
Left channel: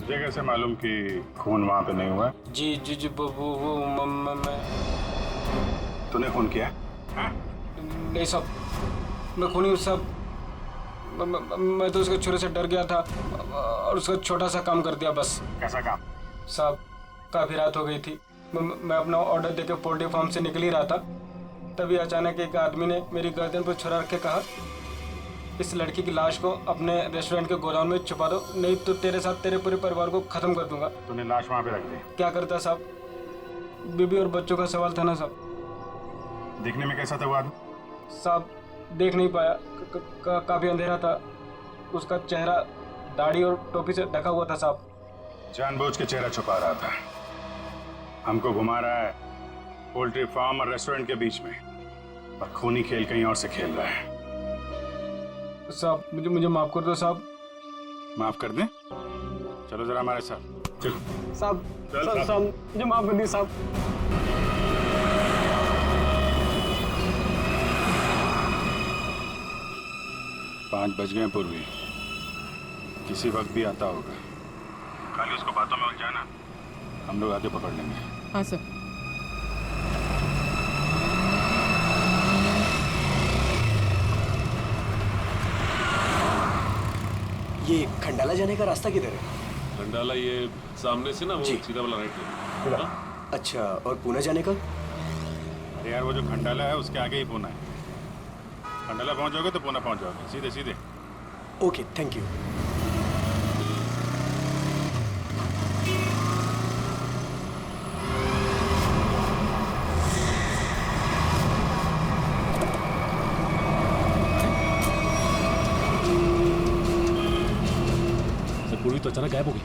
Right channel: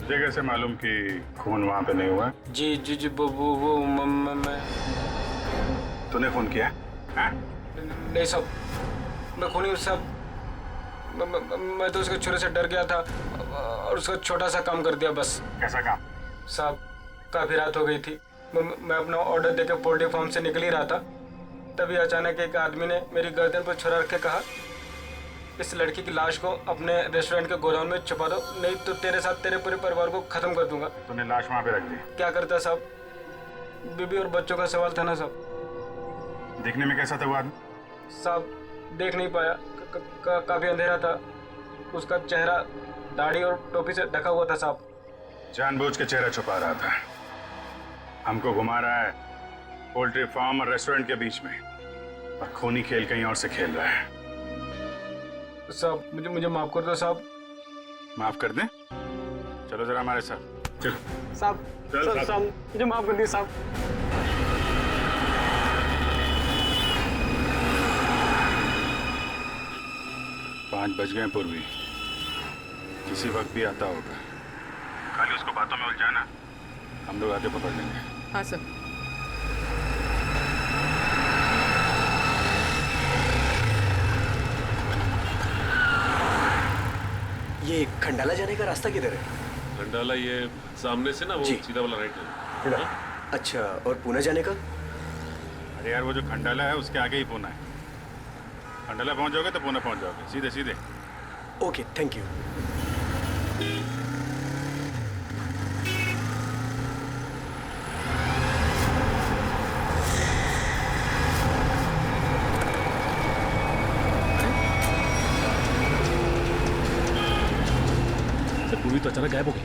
मुझे कैसे मालूम कि खून वहां पे नहीं हुआ? जी जी जी वो मैं तूने खून किया? नहीं साहब, मैं खूनी साहब, मैं तो उसके छुरे से डर गया था और उसका छोटा सा काम कर दिया बस। कैसा काम? साहब काफी रात हो गई थी, मैं अपना ऑर्डर देके पोल्ट्री फार्म से निकल ही रहा था, तभी अचानक एक आदमी ने मेरी गर्दन पर छुरा रख के कहा, इस लड़की की लाश को अपने रेस्टोरेंट के गोदाम में छुपा दो, नहीं तो तेरे साथ तेरे पूरे परिवार को खत्म कर दूंगा। तूने लाश वहां पे रख दी? क्या करता साहब, बीबी और बच्चों का सवाल था ना साहब। देखने में कैसा था वो आदमी? साहब देख नहीं पाया, काफी अंधेरा था, उसका चेहरा दाढ़ी और टोपी से ढका हुआ था साहब। जानबूझ के चेहरा छुपा रहा था, हमको घुमा रहा है पोल्ट्री फार्म और रेस्टोरेंट के बीच में, और खूनी खेल कहीं और से खेल रहा है। साहब मुझे माफ कर दो साहब। माफ कर दें? चलो जरा हमारे साथ चलो। साहब साहब मुझे माफ कर दिए साहब। पाँच बज गए पूर्वी, किसी वक्त भी आता होगा। खाली उसको बातों में उलझाना, हम लोग आके पकड़ लेंगे। हाँ सर। ये खंडाला जाने का रास्ता किधर है? खंडाला ये सामने से ना, वो सीधा वाला राइट है। अच्छा, और पुणे जाने का? अरे यार वो जो खंडाला है उसके आगे ही पुणे है। खंडाला पहुंच जाओगे तो पुणे पहुंच जाओगे, सीधे सीधे। Okay, thank you. पूर्वी तो अचानक गायब हो गई।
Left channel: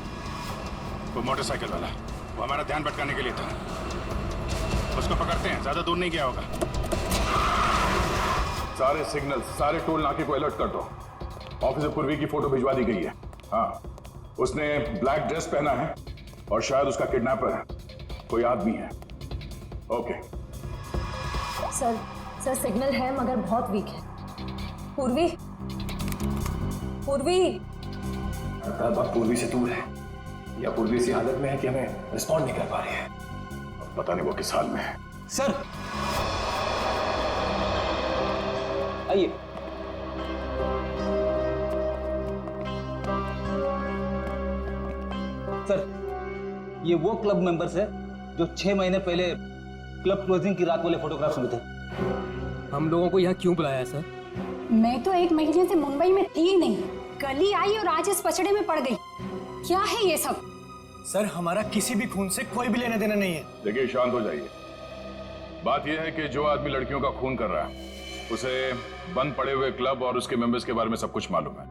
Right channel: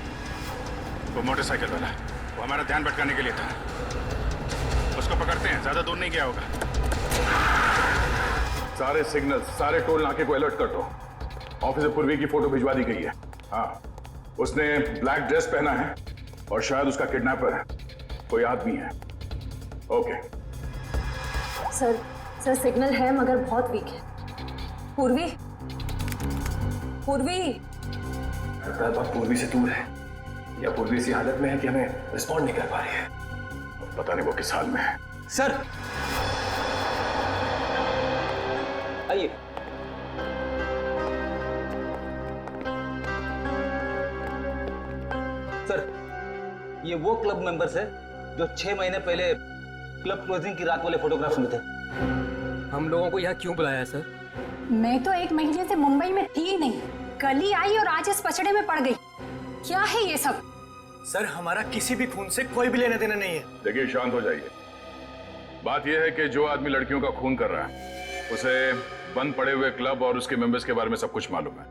वो मोटरसाइकिल वाला, वो हमारा ध्यान भटकाने के लिए था। उसको पकड़ते हैं, ज्यादा दूर नहीं गया होगा। सारे सिग्नल, सारे टोल नाके को अलर्ट कर दो। ऑफिसर पूर्वी की फोटो भिजवा दी गई है। हाँ, उसने ब्लैक ड्रेस पहना है और शायद उसका किडनैपर कोई आदमी है। ओके सर सिग्नल है मगर बहुत वीक है। पूर्वी लगता है बात पूर्वी से दूर है, या पूर्वी इसी हालत में है कि हमें रिस्पॉन्ड नहीं कर पा रही है। पता नहीं वो किस हाल में है। सर आइए। सर, ये वो क्लब मेंबर्स है जो 6 महीने पहले क्लब क्लोजिंग की रात वाले फोटोग्राफ्स में थे। हम लोगों को यहाँ क्यों बुलाया है सर? मैं तो 1 महीने से मुंबई में थी ही नहीं, कल ही आई और आज इस पचड़े में पड़ गई। क्या है ये सब? सर, हमारा किसी भी खून से कोई भी लेना देना नहीं है। देखिए, शांत हो जाइए। बात यह है कि जो आदमी लड़कियों का खून कर रहा है उसे बंद पड़े हुए क्लब और उसके मेंबर्स के बारे में सब कुछ मालूम है।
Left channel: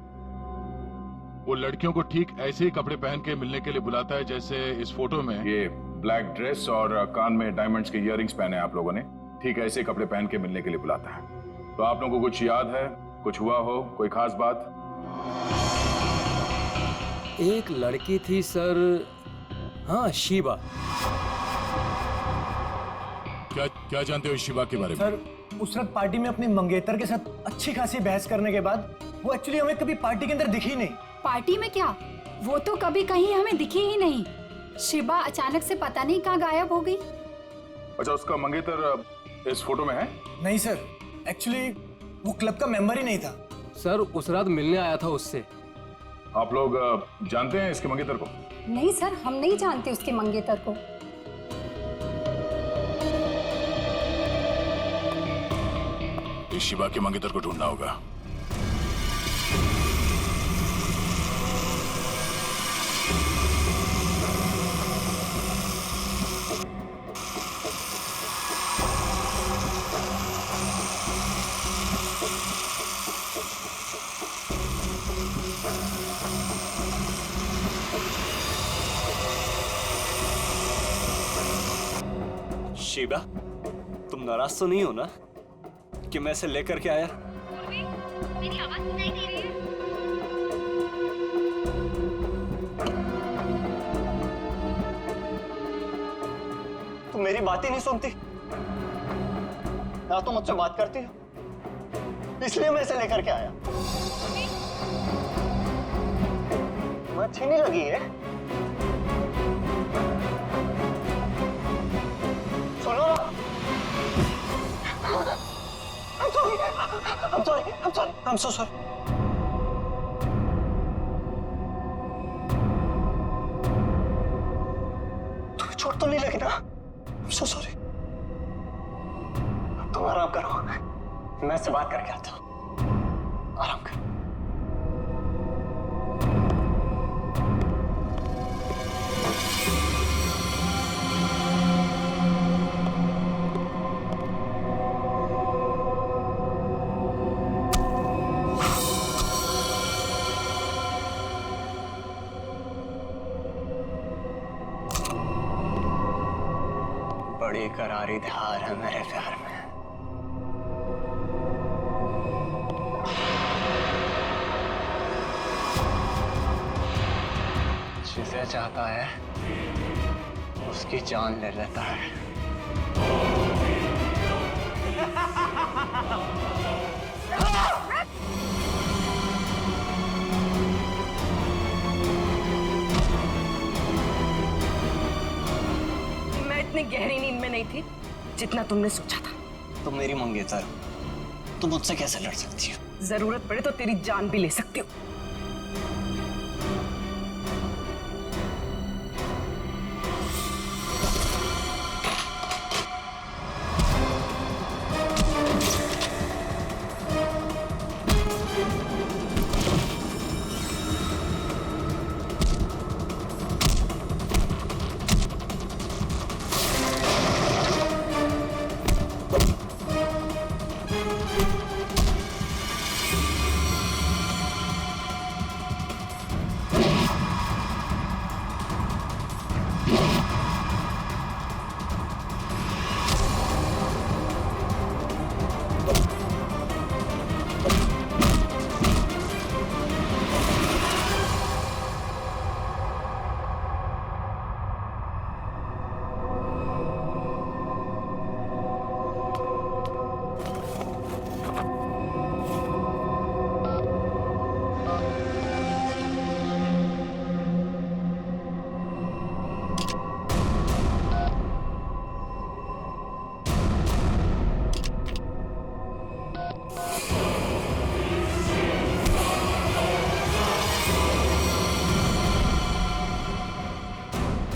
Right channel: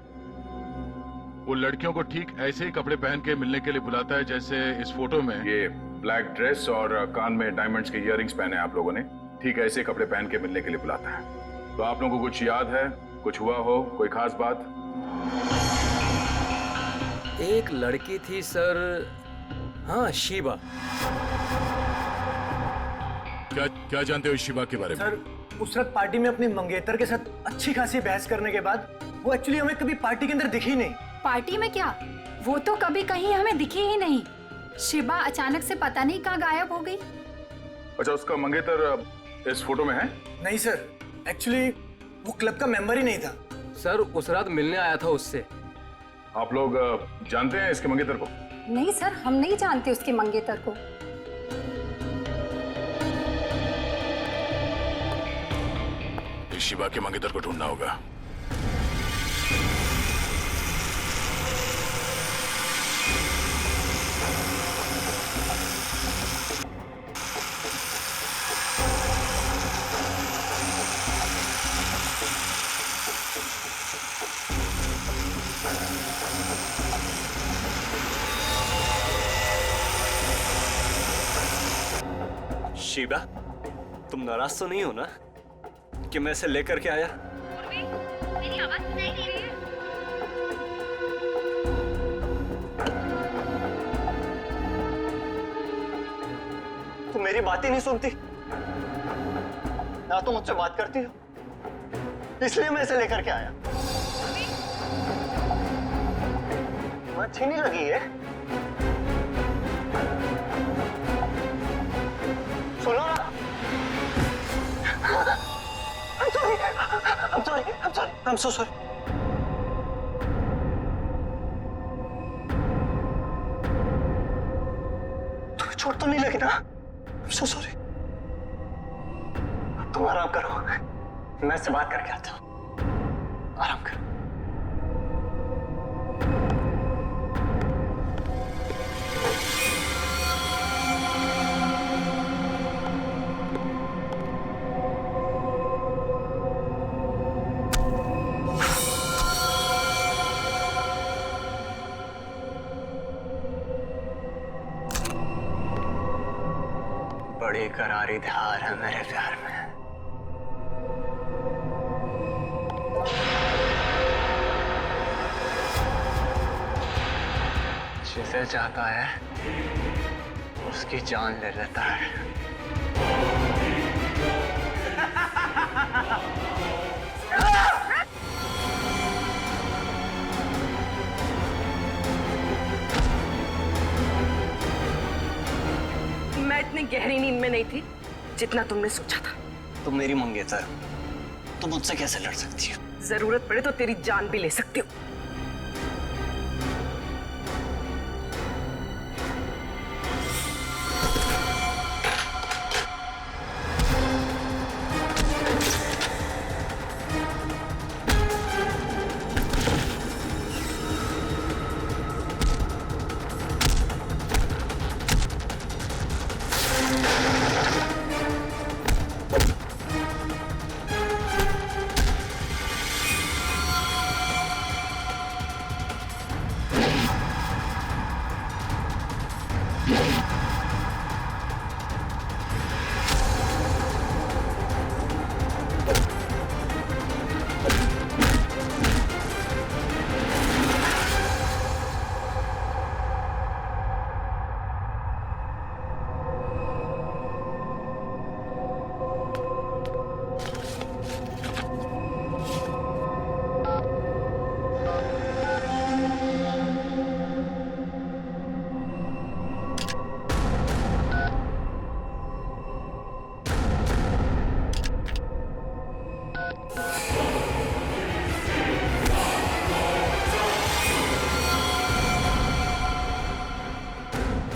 वो लड़कियों को ठीक ऐसे ही कपड़े पहन के मिलने के लिए बुलाता है जैसे इस फोटो में। ये ब्लैक ड्रेस और कान में डायमंड्स के इयररिंग्स पहने आप लोगों ने, ठीक ऐसे ही कपड़े पहन के मिलने के लिए बुलाता है। तो आप लोगों को कुछ याद है, कुछ हुआ हो, कोई खास बात? एक लड़की थी सर, हाँ शिबा। क्या जानते हो शिबा के बारे में? सर, उस रात पार्टी में अपनी मंगेतर के साथ अच्छी खासी बहस करने के बाद वो एक्चुअली हमें कभी पार्टी के अंदर दिखी नहीं। पार्टी में क्या, वो तो कभी कहीं हमें दिखी ही नहीं। शिबा अचानक से पता नहीं कहाँ गायब हो गई। अच्छा, उसका मंगेतर इस फोटो में है? नहीं सर, एक्चुअली वो क्लब का मेंबर ही नहीं था। सर, उस रात मिलने आया था उससे। आप लोग जानते हैं इसके मंगेतर को? नहीं सर, हम नहीं जानते उसके मंगेतर को। इस शिबा के मंगेतर को ढूंढना होगा। शीबा, तुम नाराज तो नहीं हो ना कि मैं इसे लेकर के आया? मेरी आवाज सुनाई दे रही है? तुम मेरी बात ही नहीं सुनती, ना तो मुझसे बात करती हो, इसलिए मैं इसे लेकर के आया। तुम्हें अच्छी नहीं लगी है? सुनो ना। I'm sorry. I'm so sorry. तुम्हें चोट तो नहीं लगी ना? I'm so sorry. अब तुम आराम करो, मैं इससे बात करके आता हूँ। आराम करो। बड़ी करारी धार है मेरे प्यार में। जिसे चाहता है उसकी जान ले लेता है। मैं इतनी गहरी नींद में नहीं थी जितना तुमने सोचा था। तुम मेरी मंगेतर, तुम मुझसे कैसे लड़ सकती हो? जरूरत पड़े तो तेरी जान भी ले सकती हो।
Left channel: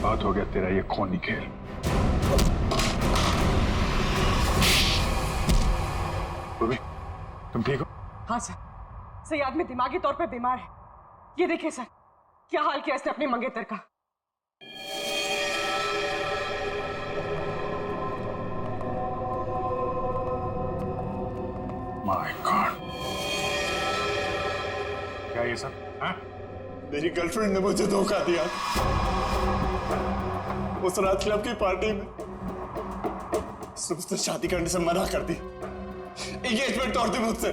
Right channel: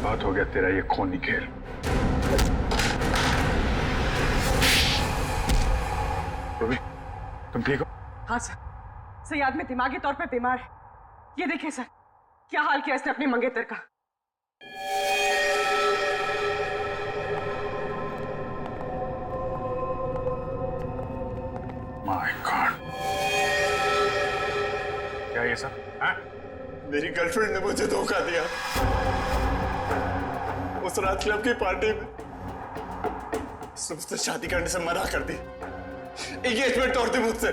बहुत हो गया तेरा ये खूनी खेल। रूबी, तुम ठीक हो? हाँ सर, सही आदमी दिमागी तौर पे बीमार है। ये देखिए सर, क्या हाल किया इसने अपनी मंगेतर का। माय गॉड, क्या ये सब? हाँ? मेरी गर्लफ्रेंड ने मुझे धोखा दिया। उस रात क्लब की पार्टी में उसने मुझसे शादी करने से मना कर दी। एंगेजमेंट तोड़ दी मुझसे।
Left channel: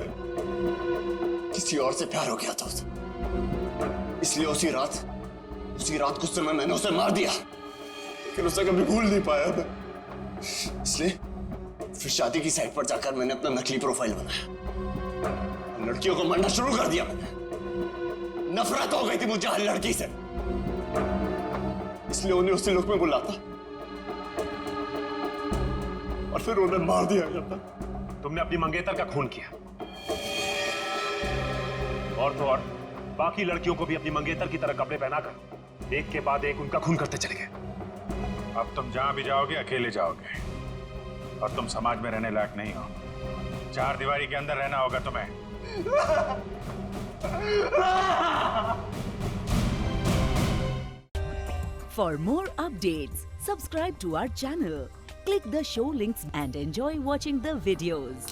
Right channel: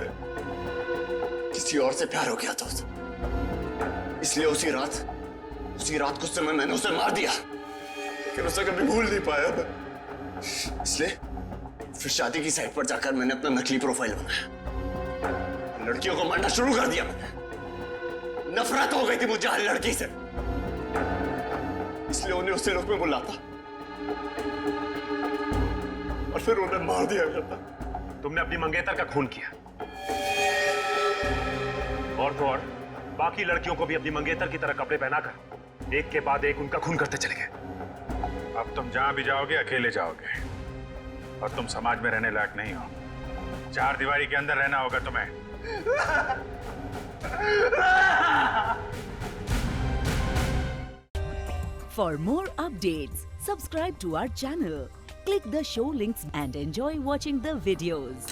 किसी और से प्यार हो गया था उसे, इसलिए उसी रात गुस्से में मैंने उसे मार दिया। लेकिन उसे कभी भूल नहीं पाया मैं। इसलिए फिर शादी की साइट पर जाकर मैंने अपना नकली प्रोफाइल बनाया। लड़कियों को मारना शुरू कर दिया मैंने। नफरत हो गई थी मुझे हर लड़की से, इसलिए उन्हें उसी लुक में बुलाता और फिर उन्हें मार दिया जाता। तुमने अपनी मंगेतर का खून किया, और तो और बाकी लड़कियों को भी अपनी मंगेतर की तरह कपड़े पहनाकर एक के बाद एक उनका खून करते चले गए। अब तुम जहां भी जाओगे अकेले जाओगे, और तुम समाज में रहने लायक नहीं हो। चार दीवारी के अंदर रहना होगा तुम्हें। For more updates, subscribe to our channel, click the show links and enjoy watching the videos.